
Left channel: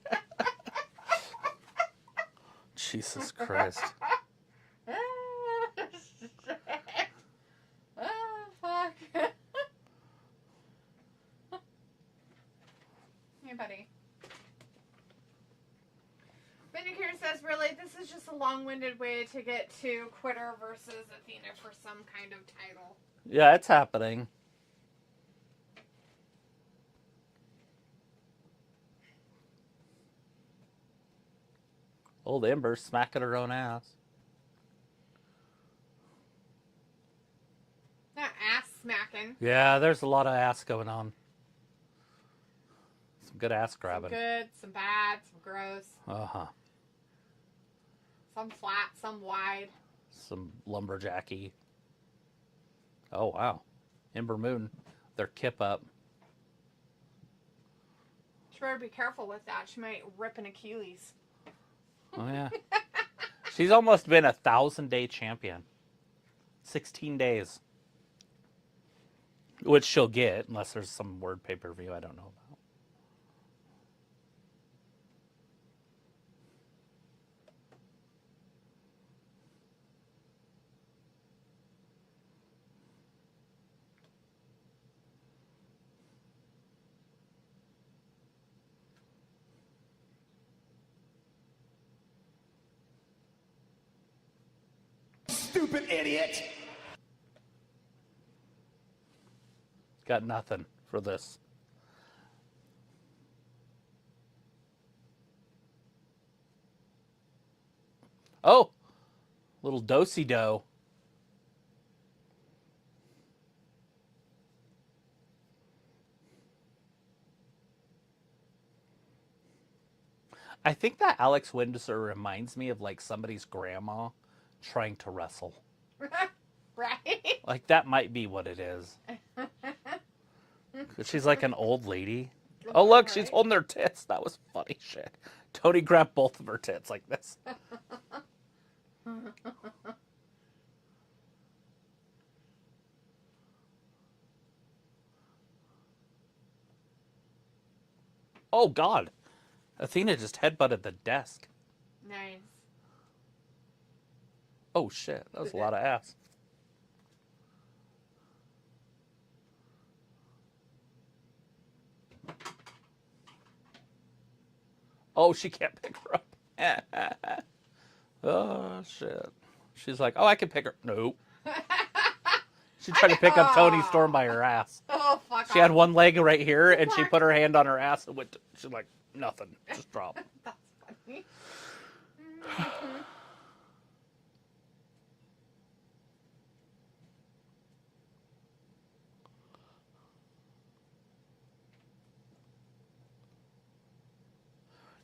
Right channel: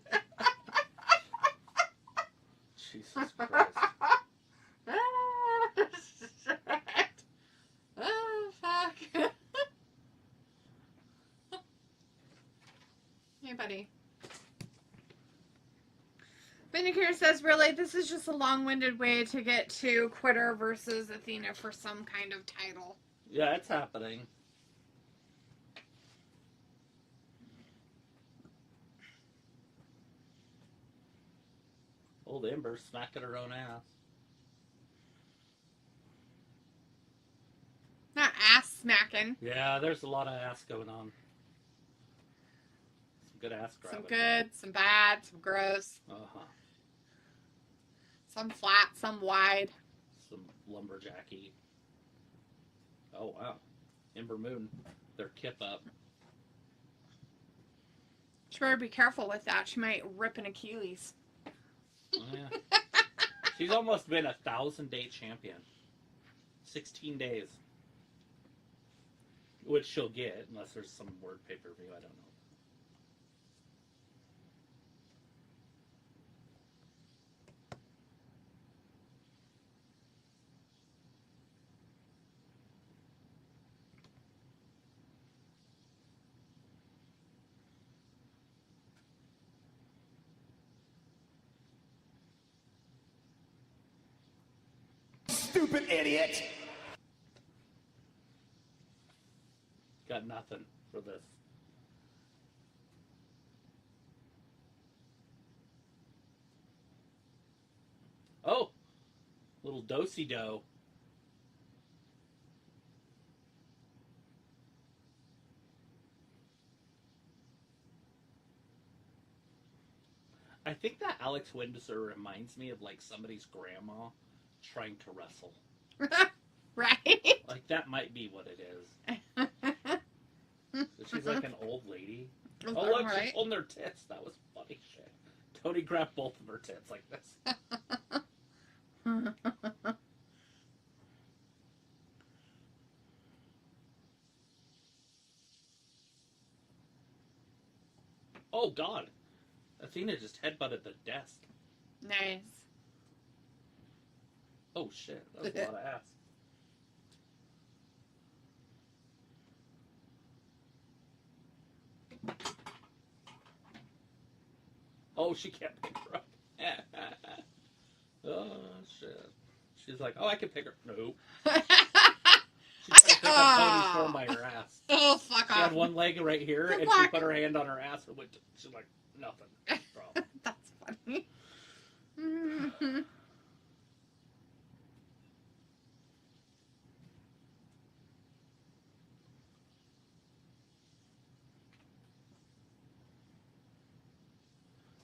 Jesus Christ. Oh, fuck. Hey, buddy. Vindicator says, really, this is just a long-winded way to get to Quitter versus Athena for some kind of title. Yeah, it's happening. Old Ember smacking her own ass. Not ass smacking. Yeah, there's a lot of ass going on. Some good ass grabbing. Some good, some bad, some gross. Uh-huh. Some flat, some wide. Some lumberjacky. Oh, wow. Ember Moon. Their kip up. She better be careful with that. She might rip an Achilles. Oh, yeah. She's almost been a 1,000-day champion. 16 days. Which she'll get, unless there's some word pay-per-view I don't know about. Stupid idiot! Got nothing for this. Oh! Little do-si-do. I think that Alex Windsor reminds me of like somebody's grandma trying to wrestle. Right? Like, that might be what it is. She's like an old lady. Oh, look, Right. she's holding her tits. That was funny shit. Tony grabbed both of her tits like this. Oh, God. Athena just headbutted the desk. Nice. Oh, shit. That was a lot of ass. Oh, she can't pick her up. Oh, shit. She's like, oh, I can pick her. Nope. She tried to pick up Tony Storm by her ass. Oh, fuck She off. had one leg right here, The and she black- put her hand on her ass and went. She's like, nothing. Just drop. That's funny.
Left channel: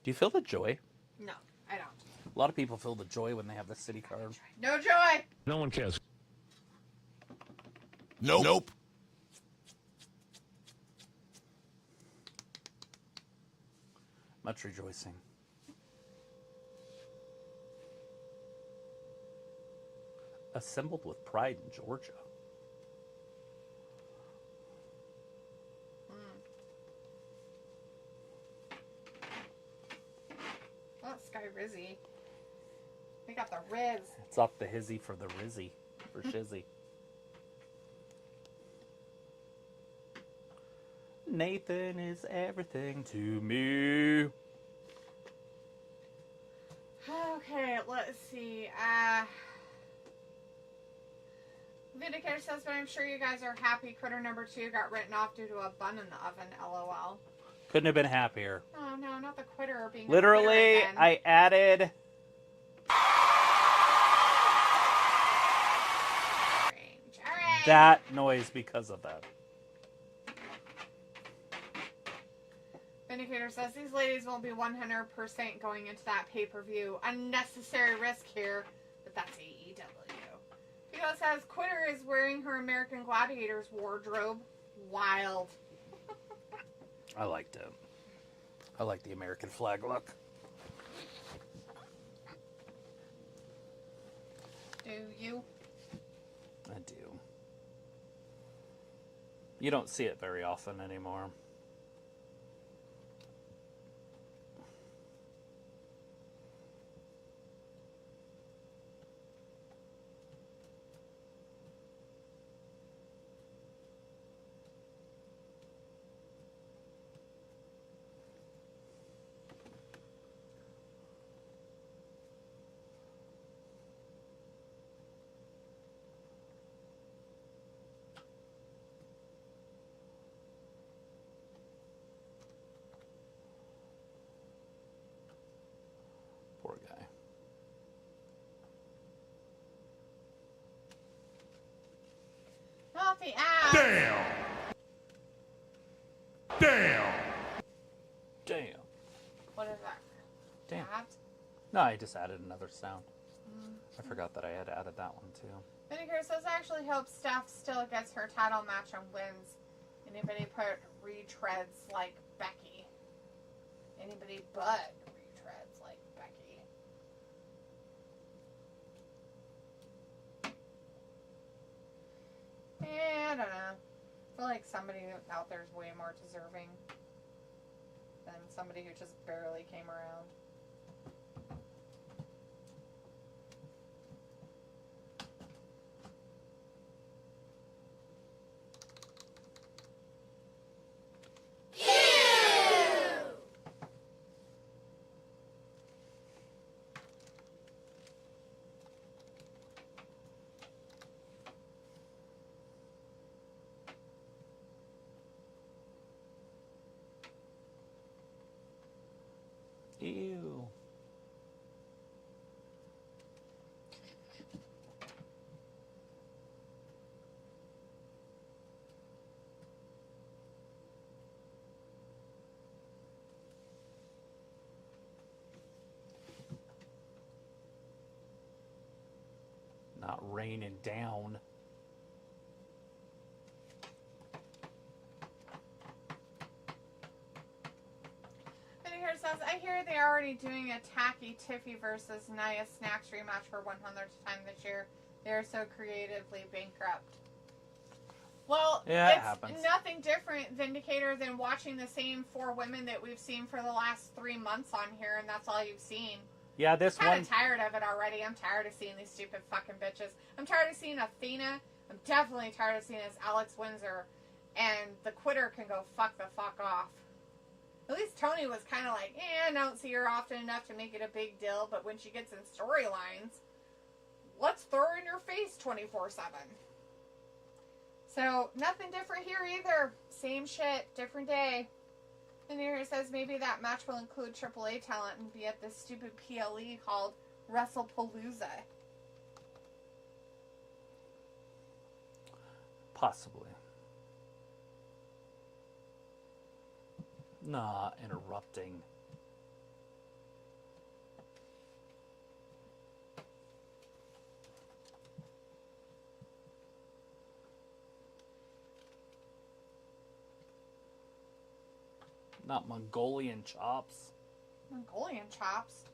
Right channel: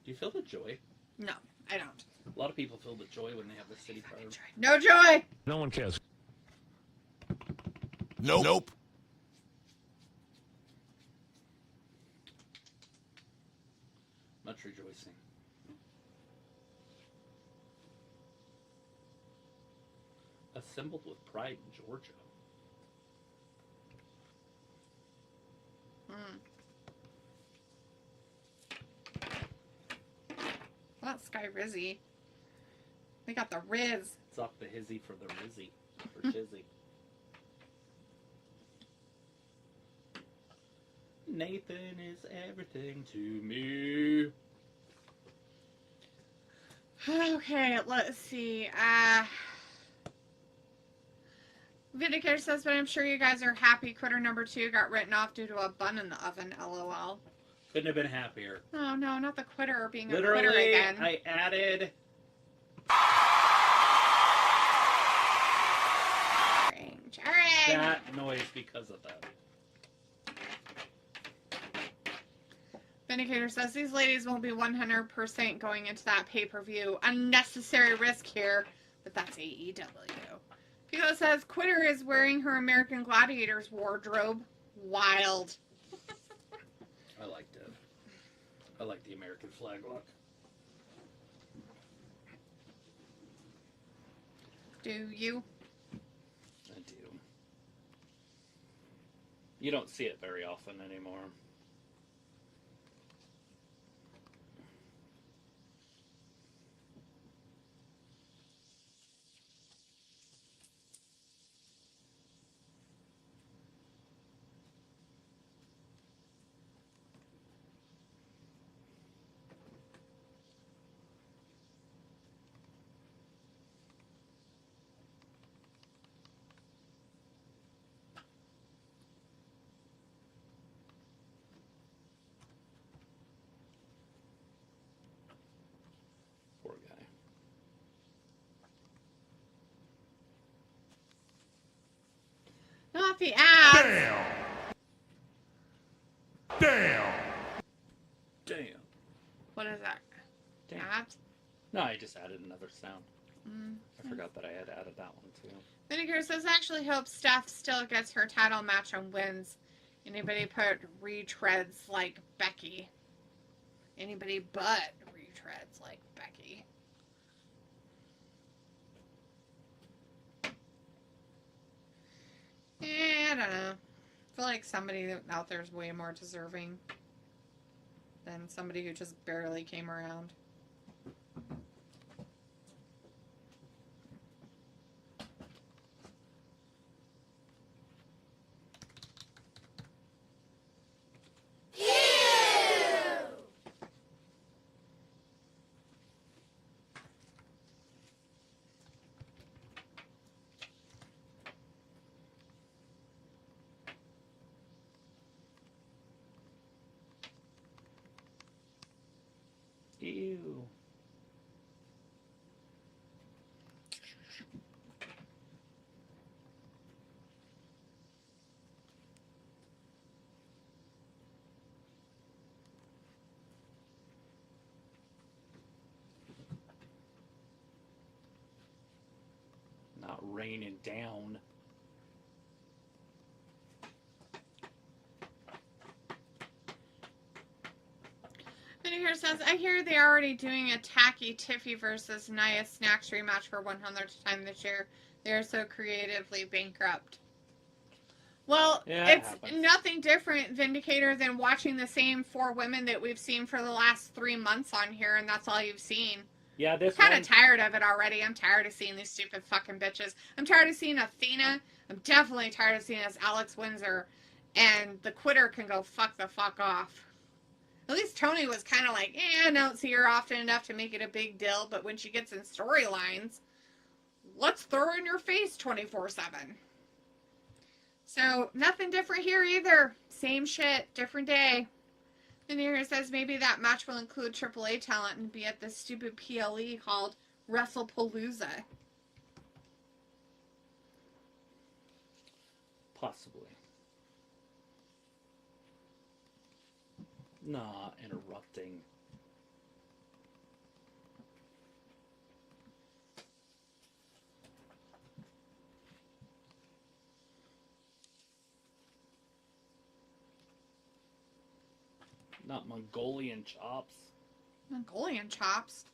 Do you feel the joy? No, I don't. A lot of people feel the joy when they have the city card. No joy. No one cares. Nope. Much rejoicing. Assembled with pride in Georgia. Well, Sky Rizzy. They got the Riz. It's up the hizzy for the rizzy. For shizzy. Nathan is everything to me. Okay, let's see. Vindicator says, but I'm sure you guys are happy Critter number 2 got written off due to a bun in the oven, lol. Couldn't have been happier. Oh, no, not the Quitter being Literally, a Quitter again. I added... Alright. that noise because of that. Vindicator says, these ladies won't be 100% going into that pay-per-view. Unnecessary risk here, but that's AEW. Pico says, Quitter is wearing her American Gladiators wardrobe. Wild. I liked it. I like the American flag look. Do you? I do. You don't see it very often anymore. Poor guy. Not the ass. Damn. Damn. Damn. What is that? Damn. Abs? No, I just added another sound. I forgot that I had added that one too. Vinegar says, I actually hope Steph still gets her title match and wins. Anybody put retreads like Becky. Anybody but retreads like Becky. I don't know. I feel like somebody out there is way more deserving than somebody who just barely came around. Ew. raining down. Video here says, I hear they're already doing a Tacky Tiffy versus Nia Snacks rematch for 100th time this year. They're so creatively bankrupt. Well, yeah, it's nothing different, Vindicator, than watching the same 4 women that we've seen for the last 3 months on here, and that's all you've seen. Yeah, this I'm kind of tired of it already. I'm tired of seeing these stupid fucking bitches. I'm tired of seeing Athena. I'm definitely tired of seeing as Alex Windsor. And the Quitter can go fuck the fuck off. At least Tony was kind of like, I don't see her often enough to make it a big deal, but when she gets in storylines, let's throw her in your face 24/7. So, nothing different here either. Same shit, different day. And here it says maybe that match will include AAA talent and be at this stupid PLE called WrestlePalooza. Possibly. Nah, interrupting. Not Mongolian chops. Mongolian chops?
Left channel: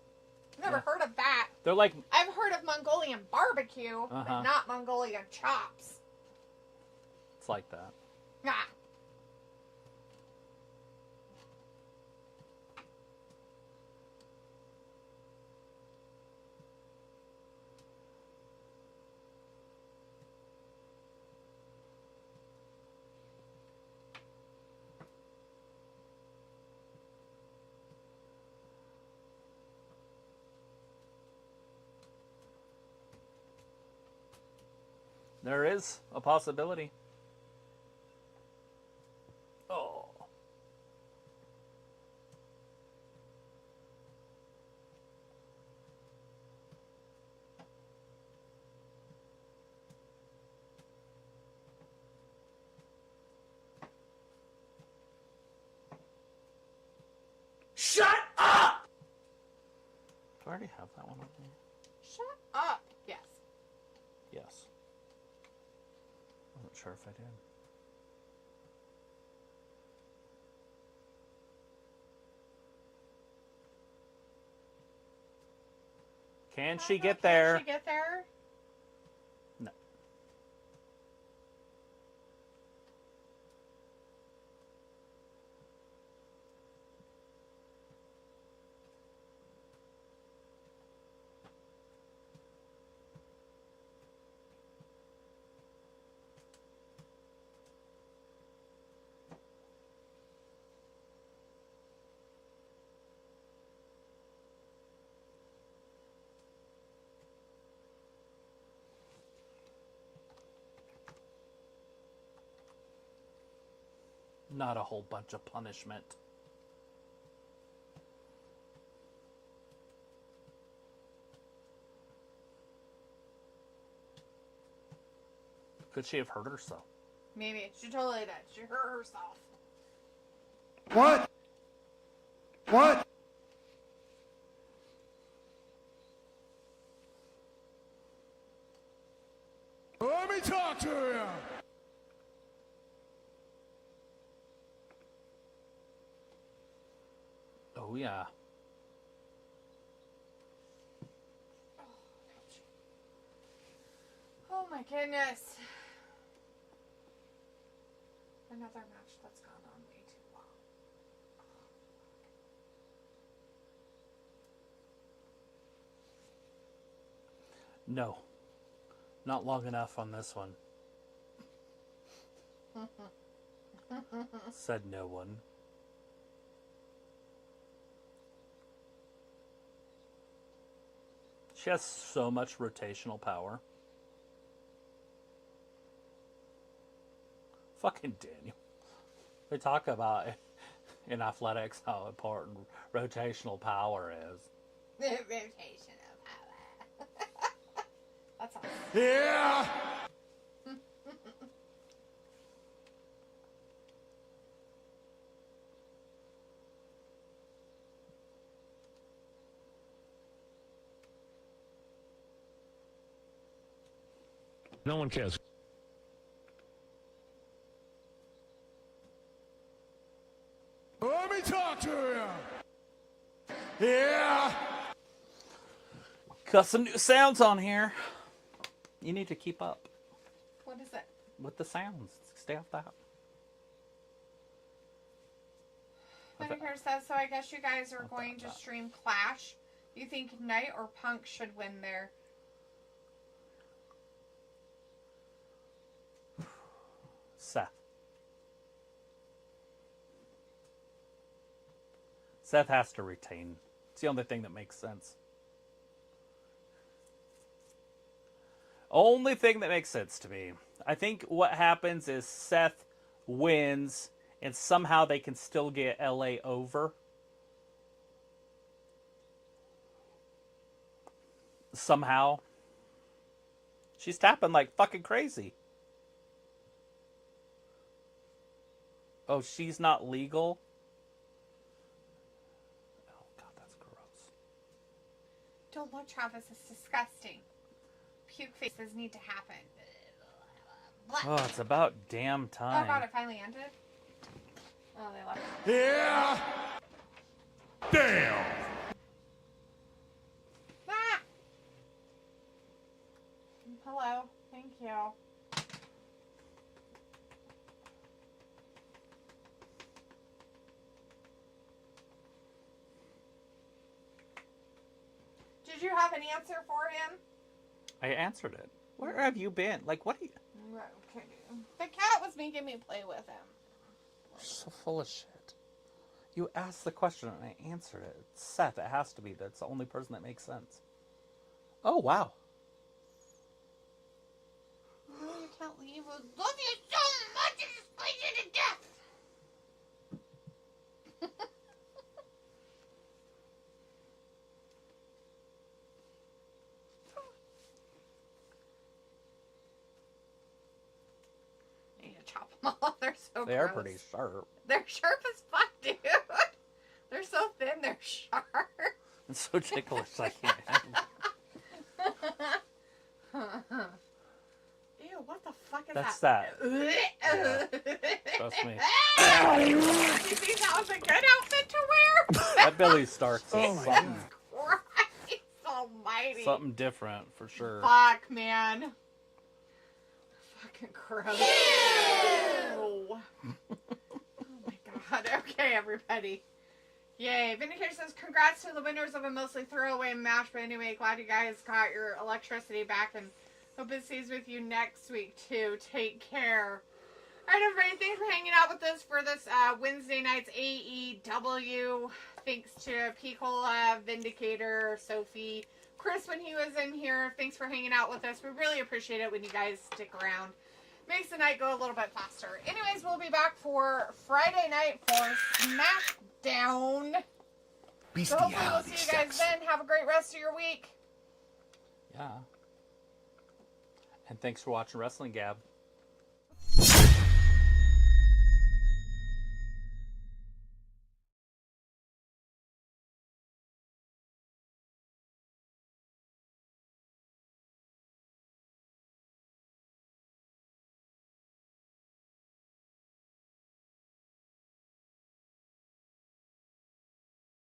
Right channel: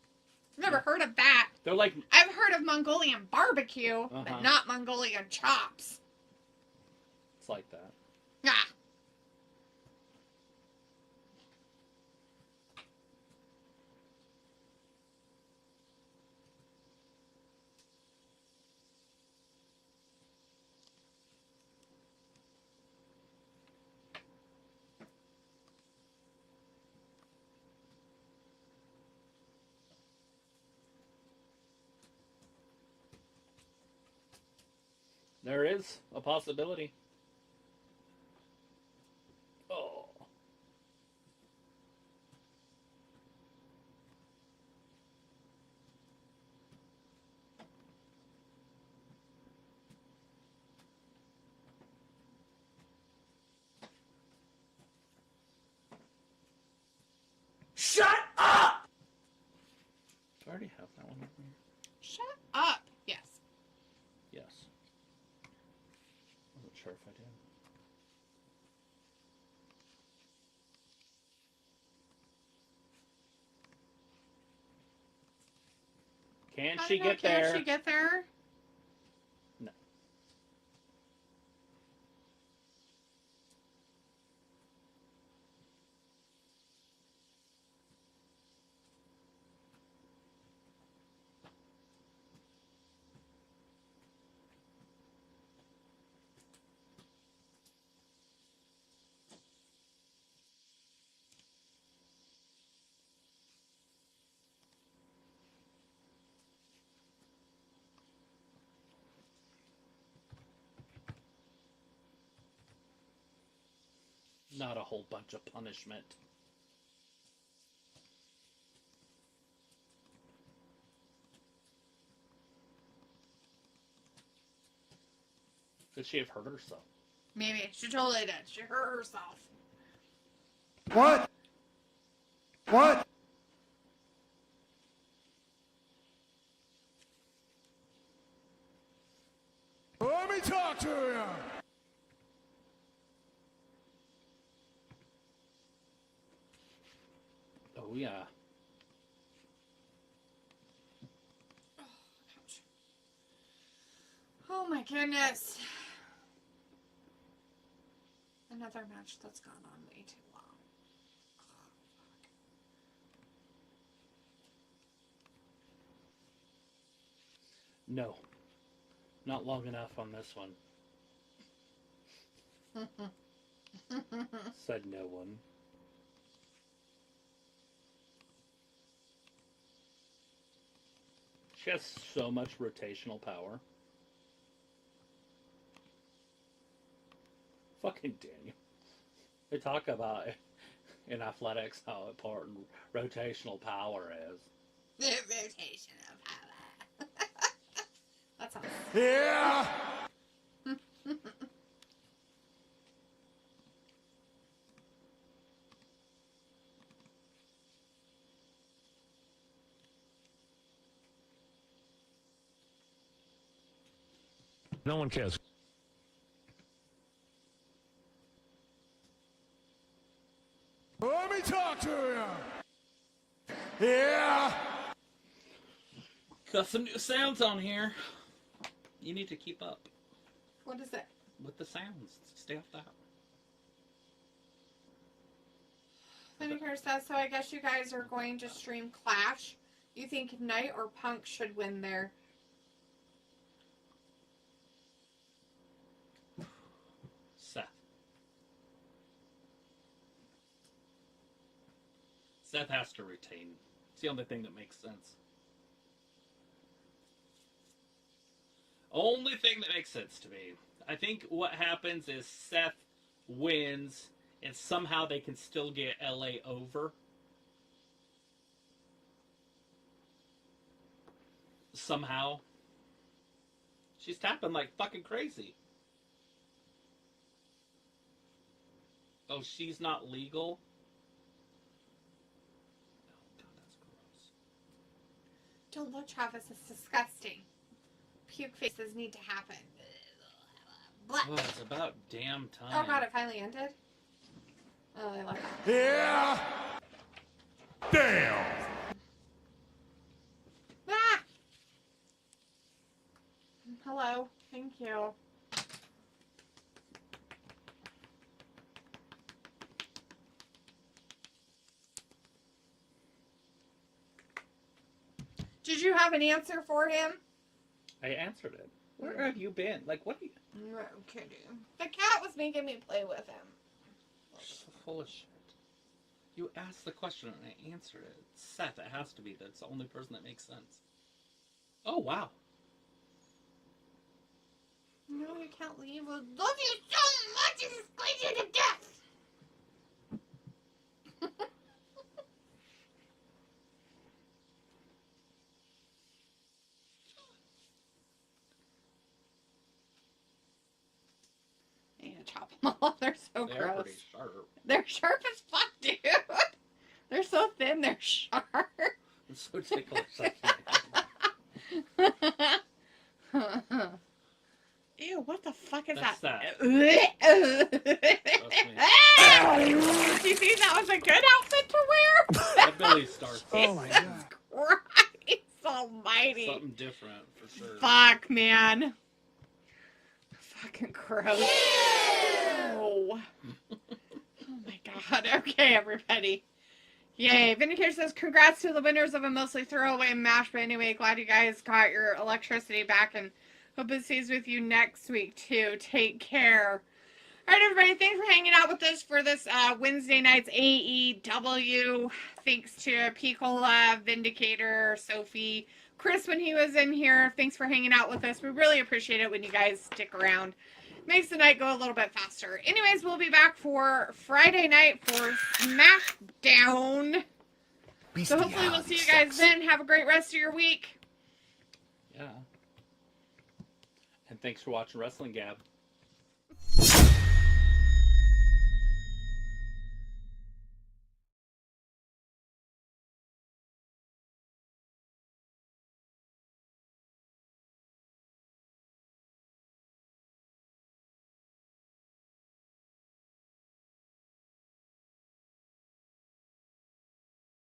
I've never heard of that. They're like... I've heard of Mongolian barbecue, but not Mongolian chops. It's like that. Ah. There is a possibility. Oh. Shut up! Do I already have that one on there? Shut up. Yes. Yes. Wasn't sure if I did. Can she get there? Can she get there? No. Not a whole bunch of punishment. Could she have hurt herself? Maybe. She totally did. She hurt herself. What? What? Let me talk to you. Oh, yeah. Oh my goodness. Another match that's gone on way too long. No. Not long enough on this one. Said no one. She has so much rotational power. Fucking Daniel. They talk about in athletics how important rotational power is. Rotational power. That's all. Yeah. No one cares. Let me talk to you. Yeah. Got some new sounds on here. You need to keep up What is it? with the sounds. Stay off that. Senator says, so I guess you guys are going to stream Clash. You think Knight or Punk should win there? Seth. Seth has to retain. It's the only thing that makes sense. Only thing that makes sense to me. I think what happens is Seth wins, and somehow they can still get LA over. Somehow. She's tapping like fucking crazy. Oh, she's not legal? Oh, God, that's gross. Don't look, Travis. It's disgusting. Puke faces need to happen. Oh, it's about damn time. Oh, God, it finally ended? Oh, they left. Yeah. Damn. Ah! Hello. Thank you. Did you have an answer for him? I answered it. Where have you been? Like, what are you... No kidding. The cat was making me play with him. You're so full of shit. You asked the question and I answered it. It's Seth. It has to be. That's the only person that makes sense. Oh, wow. No, you can't leave. I love you so much. It's squeeze you to death. I need to chop them all. They're so They gross. are pretty sharp. They're sharp as fuck, dude. They're so thin, they're sharp. It's so ticklish. I can't handle it. Ew, what the fuck is That's that? Trust me. Do you think that was a good outfit to wear? That Billy Stark. Oh my God. Christ almighty. Something different, for sure. Fuck, man. Fucking gross. Oh my God. Okay, everybody. Yay. Vindicator says, congrats to the winners of a mostly throwaway match. But anyway, glad you guys got your electricity back and hope it stays with you next week, too. Take care. All right, everybody. Thanks for hanging out with us for this Wednesday night's AEW. Thanks to Picola, Vindicator, Sophie, Chris when he was in here. Thanks for hanging out with us. We really appreciate it when you guys stick around. Makes the night go a little bit faster. Anyways, we'll be back for Friday night for SmackDown. So hopefully we'll see you guys then. Have a great rest of your week. Yeah. And thanks for watching Wrestling Gab.